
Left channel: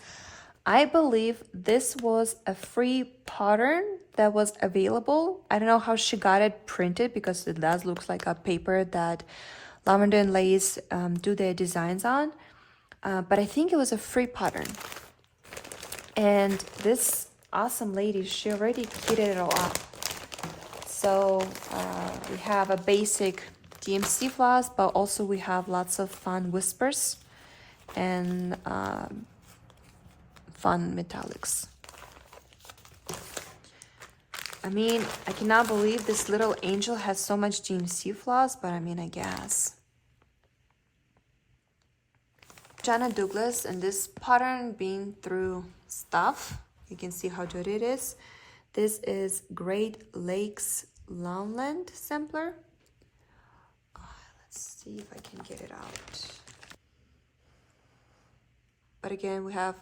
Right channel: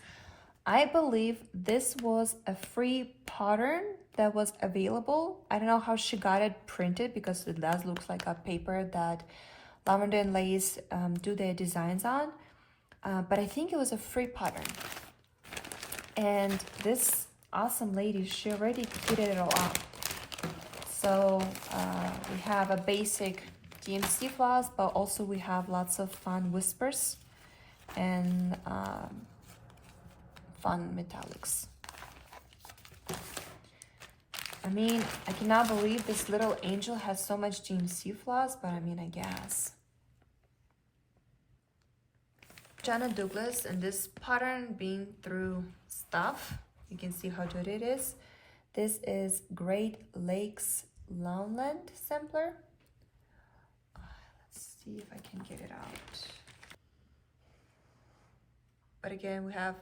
I believe this was a free pattern that was available. I don't know how she got it printed, because it does look like a paper that Lavender and Lace do their designs on. But I think it was a free pattern. And this awesome lady, she already kitted it all up. So we have a basic DMC floss, but also we have lots of fun whispers and fun metallics. I mean, I cannot believe this little angel has so much DMC floss, but I mean, I guess. Jeannette Douglas, and this pattern being through stuff. You can see how dirty it is. This is Great Lakes Lawnland sampler. Let's see if I can get it out. But again, we have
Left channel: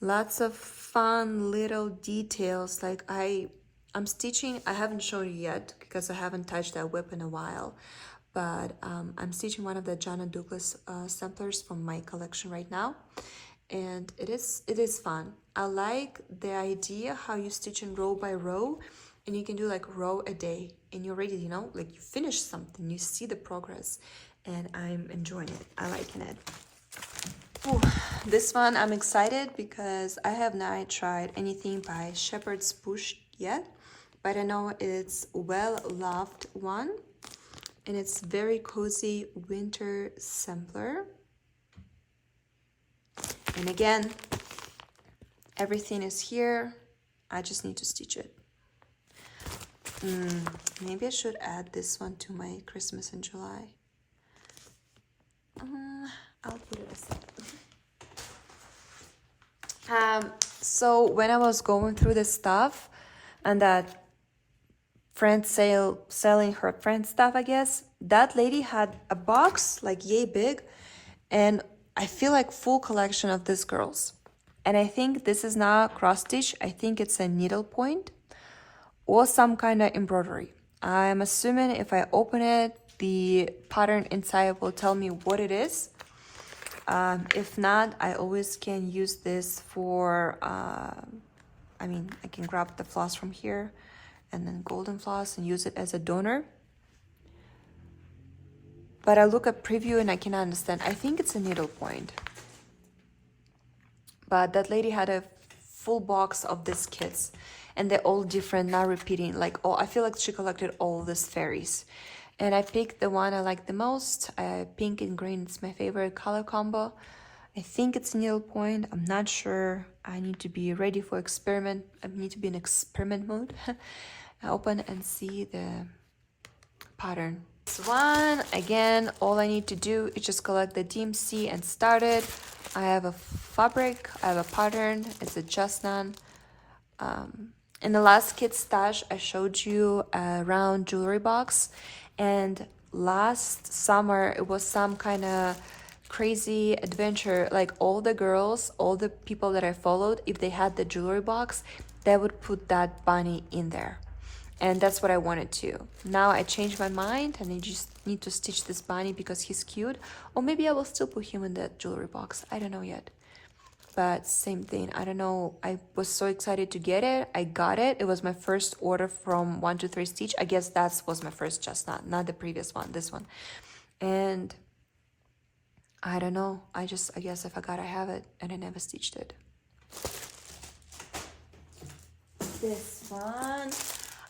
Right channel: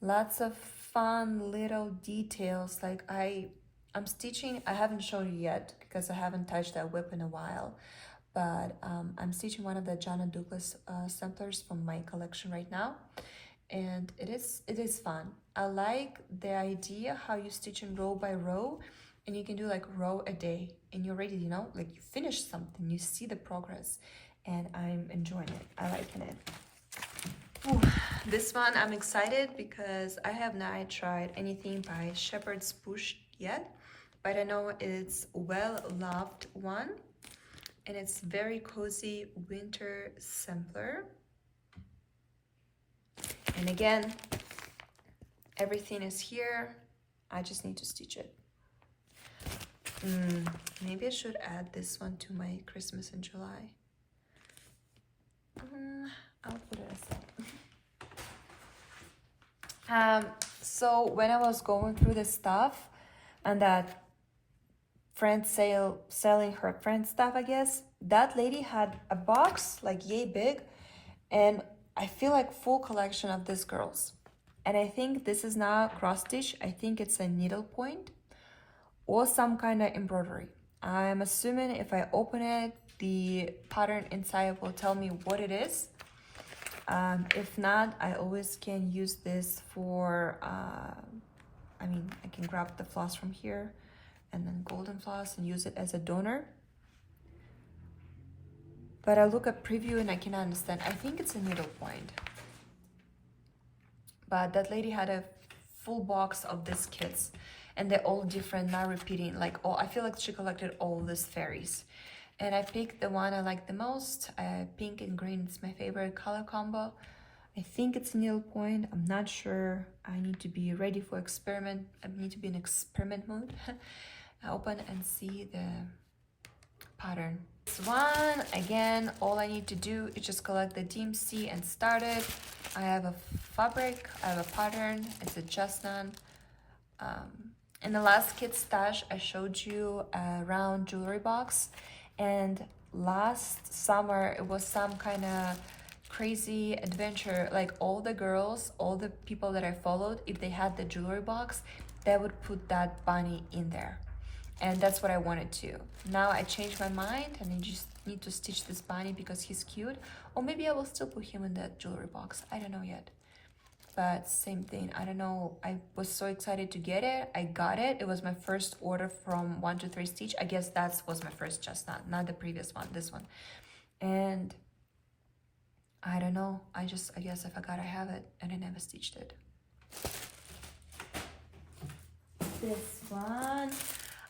lots of fun little details. Like I'm stitching, I haven't shown you yet because I haven't touched that whip in a while. But I'm stitching one of the Jeannette Douglas samplers from my collection right now, and it is fun. I like the idea how you stitch in row by row, and you can do like row a day, and you're ready, you know, like you finish something, you see the progress, and I'm enjoying it. I liking it. Ooh, this one I'm excited because I have not tried anything by Shepherd's Bush yet, but I know it's well-loved one. And it's very cozy winter sampler. And again, everything is here. I just need to stitch it. Maybe I should add this one to my Christmas in July. I'll put it aside. So when I was going through this stuff and that friend selling her friend stuff, I guess that lady had a box like yay big, and I feel like full collection of these girls. And I think this is not cross stitch. I think it's a needle point or some kind of embroidery. I'm assuming if I open it, the pattern inside will tell me what it is. If not, I always can use this for I mean, I can grab the floss from here and then golden floss and use it as a donor. But I look at preview and I cannot understand. I think it's a needle point. But that lady had a full box of these kits and they're all different, not repeating. Like, oh, I feel like she collected all these fairies. And I picked the one I like the most. Pink and green is my favorite color combo. I think it's needle point. I'm not sure. I need to be ready for experiment. I need to be in experiment mode. Open and see the pattern. This one, again, all I need to do is just collect the DMC and start it. I have a fabric, I have a pattern. It's a just none. In the last kit stash, I showed you a round jewelry box. And last summer, it was some kind of crazy adventure. Like all the girls, all the people that I followed, if they had the jewelry box, they would put that bunny in there. And that's what I wanted to. Now I changed my mind and I just need to stitch this bunny because he's cute. Or maybe I will still put him in that jewelry box. I don't know yet. But same thing. I don't know. I was so excited to get it. I got it. It was my first order from 123 Stitch. I guess that was my first just not the previous one, this one. And I don't know. I guess I forgot I have it and I never stitched it. This one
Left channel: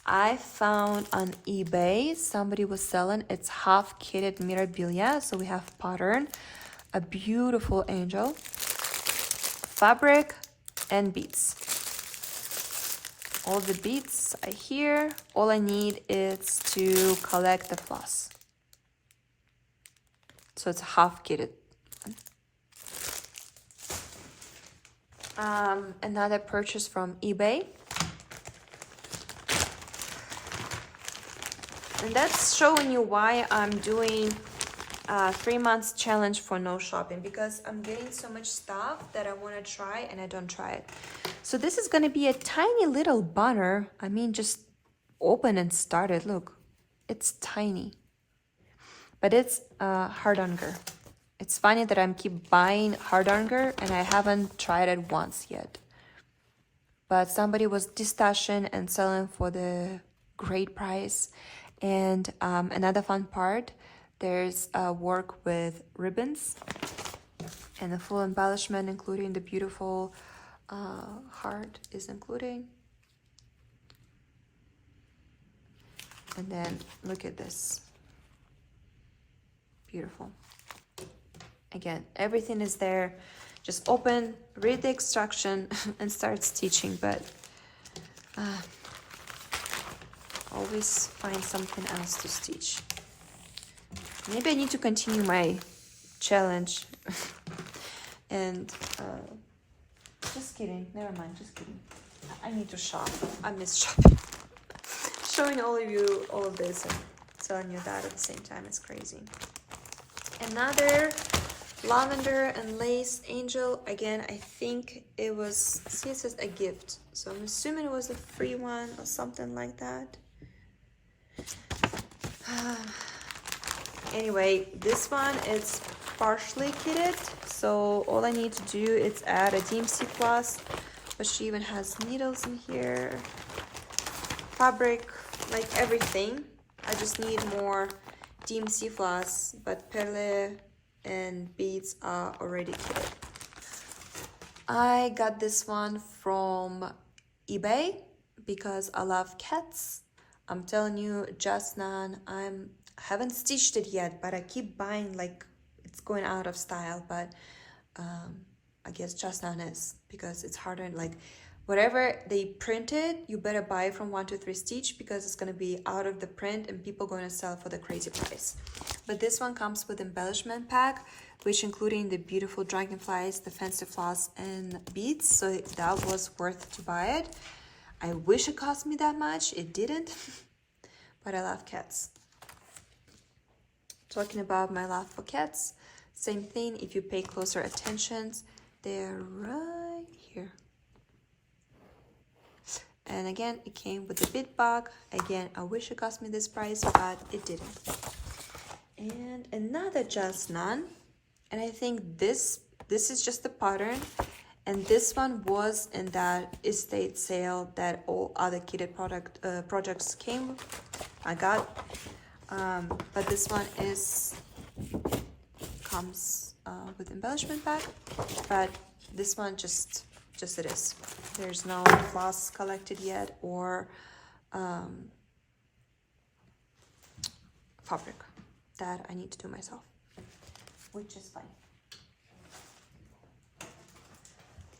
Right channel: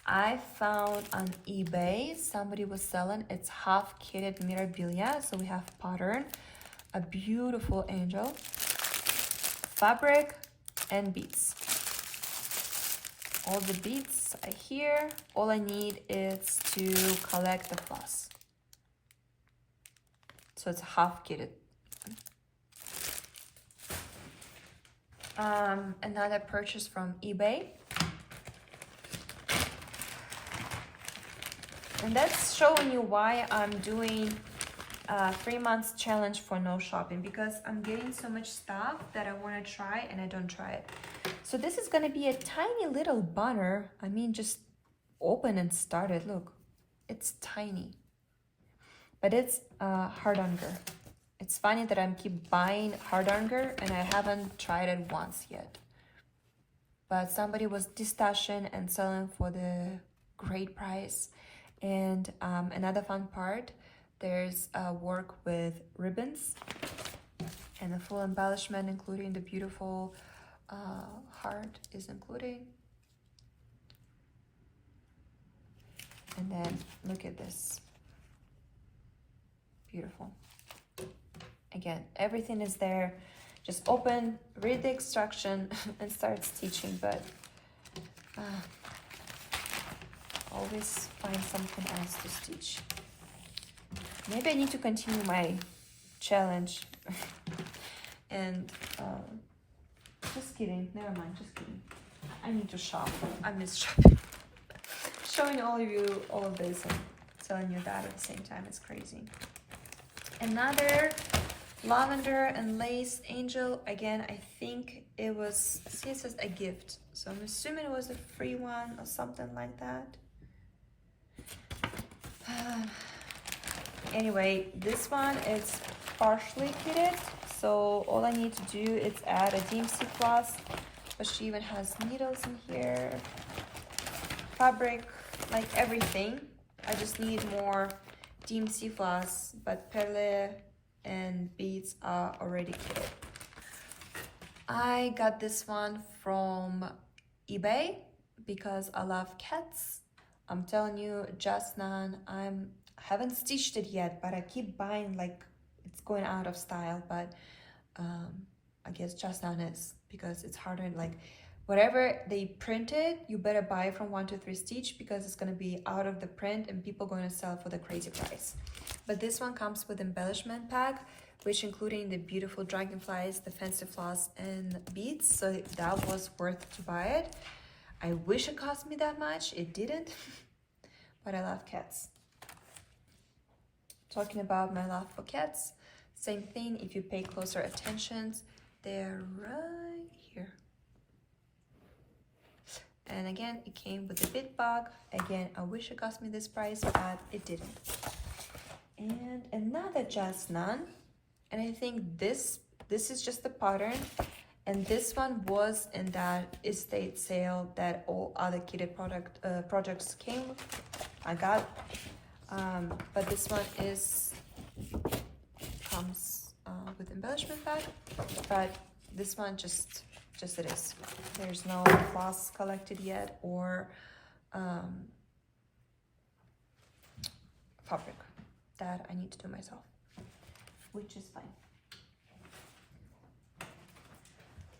I found on eBay. Somebody was selling. It's half kitted Mirabilia. So we have pattern, a beautiful angel, fabric, and beads. All the beads are here. All I need is to collect the floss. So it's half kitted. Another purchase from eBay. And that's showing you why I'm doing a 3 months challenge for no shopping, because I'm getting so much stuff that I want to try and I don't try it. So this is going to be a tiny little banner. I mean, just open and start it. Look, it's tiny, but it's hardanger. It's funny that I'm keep buying hardanger and I haven't tried it once yet. But somebody was distashing and selling for the great price. And another fun part, there's work with ribbons and the full embellishment, including the beautiful heart is including. And then look at this, beautiful. Again, everything is there. Just open, read the instruction and start stitching, but always find something else to stitch. Maybe I need to continue my challenge. And just kidding, never mind, just kidding. I need to shop. I miss shopping. Showing all of you all of this and telling you that at the same time is crazy. Another lavender and lace angel. Again, I think it was, see, it says a gift, so I'm assuming it was a free one or something like that. Anyway, this one is partially kitted, so all I need to do is add a DMC floss, but she even has needles in here, fabric, like everything. I just need more DMC floss, but perle and beads are already kitted. I got this one from eBay because I love cats. I'm telling you, just none. I haven't stitched it yet, but I keep buying, like it's going out of style. But I guess just none is, because it's harder. Like whatever they printed, you better buy it from 123 Stitch, because it's going to be out of the print and people going to sell for the crazy price. But this one comes with embellishment pack, which including the beautiful dragonflies, the fancy floss, and beads. So that was worth to buy it. I wish it cost me that much. It didn't, but I love cats. Talking about my love for cats, same thing. If you pay closer attention, they're right here. And again, it came with a bit bag. Again, I wish it cost me this price, but it didn't. And another just none. And I think this is just the pattern. And this one was in that estate sale that all other kitted projects I got. But this one comes with embellishment pack, but this one just it is. There's no floss collected yet or fabric that I need to do myself, which is fine.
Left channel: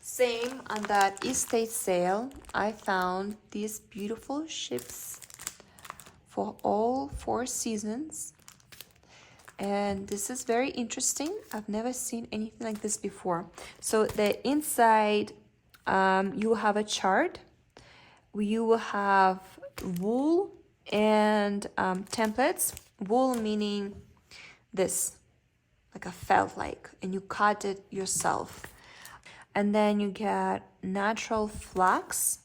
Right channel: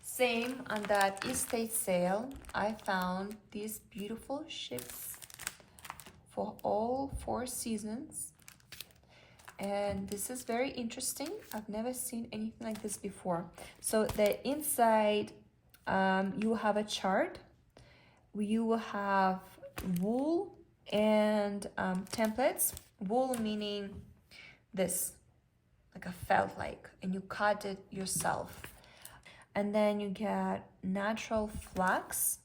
Same on that estate sale, I found these beautiful ships for all 4 seasons. And this is very interesting. I've never seen anything like this before. So the inside, you will have a chart. You will have wool and templates. Wool meaning this, like a felt like, and you cut it yourself. And then you get natural flax,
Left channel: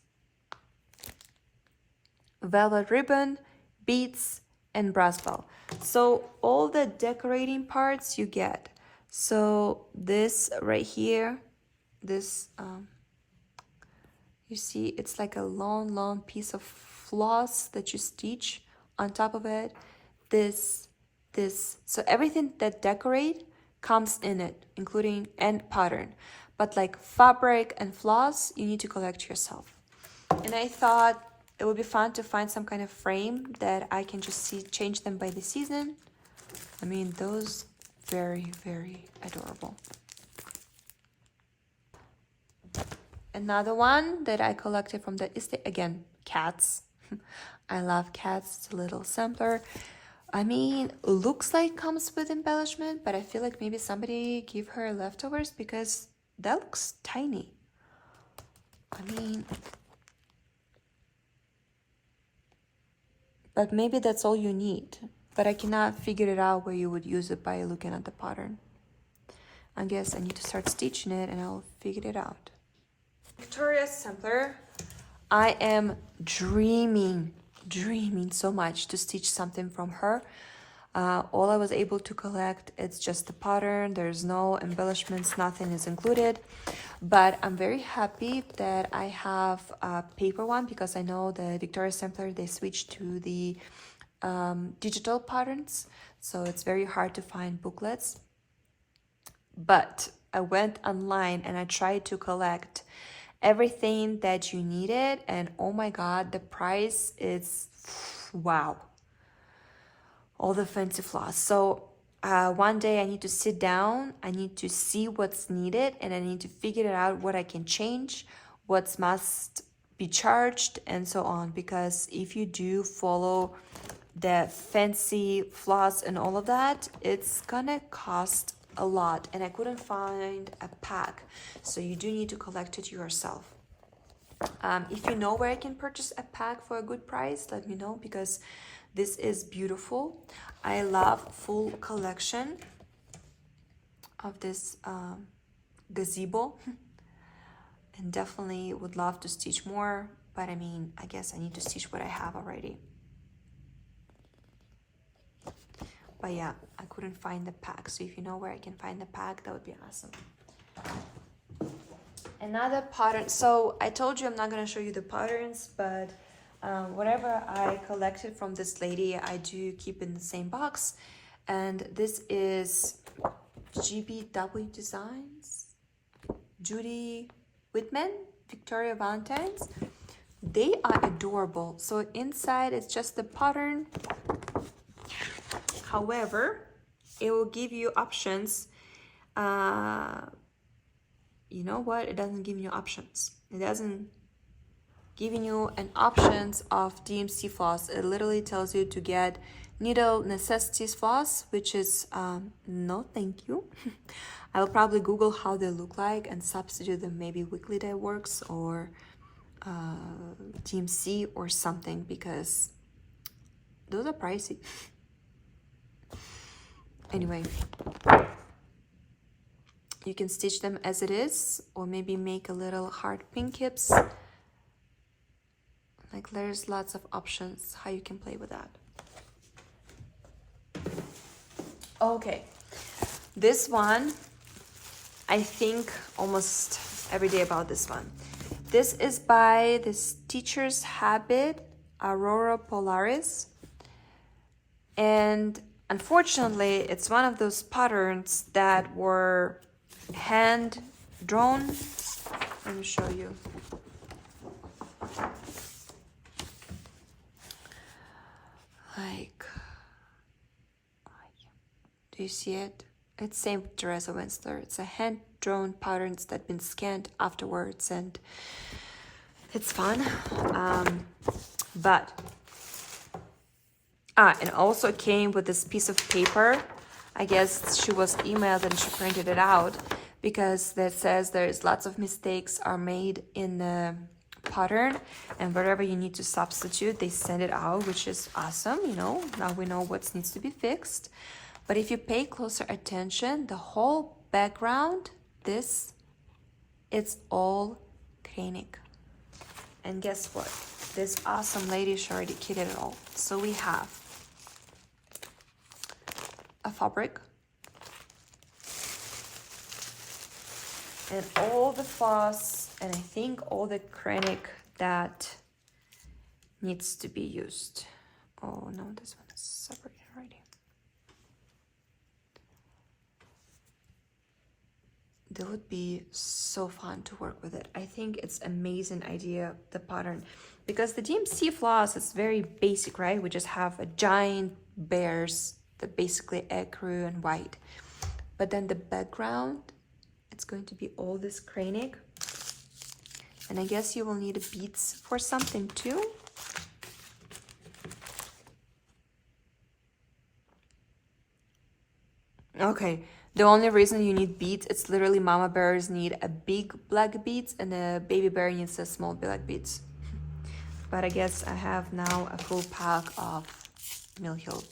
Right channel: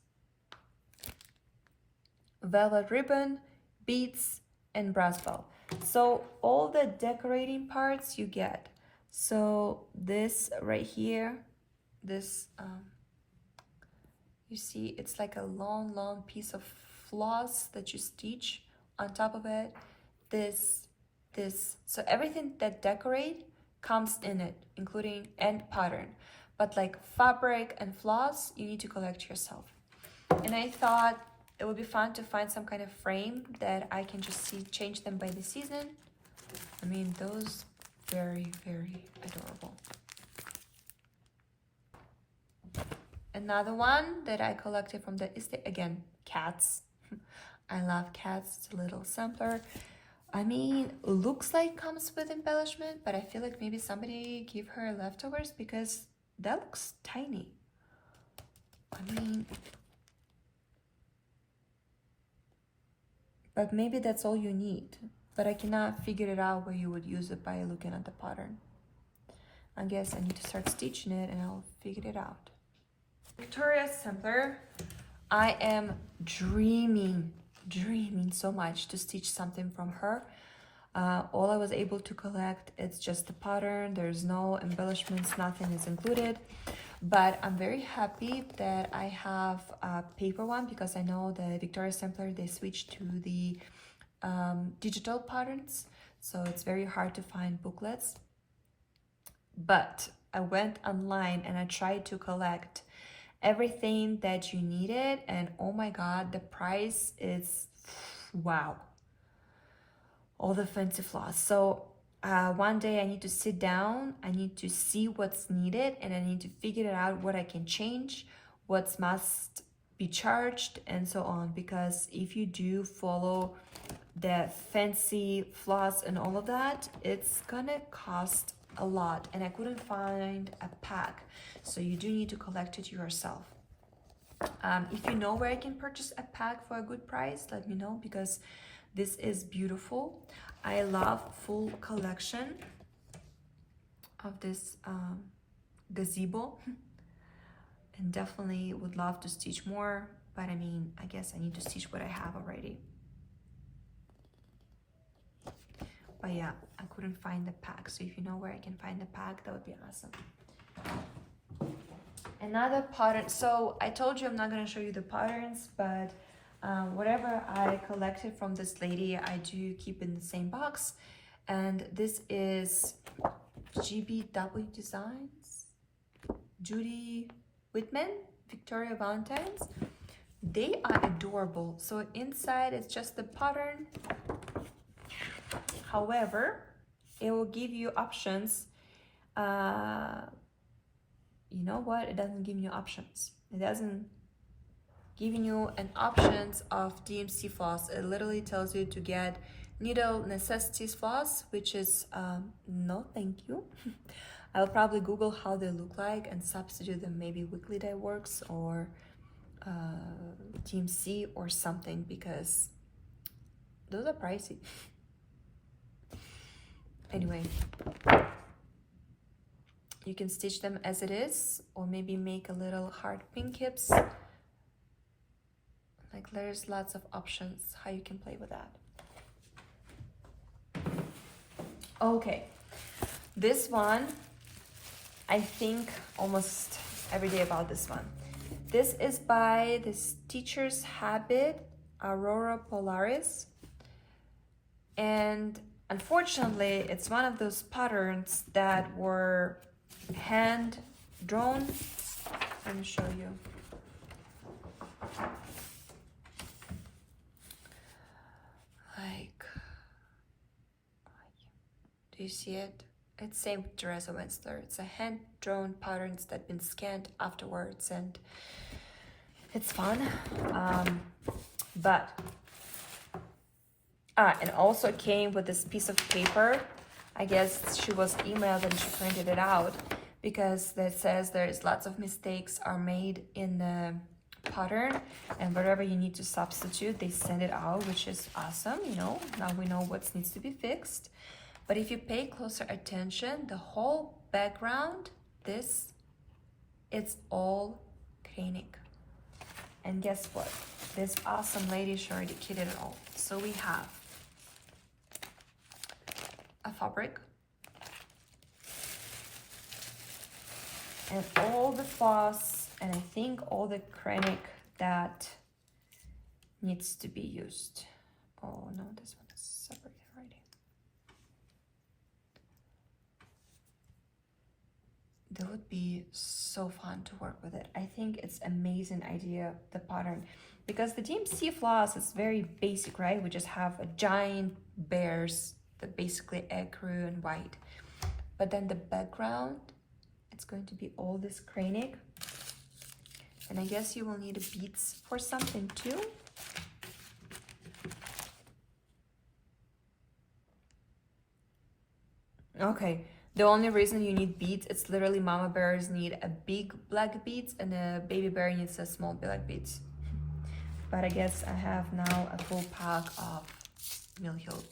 velvet ribbon, beads, and brass ball. So all the decorating parts you get. So this right here, this, you see, it's like a long piece of floss that you stitch on top of it. This. So everything that decorate comes in it, including and pattern. But like fabric and floss, you need to collect yourself. And I thought it would be fun to find some kind of frame that I can just change them by the season. I mean, those very, very adorable. Another one that I collected from the estate, again, cats. I love cats. It's a little sampler. I mean, looks like comes with embellishment, but I feel like maybe somebody gave her leftovers because that looks tiny. I mean, but maybe that's all you need. But I cannot figure it out where you would use it by looking at the pattern. I guess I need to start stitching it and I'll figure it out. Victoria's sampler. I am dreaming so much to stitch something from her. All I was able to collect, it's just the pattern. There's no embellishments, nothing is included. But I'm very happy that I have a paper one because I know the Victoria's sampler, they switched to the digital patterns. So it's very hard to find booklets. But I went online and I tried to collect everything that you needed. And oh my God, the price is wow. All the fancy floss. So one day I need to sit down, I need to see what's needed, and I need to figure out what I can change, what must be charged, and so on. Because if you do follow the fancy floss and all of that, it's gonna cost a lot. And I couldn't find a pack, so you do need to collect it yourself. If you know where I can purchase a pack for a good price, let me know, because this is beautiful. I love full collection of this gazebo, and definitely would love to stitch more, but I mean, I guess I need to stitch what I have already. But yeah, I couldn't find the pack, so if you know where I can find the pack, that would be awesome. Another pattern. So I told you I'm not going to show you the patterns, but whatever I collected from this lady, I do keep in the same box. And this is GBW Designs, Judy Whitman, Victoria Valentine's. They are adorable. So inside it's just the pattern. However, it will give you options. You know what? It doesn't give you options. It doesn't giving you an options of DMC floss. It literally tells you to get needle necessities floss, which is no thank you. I'll probably Google how they look like and substitute them, maybe Weekly Day Works or DMC or something, because those are pricey. Anyway, you can stitch them as it is, or maybe make a little heart pin hips. Like, there's lots of options how you can play with that. Okay, this one, I think almost every day about this one. This is by this Teacher's Habit, Aurora Polaris. And unfortunately, it's one of those patterns that were hand drawn. Let me show you. Like, do you see it? It's same with Teresa Winsler. It's a hand-drawn patterns that been scanned afterwards, and it's fun. It also came with this piece of paper. I guess she was emailed and she printed it out, because that says there's lots of mistakes are made in the pattern, and whatever you need to substitute, they send it out, which is awesome. You know, now we know what needs to be fixed. But if you pay closer attention, the whole background, it's all Koenig. And guess what? This awesome lady, she already kitted it all. So we have a fabric and all the floss, and I think all the Koenig that needs to be used. Oh no, this one is separated already. That would be so fun to work with it. I think it's amazing idea, the pattern, because the DMC floss is very basic, right? We just have a giant bears that basically ecru and white, but then the background, it's going to be all this Koenig, and I guess you will need a beads for something too. Okay, the only reason you need beads, it's literally mama bears need a big black beads and a baby bear needs a small black beads. But I guess I have now a full pack of Mill Hill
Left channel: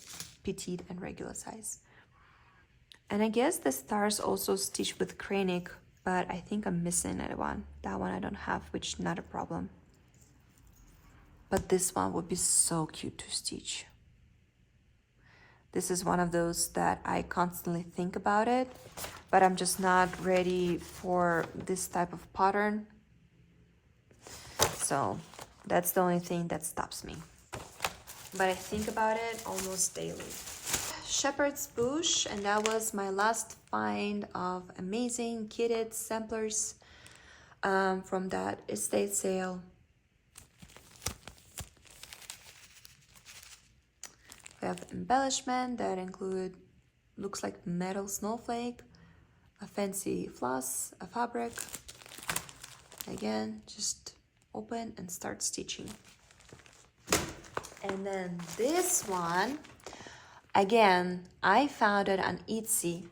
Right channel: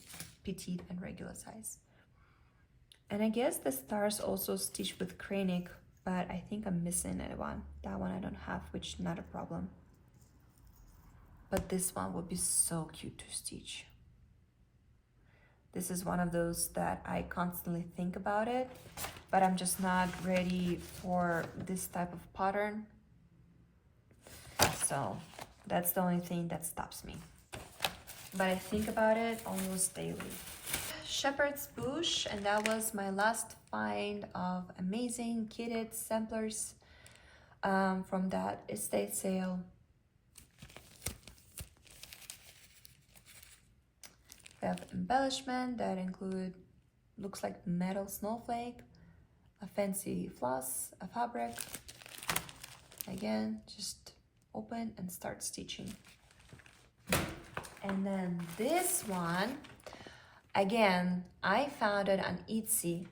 petite and regular size. And I guess the stars also stitched with Koenig, but I think I'm missing that one. That one I don't have, which not a problem. But this one would be so cute to stitch. This is one of those that I constantly think about it, but I'm just not ready for this type of pattern. So that's the only thing that stops me. But I think about it almost daily. Shepherd's Bush, and that was my last find of amazing kitted samplers from that estate sale. We have embellishment that include, looks like metal snowflake, a fancy floss, a fabric. Again, just open and start stitching. And then this one, again, I found it on Etsy.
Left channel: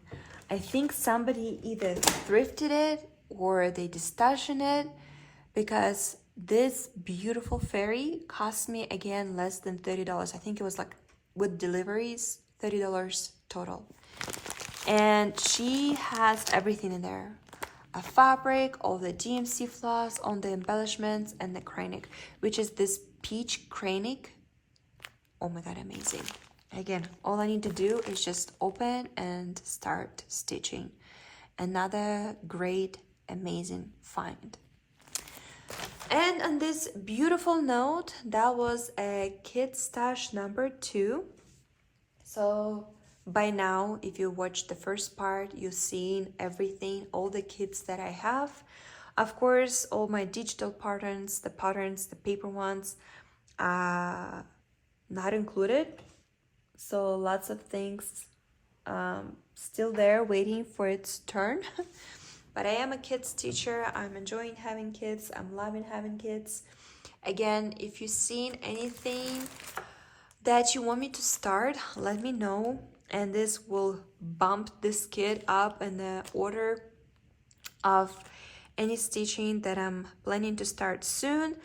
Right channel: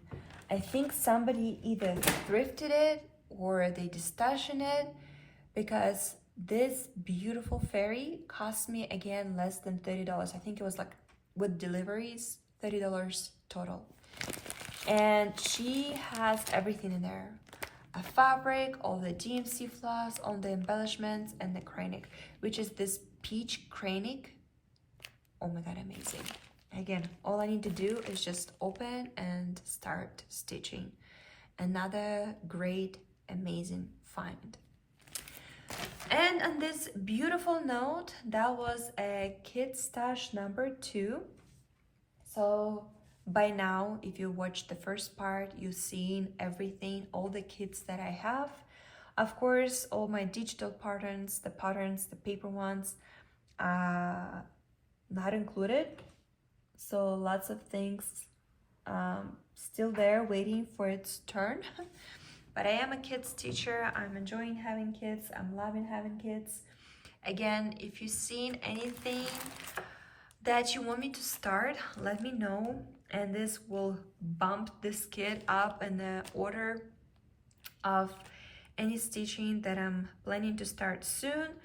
I think somebody either thrifted it or they destashioned it, because this beautiful fairy cost me, again, less than $30. I think it was like, with deliveries, $30 total. And she has everything in there. A fabric, all the DMC floss, all the embellishments, and the Koenig, which is this peach Koenig. Oh my god, amazing. Again, all I need to do is just open and start stitching. Another great, amazing find. And on this beautiful note, that was a kid stash number 2. So by now, if you watched the first part, you've seen everything, all the kits that I have. Of course, all my digital patterns, the paper ones, not included. So lots of things still there waiting for its turn. But I am a kids teacher. I'm enjoying having kids. I'm loving having kids. Again, if you've seen anything that you want me to start, let me know. And this will bump this kit up in the order of any stitching that I'm planning to start soon.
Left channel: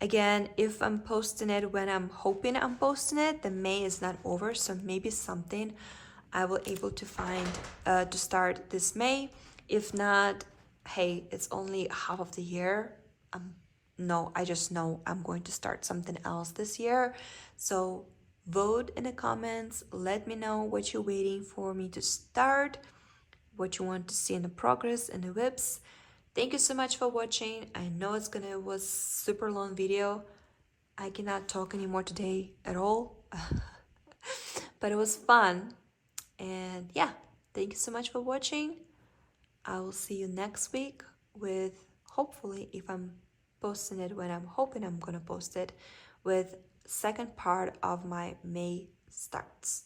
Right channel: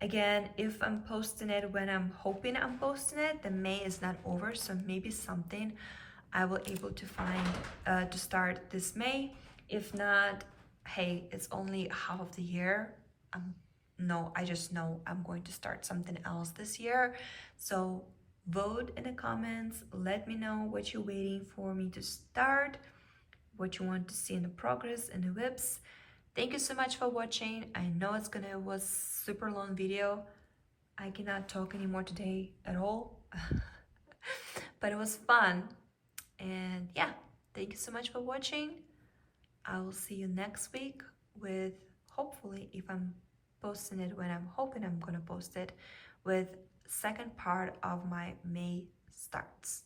Again, if I'm posting it when I'm hoping I'm posting it, the May is not over. So maybe something I will able to find to start this May. If not, hey, it's only half of the year. I just know I'm going to start something else this year. So vote in the comments. Let me know what you're waiting for me to start, what you want to see in the progress and the whips. Thank you so much for watching. I know it was super long video. I cannot talk anymore today at all. But it was fun. And yeah, thank you so much for watching. I will see you next week with, hopefully, if I'm posting it when I'm hoping I'm gonna post it, with second part of my May starts.